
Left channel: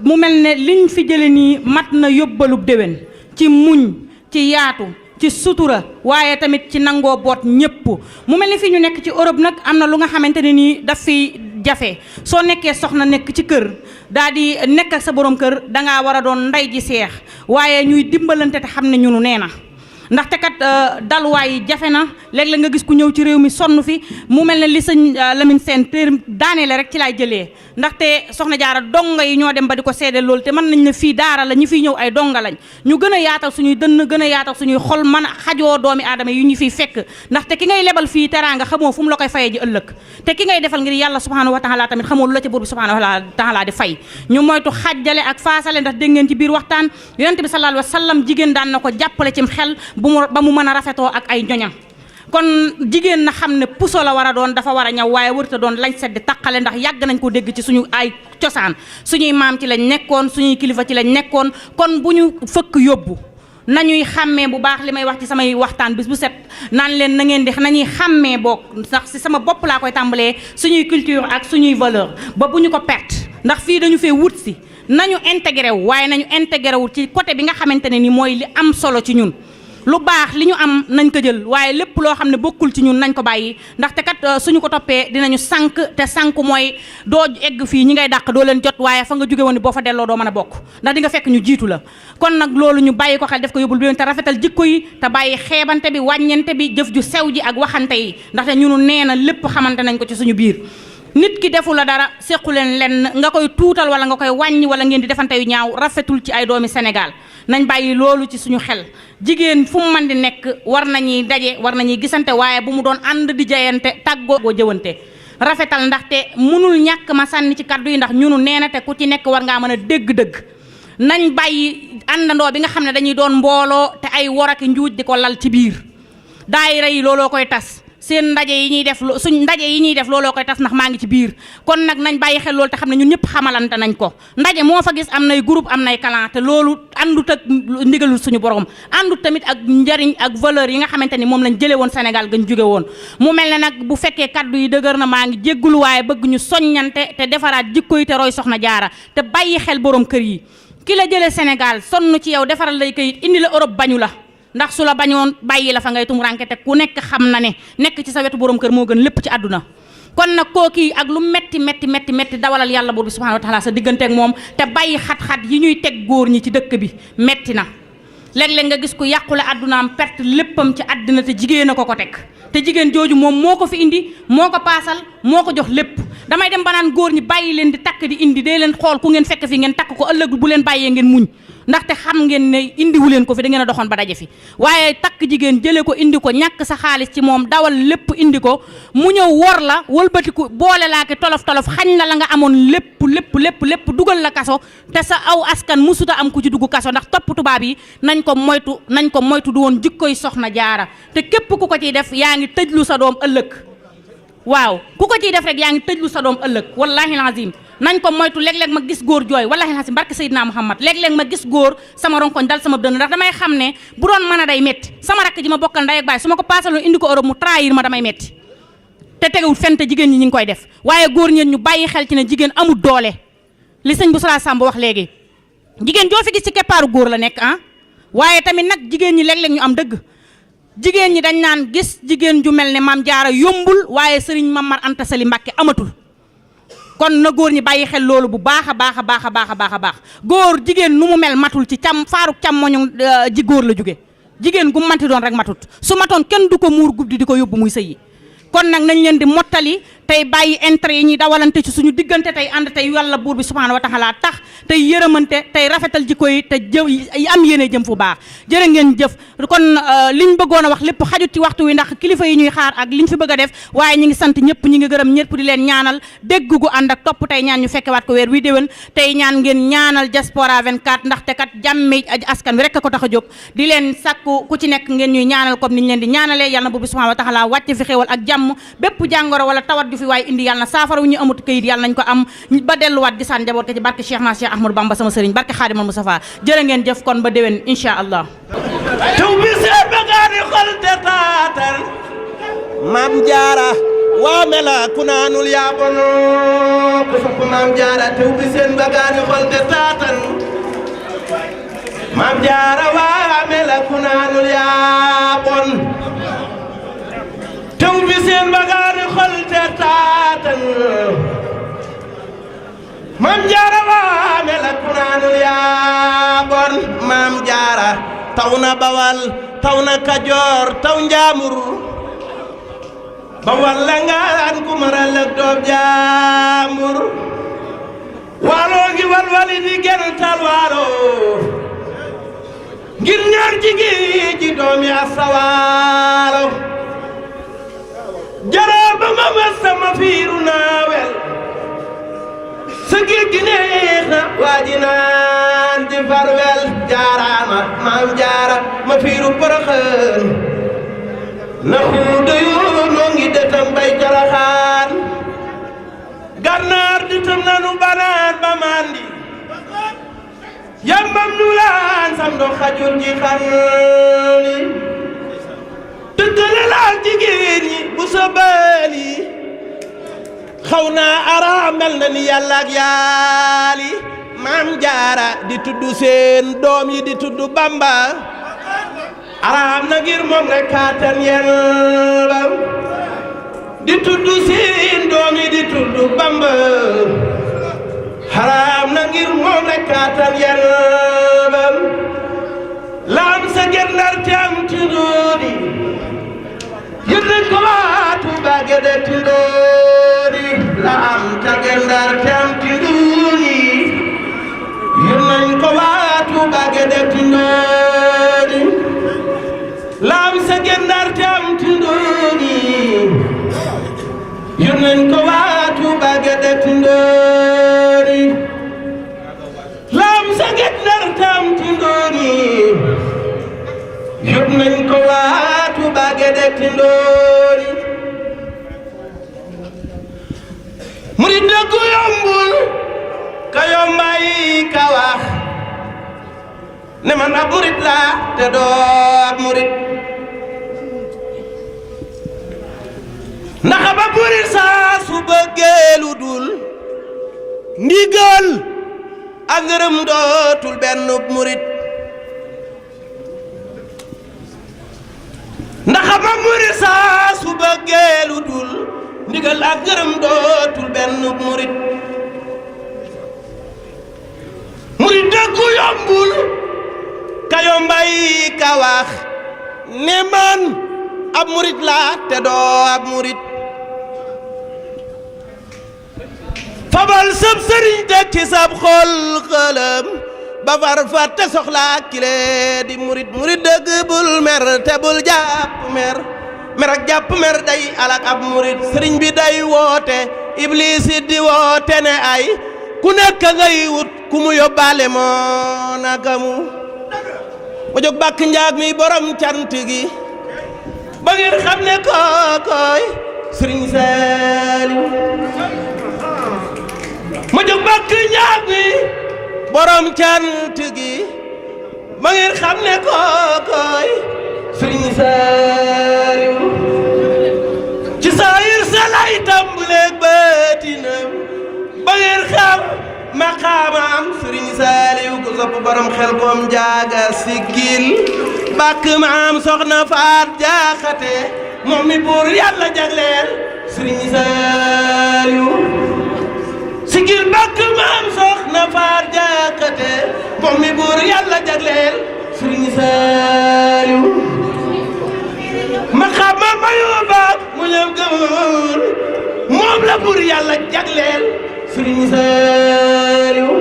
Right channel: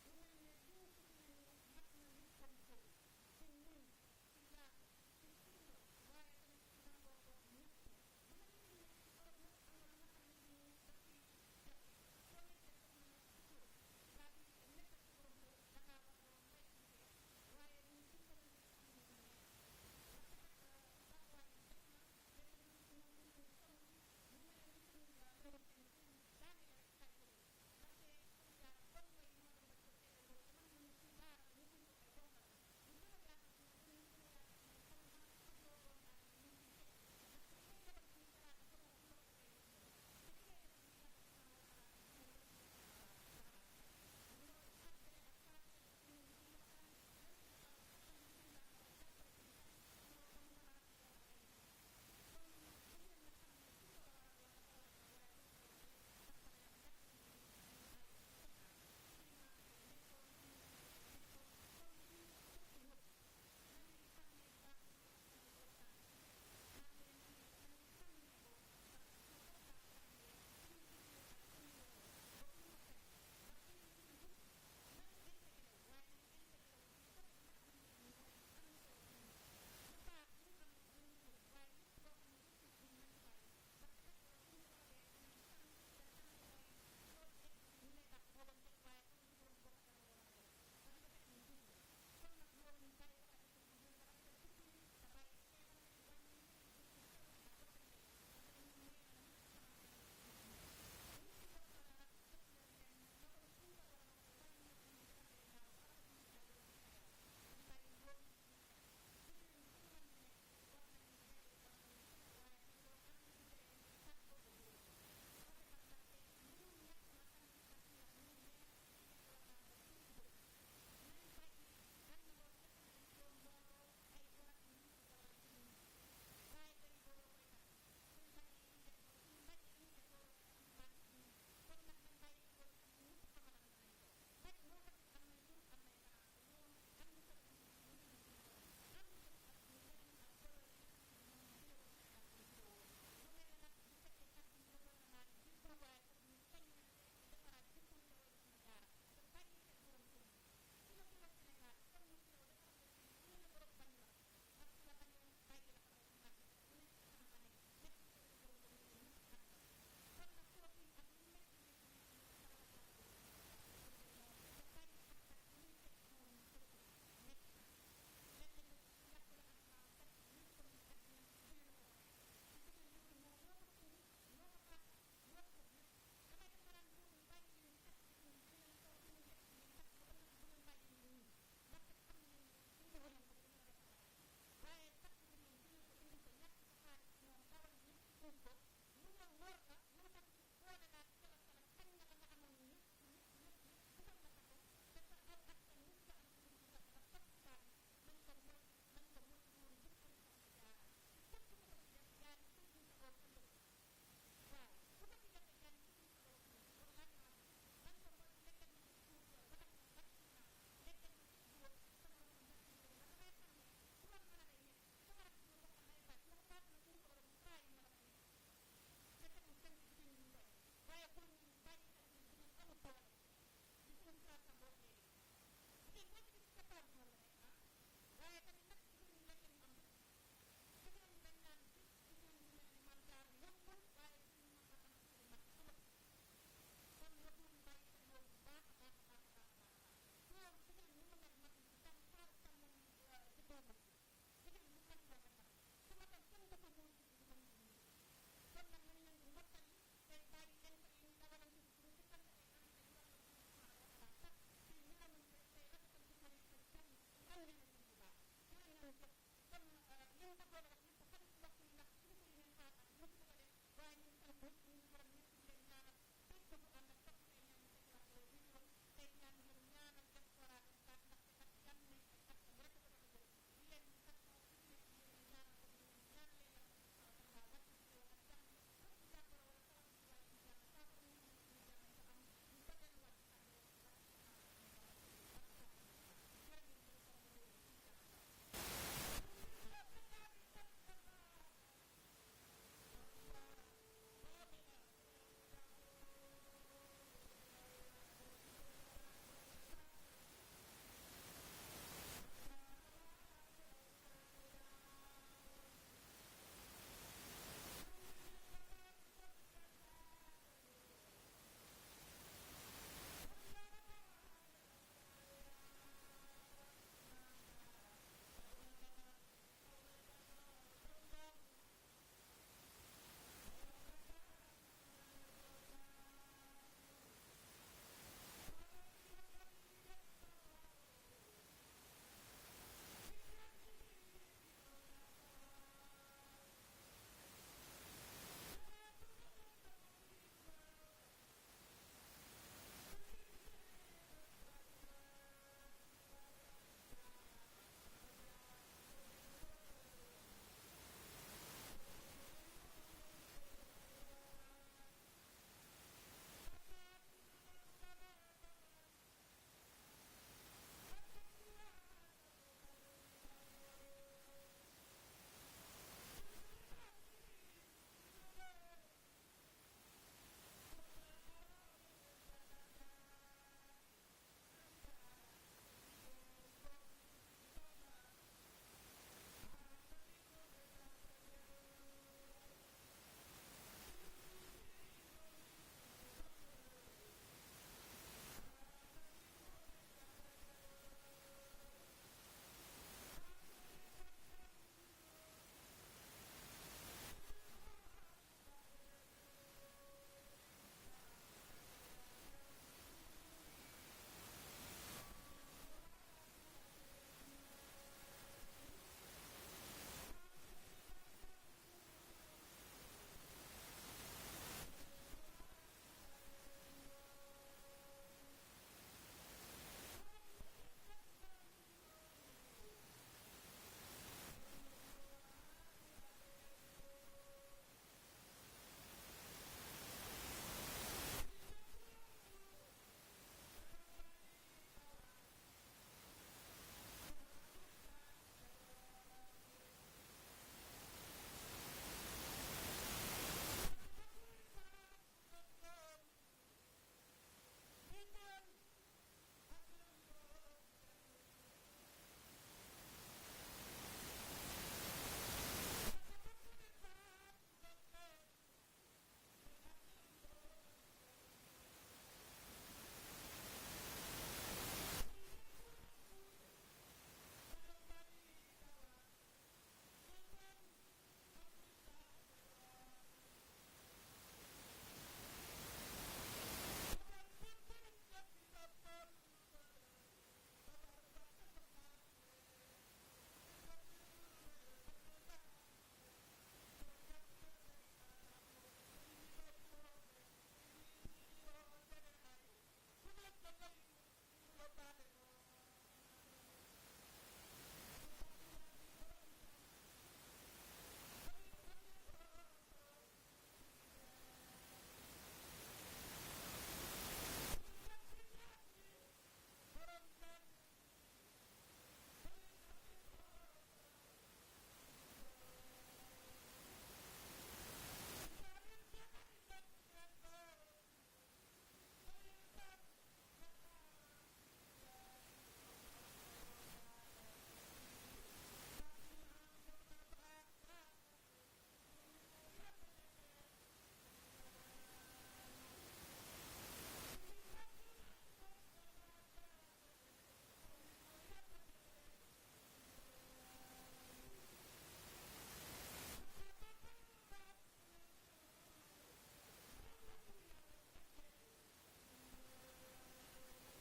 mu mel ne liñ fi jële nii mat na yóbbalub déwén ci muñ ci yaatu ci sutura waaye tamit ci nangoo boot ñëpp mu mel ni fii ñu nekk ci Europe nag am na lu nga xamante ne nii daf fi jafe soo nekkee soxna nekk ci kër daal di nekk ak sa borom kër dangaa war a doon ndey ji seex waaye ñuy dimbalante te xam ne ñunu nee na ndaxte kat dalwaay yi jafe na léeg-léeg nga gis ku ñëw ci réew mi sonn fi mu mel ne li sëñ Lamine Sène téer daaneele rek ci laay jëlee ndaxte soxna jaara donga yi ñoo dem ba di ko seede loolu te mën nañ ne fii daara la ñi fiy ñëw ay donga lañ ñu gën a yaatal suñuy dënn gën a yaatal suñuy xol mën a xajoo doomi aadama yi ñu fiy fekk ndaxte ki ngay lebal fii teraanga xamoo fu mu la koy fayee ji ëllëg te ki ngay defal ngir yàlla subhanahu wa taala tamit xamoo lu la ca buur bi subhanahu wa taala di fay ñu moytu xajjale ak faasale ndax dégg ngeen ci biir waxtaan yonent bi sallallahu alayhi wa sallam jigéen daan na ko jàppale cim xel ba mu mën a rafetoo ak ay ñoñam kon jigéen na xam ne puso la war a doon dafa war a ñaw waaye wërta doon lañ sedd taqale ndax yàgg nañ ko dégg ci suñu ay cosaan suñuy maam ci lañ nekkoon suñuy kilifa ci lañ nekkoon kon bu ñu fëkk yóbbu nañuy xàmmee bu baax li may wax ci samay waxtaan bis bu set naan leen na ngeen di nañuy xàmmee boog ndax si sama bopp laa koy tàmbalee suñuy culture ak suñuy valeur ba bu ñu ko perte ndax fii dañu fee wut si nañu intégré wu waaye nañu intégré wu ci côté bi nga xamante ne ni mooy li am solo ci ñun lu baax li ñu am nañ ko jël waaye lépp loo xam ne bokkul ci ñun nañ ko bàyyi ndaxte kat suñu ko toppee dinañu sànq te sànq mooy doo egg fii ñi ngay dàq doo leen jot waaye fa nga jóge woon boo fa delloo doo mën a bokk ndax di nga fekk ñu jiitu la kon nag loolu ñu bàyyi ko xel def ko yóbbul bi te rafetal jikko yi te bàyyi xeebante bi wàññente bi jëf ju sew ji ak waxante yi ndaxte ñunu nee na lépp xamante nañ ko ci suñu biir nit ki defu la dara sequ leen lenn nga koy tuutal wala nga koy wàññi wala ngeen di defante yu ñaaw rafetul ci ay doomi Sénégal nañ bàyyi loolu ci suñu xel jigéen fu mu mën di nekk war nañuy daje war nañuy gisante waaye bu mu doon ànd di jayante tàggoo jëwante rafetal ndaxte mënul ñàkk ma sànni ci kaddu yi ndax ñunu nee na te ku ci nekk war ngaa mën a dégg-dëgg nañ bàyyi àndandoo bi nga xam ne dañuy doon mbooloo te ay woraki njuuj di ko lal ci biir daayira yi looloo koy tas seen ndaje yi ñuy def suñ ndaje yi ñuy def looloo koy tas ndax maa ngi ci biir kon nag nañ bàyyi xel loolu te xam ne ñun ñëpp xamalante nañ ko ndaje moo fa gis am nay groupe am nay clan te loolu àndut ak ndigalul suñu borom àndut tamit ak njariñ ak valeur yi nga xamante ni moom lañ jëlee woon Sénégal gañ jóge woon mu mel ne nag bu fekkee kaddu yi dëgër na maa ngi jéggulu waaye bëgg ñu soññante te defaraat jikko yi te roy soxna jaara te bàyyi xel borom kër yi ki la jëlee Sénégal sonn ci yow defaral lay kayit indi la Europe bañu la ndax su la bañoon bàyyi la fa ngay tumuranke te ku nekk xam na ne nekk ci sa wetu borom kër moo gën lépp ci àdduna kon nag kookii ak lu metti dawalal yàlla buur bi subhanahu wa taala sa diggante ak moom te bàyyi xat-xat yi ñuy teg góor ñi ci dëkk bi metti na léeg-léeg nga gis ku yàqule àddunaam perte léppam ci àddina te jigéen a ko teg te jigéen jooju moom moo ko fi indi moo ko paasal moo ko jox lépp damay dem ba naan góor ñi bàyyi leen di takk di indi dee leen xool ku ngeen fekk fi ngeen takk ko ëllëg bu leen bàyyee ngeen muñ ndaxte xam ngeen ne indiwu leen ko fi da ngeen a doxoon ba daje fi waaye takk jigéen jëlee ko indi ko ñàkk sa xaalis ci moom dawal lépp indi ko mu ñëw wor la wëlbatiku boole laa ki tolof xañ la nga amoon lépp dugal la kaso te sa aw askan musuta am ku ci dugg kaso ndax topp tubaab yi nañ ko moytu du woon jikkoy soxna jaara te képp ku ko ciy def yaa ngi tëjlu sa doom ëllëg waaw ku ko ciy def rek yaa ngi tëjlu sa doom ëllëg wallahi lazim nañ ko moytu léeg-léeg ma gis góor jooy wallahi lazim barke Seydina Muhammad léeg-léeg ma gis góor sama ronkoñ dal sama dënn ndax damay xam ne bu doon mën a day metti sama rakk ji ma bokkal ndey ak baay su ma ko paasaloon indi ko Europe mu trahir ma damay metti te tegewul fente jigéen ñi ñu ngi koy def waaye góor ñeen ñu bàyyi xel ci ne jigéen amul doole li sëñ bu Sala Samb wax léegi jigéen joo fi gis ci keppaaru góor la nekk waaye tamit nag jigéen ñi léeg-léeg ñu am dëgg jigéen ñi dañ naan gis jigéen ju mel ne Maam Jaara yombul waaye sëriñ Mamar Anta Sali Mbàkke amatul kon na góor ñi bàyyi xel loolu bu baax a baax góor jigéen nu mu mel matul ci faaruk càmmoñu ji góor la jóge jigéen gu manti doon rek matut su matoon kenn du ko muur guddi di ko yóbbu muy sëyi kon nag nañ leen di mottali tey bàyyi intérêt yi ñuy dawalante ci suñu diggante tey ànd tey yàlla buur bi subhanahu wa taala tax tey yërëmante tey rafetal jikko yi te am yéene jëm fu baax jërë ngeen jëf kon liñ bëggoon a wax lépp xajut ci waxtu wi ndax kilifa yi ñuy xaar ak liñ fi bëgg a def waaye ñi ngi sant ñëpp ñi ngi gërëm ñëpp di leen ñaanal dégg gu ànd ak topp tey ñaan ñu fekkewaat ko weer wi déwén tey ñaan ngeen ñaanal diaspora 24 ndaxte kat jàmme askan wi rek a ko tax a jóg di leen sàkku ku ci nekk ngeen ñuy ñaanal comme niñ leen di ñaanalee yàlla na buur bi subhanahu wa taala wàcc fi xéewal ak jàmm bépp jàngoro wala tawat fi waay indi yàlla na saafara wu ñu amut këyit yàlla nañ ko am ba delluwaat di saan njaboot ko ci barke Cheikh na Cheikh Ahmadou Bamba sama sëriñ barke Xaadimal Mustafa jërë ngeen jëf kon ba déwén incha allah taw bi seen bagaani xol te taatal maam jaara waa mela ku naanul yaa bon ku sopp maam jaara taw bi seen bagaani xol te taatal maam jaara waa mela ku naanul yaa bon taw bi seen bagaani xol te taatal maam jaara waa mela ku naanul yaa bon maam jaara taw na bawal taw na kajoor taw njaamur bawal la ngaan ku maral ak doob jaamur waaloo ngi walwali di gental waalo ngir ñaar jigéen ji doomi asawaalo jaraa ba ma mas sama fiiru naawel sa géej gi neex na waa ji naan di farwel jaaraama maam jaara ma fiiru Porokhane na xuuda yoo noo ngi dëtam bay Jalaxaan gànnaar di tam nanu banaan ba mandi yambam nu laan sam do xajul ji xarni tëggale laal jigéen ñi bu sa baali xaw naa ara mel na ni yàlla ak yaali maam jaara di tudd seen doom yi di tudd Bamba araam na ngir moom rek kaatan yelba di tudd seen doom yi di tudd Bamba araam na ngir moom rek kaatan yelba laam sa gendar te am tindoodi yëg nañ ko waatu baage de tindoodi laam sa gendar te am tindoodi yëg nañ ko waatu baage de tindoodi laam sa gendar te am tindoodi yëg nañ ko waatu baage de tindoodi laam sa gendar te am tindoodi yëg nañ ko waatu baage de tindoodi murid dëggu yombul ka yombay ka wax ne man ab murid laa te doo ab murid ndax ba murid saa su bëggee lu dul ndigal ak ngërëm dootul benn murid ndax ba murid saa su bëggee lu dul ndigal ak ngërëm dootul benn murid murid dëggu yombul ka yombay ka wax ne man ab murid laa te doo ab murid fabal sab sëriñ teg ci sab xol xëlëm ba far fàtte soxlaa kile di murid murid dëgg bul mer te bul jàpp mer mer ak jàpp mer day alak ab murid sëriñ bi day woote iblis di woote ne ay ku nekk ngay wut ku mu yóbbaale moo nakamu ma jóg bàkk njaag mi borom cant gi ba ngeen xam ne kookoy sëriñ Saaliw ma jóg bàkk njaag mi borom cant gi ba ngeen xam ne kookoy sëriñ Saaliw ci saayir sa lay tàmbaleeg baatinam ba ngeen xam maqaamam sëriñ Saaliw ku sopp borom xel koom jaaga siggil bàkk maam soxna faat jaaxate moom mi buur yàlla jagleel sëriñ Saaliw siggil bàkk maam soxna faat jaaxate moom mi buur yàlla jagleel sëriñ Saaliw maqaamam mayu baak mu ñëw gëmul moom la buur yàlla jagleel sëriñ Saaliw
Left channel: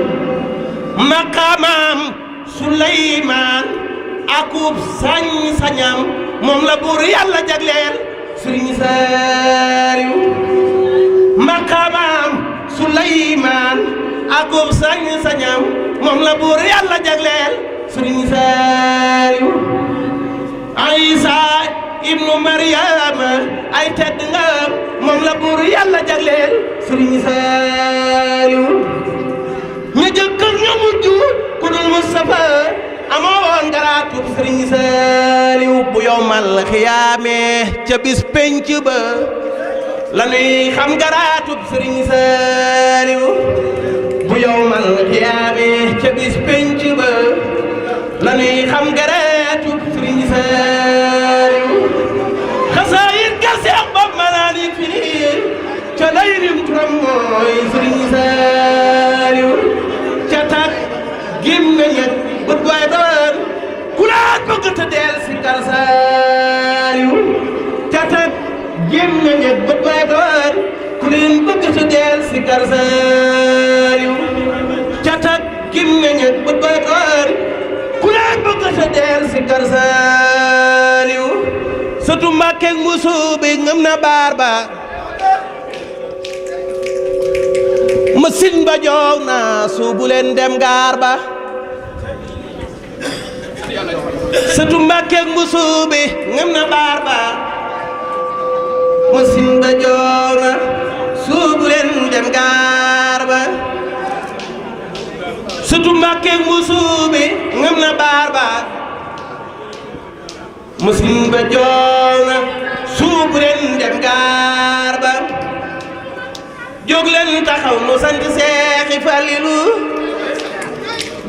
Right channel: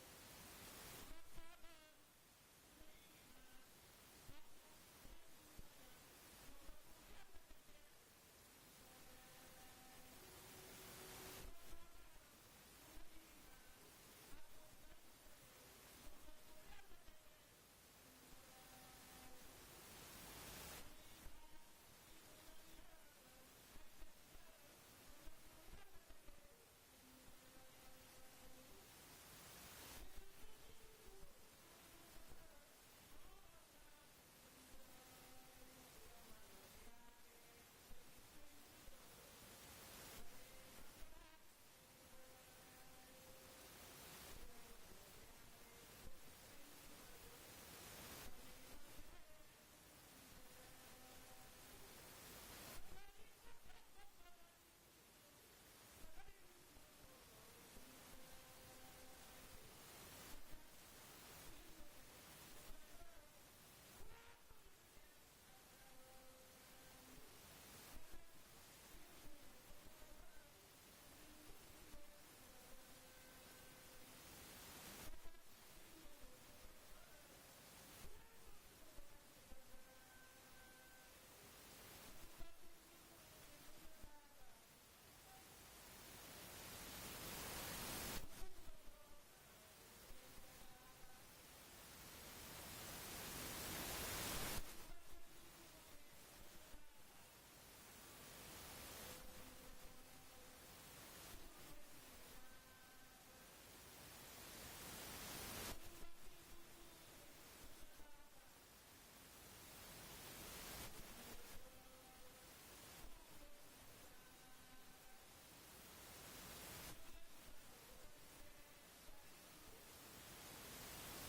maqaamam Suleymaan akub sañ-sañam moom la buur yàlla jagleel sëriñ Saaliw maqaamam Suleymaan akub sañ-sañam moom la buur yàlla jagleel sëriñ Saaliw Isa ibnu Maryama ay tedd nga moom moom la buur yàlla jagleel sëriñ Saaliw ñu jëkk ak ñu mujj ku dul Mustafa amoo woon garaatub sëriñ Saaliw bu yowmal xiyaamee ca bis penc ba la nuy xam garaatub sëriñ Saaliw bu yowmal xiyaamee ca bis penc ba la nuy xam garaatub sëriñ Saaliw xasaayit ga Seex Bamba manaan yi fi nii ca lay rim turam mooy sëriñ Saaliw ca tak gim nga ñett bët waay doon ku laat bëgg te del si kar Saaliw ca tak gim nga ñett bët waay doon ku leen bëgg te del si kar Saaliw ca tak gim nga ñett bët waay doon ku leen bëgg te del si kar Saaliw sëtu Mbàkke Mbusoobe ngëm na baar ba masin ba joow na suubu leen dem gaar ba sëtu Mbàkke Mbusoobe ngëm na baar ba masin ba joow na suubu leen dem gaar ba sëtu Mbàkke Mbusoobe ngëm na baar ba masin ba joow na suubu leen dem gaar ba jóg leen taxaw nu sant Seexi Falilu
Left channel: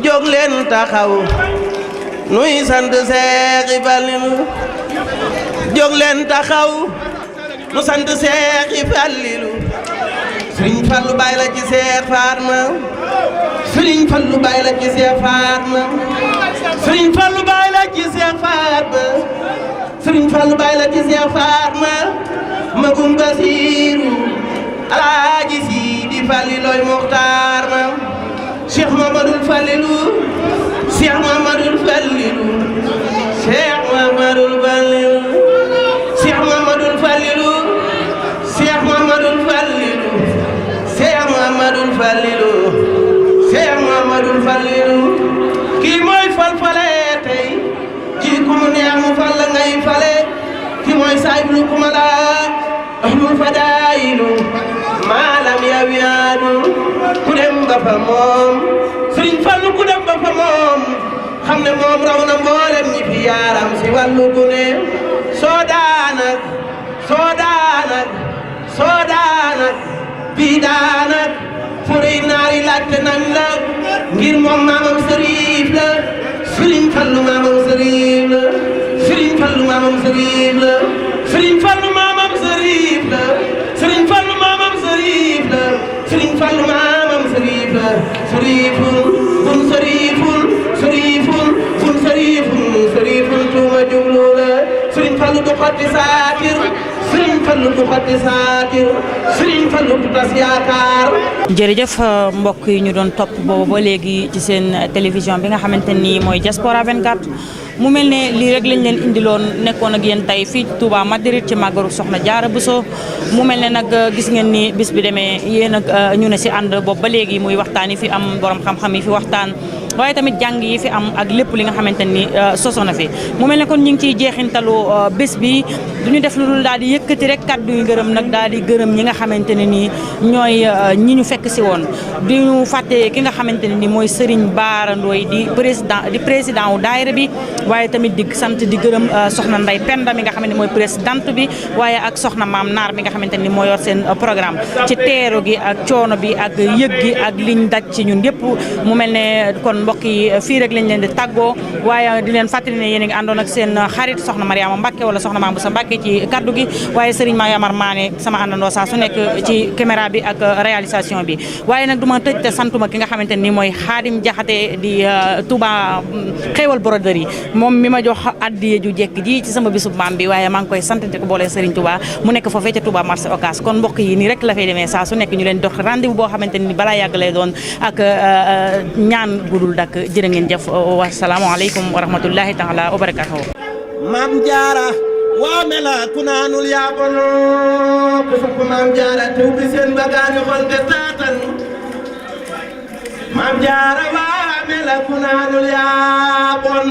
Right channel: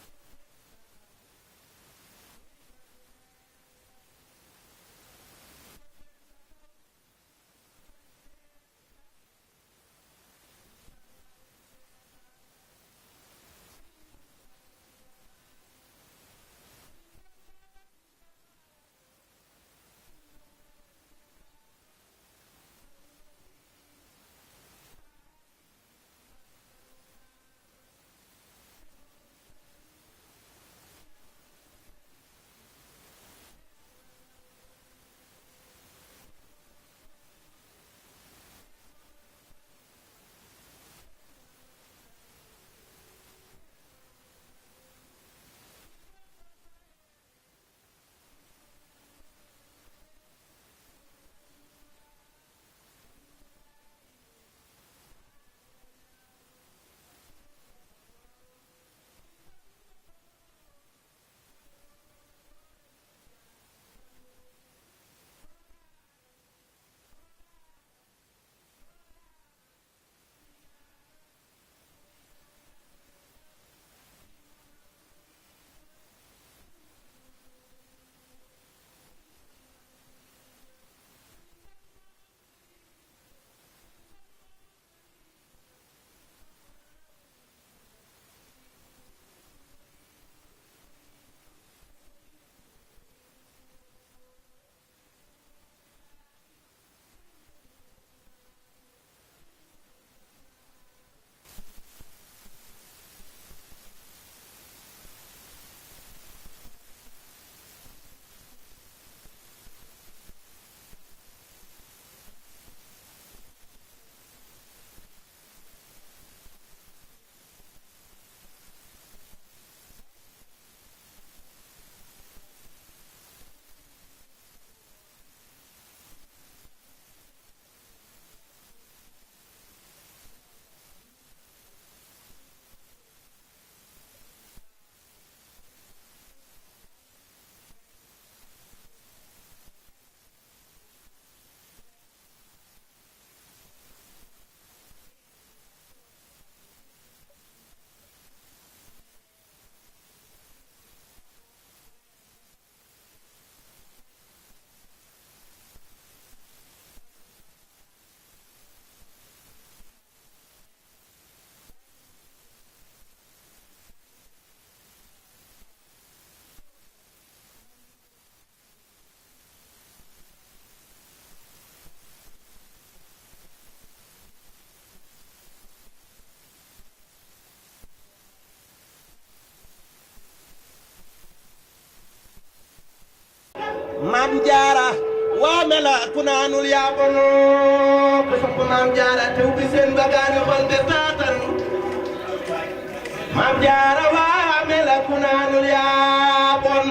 jóg leen taxaw nuy sant Seexi Falilu jóg leen taxaw nu sant Seexi Falilu Sëriñ Fallu Baay la ci Seex Faatma Sëriñ Fallu Baay la ci Seex Faatma Sëriñ Fallu Baay la ci Seex Faatma Sëriñ Fallu Baay la ci Seex Faatma magum Basiiru Alaaji Sidi Faliloy Muxtaar ma Cheikh Mamadou Falilu Cheikh Mamadou Falilu Cheikh Mamadou Falilu Cheikh Mamadou Falilu Cheikh Mamadou Falilu Cheikh Mamadou Falilu Cheikh Mamadou Falilu kii mooy fal-fale tey kii ku mu neex mu fal la ngay fale kii mooy saayiblu ku ma la ahlul fadaayilu maalam yawiyaanu ku dem ba fa moom Sëriñ Fallu ku dem ba fa moom xam ne moom raw na mboolem ñi fi yaaram si wàllu gune soo daanak bii daanak furi naari laajte nañ la ngir moom maamam sëriif la Sëriñ Fallu maamam sëriif la Sëriñ Fallu maamam sëriif la Sëriñ Fallu maamam sëriif la Sëriñ Fallu maamam sëriif la Sëriñ Fallu maamam sëriif la sëriifun bun sëriifun sëriifun bun sëriifun sëriifun tuuma jublu la Sëriñ Fallu du xotti saakir Sëriñ Fallu du xotti saakir Sëriñ Fallu du tas yaakaar. jërëjëf mbokk yi ñu doon topp boobu ba léegi ci seen télévision bi nga xamante ni mooy Diaspora 24 mu mel ne lii rek lañ leen indiloon nekkoon ak yéen tey fii Touba Madrid ci màggaru Soxna Jaara Buso mu mel ne nag gis ngeen ni bis bi demee yéen ak ñu ne si ànd boobu ba léegi muy waxtaan yi fi am borom xam-xam yi fi waxtaan waaye tamit jàng yi fi am ak lépp li nga xamante ni soso na fi mu mel ne kon ñu ngi ciy jeexintalu bés bi duñu def lu dul daal di yëkkati rek kàddu yu ngërëm nag daal di gërëm ñi nga xamante ne nii ñooy ñi ñu fekk si woon di ñu fàtte ki nga xamante ne ni mooy Serigne Bara Ndoye di président wu daayira bi waaye tamit di sant di gërëm soxna Ndey Penda mi nga xam ne mooy présidente bi waaye ak soxna Maam Naar mi nga xamante ni moo yor seen programme ci teeru gi ak coono bi ak yëg gi ak liñ daj ci ñun yëpp mu mel ne kon mbokk yi fii rek lañ leen di tàggoo waaye di leen fàttali ne yéen a ngi àndoon ak seen xarit soxna Mariama Mbacke wala soxna Maam Boussa Mbacke ci kaddu gi waaye Serigne Mayamar Mané sama àndandoo saa su nekk ci caméra bi ak réalisation bi waaye nag du ma tëj te santuma ki nga xamante ni mooy Xaadim Jaxate di Touba xéewal broderie moom mi ma jox addiye ju jekk ji ci sama bisub maam bi waaye maa ngi koy sant di ko boole Serigne Touba mu nekk foofee ca Touba marché Ocass kon mbokk yi nii rek la fay demee saa su nekk ñu leen dox rendez-vous boo xamante ni balaa yàgg lay doon ak ñaan gudul dak jërë ngeen jëf wasalaamaaleykum wa rahmatullahi taala wa barakatuhu Maam Jaara waa mela ku naanul yaa bono ku sopp Maam Jaara te ubbi seen bagaani xol te taatan Maam Jaara waa mela ku naanul yaa bon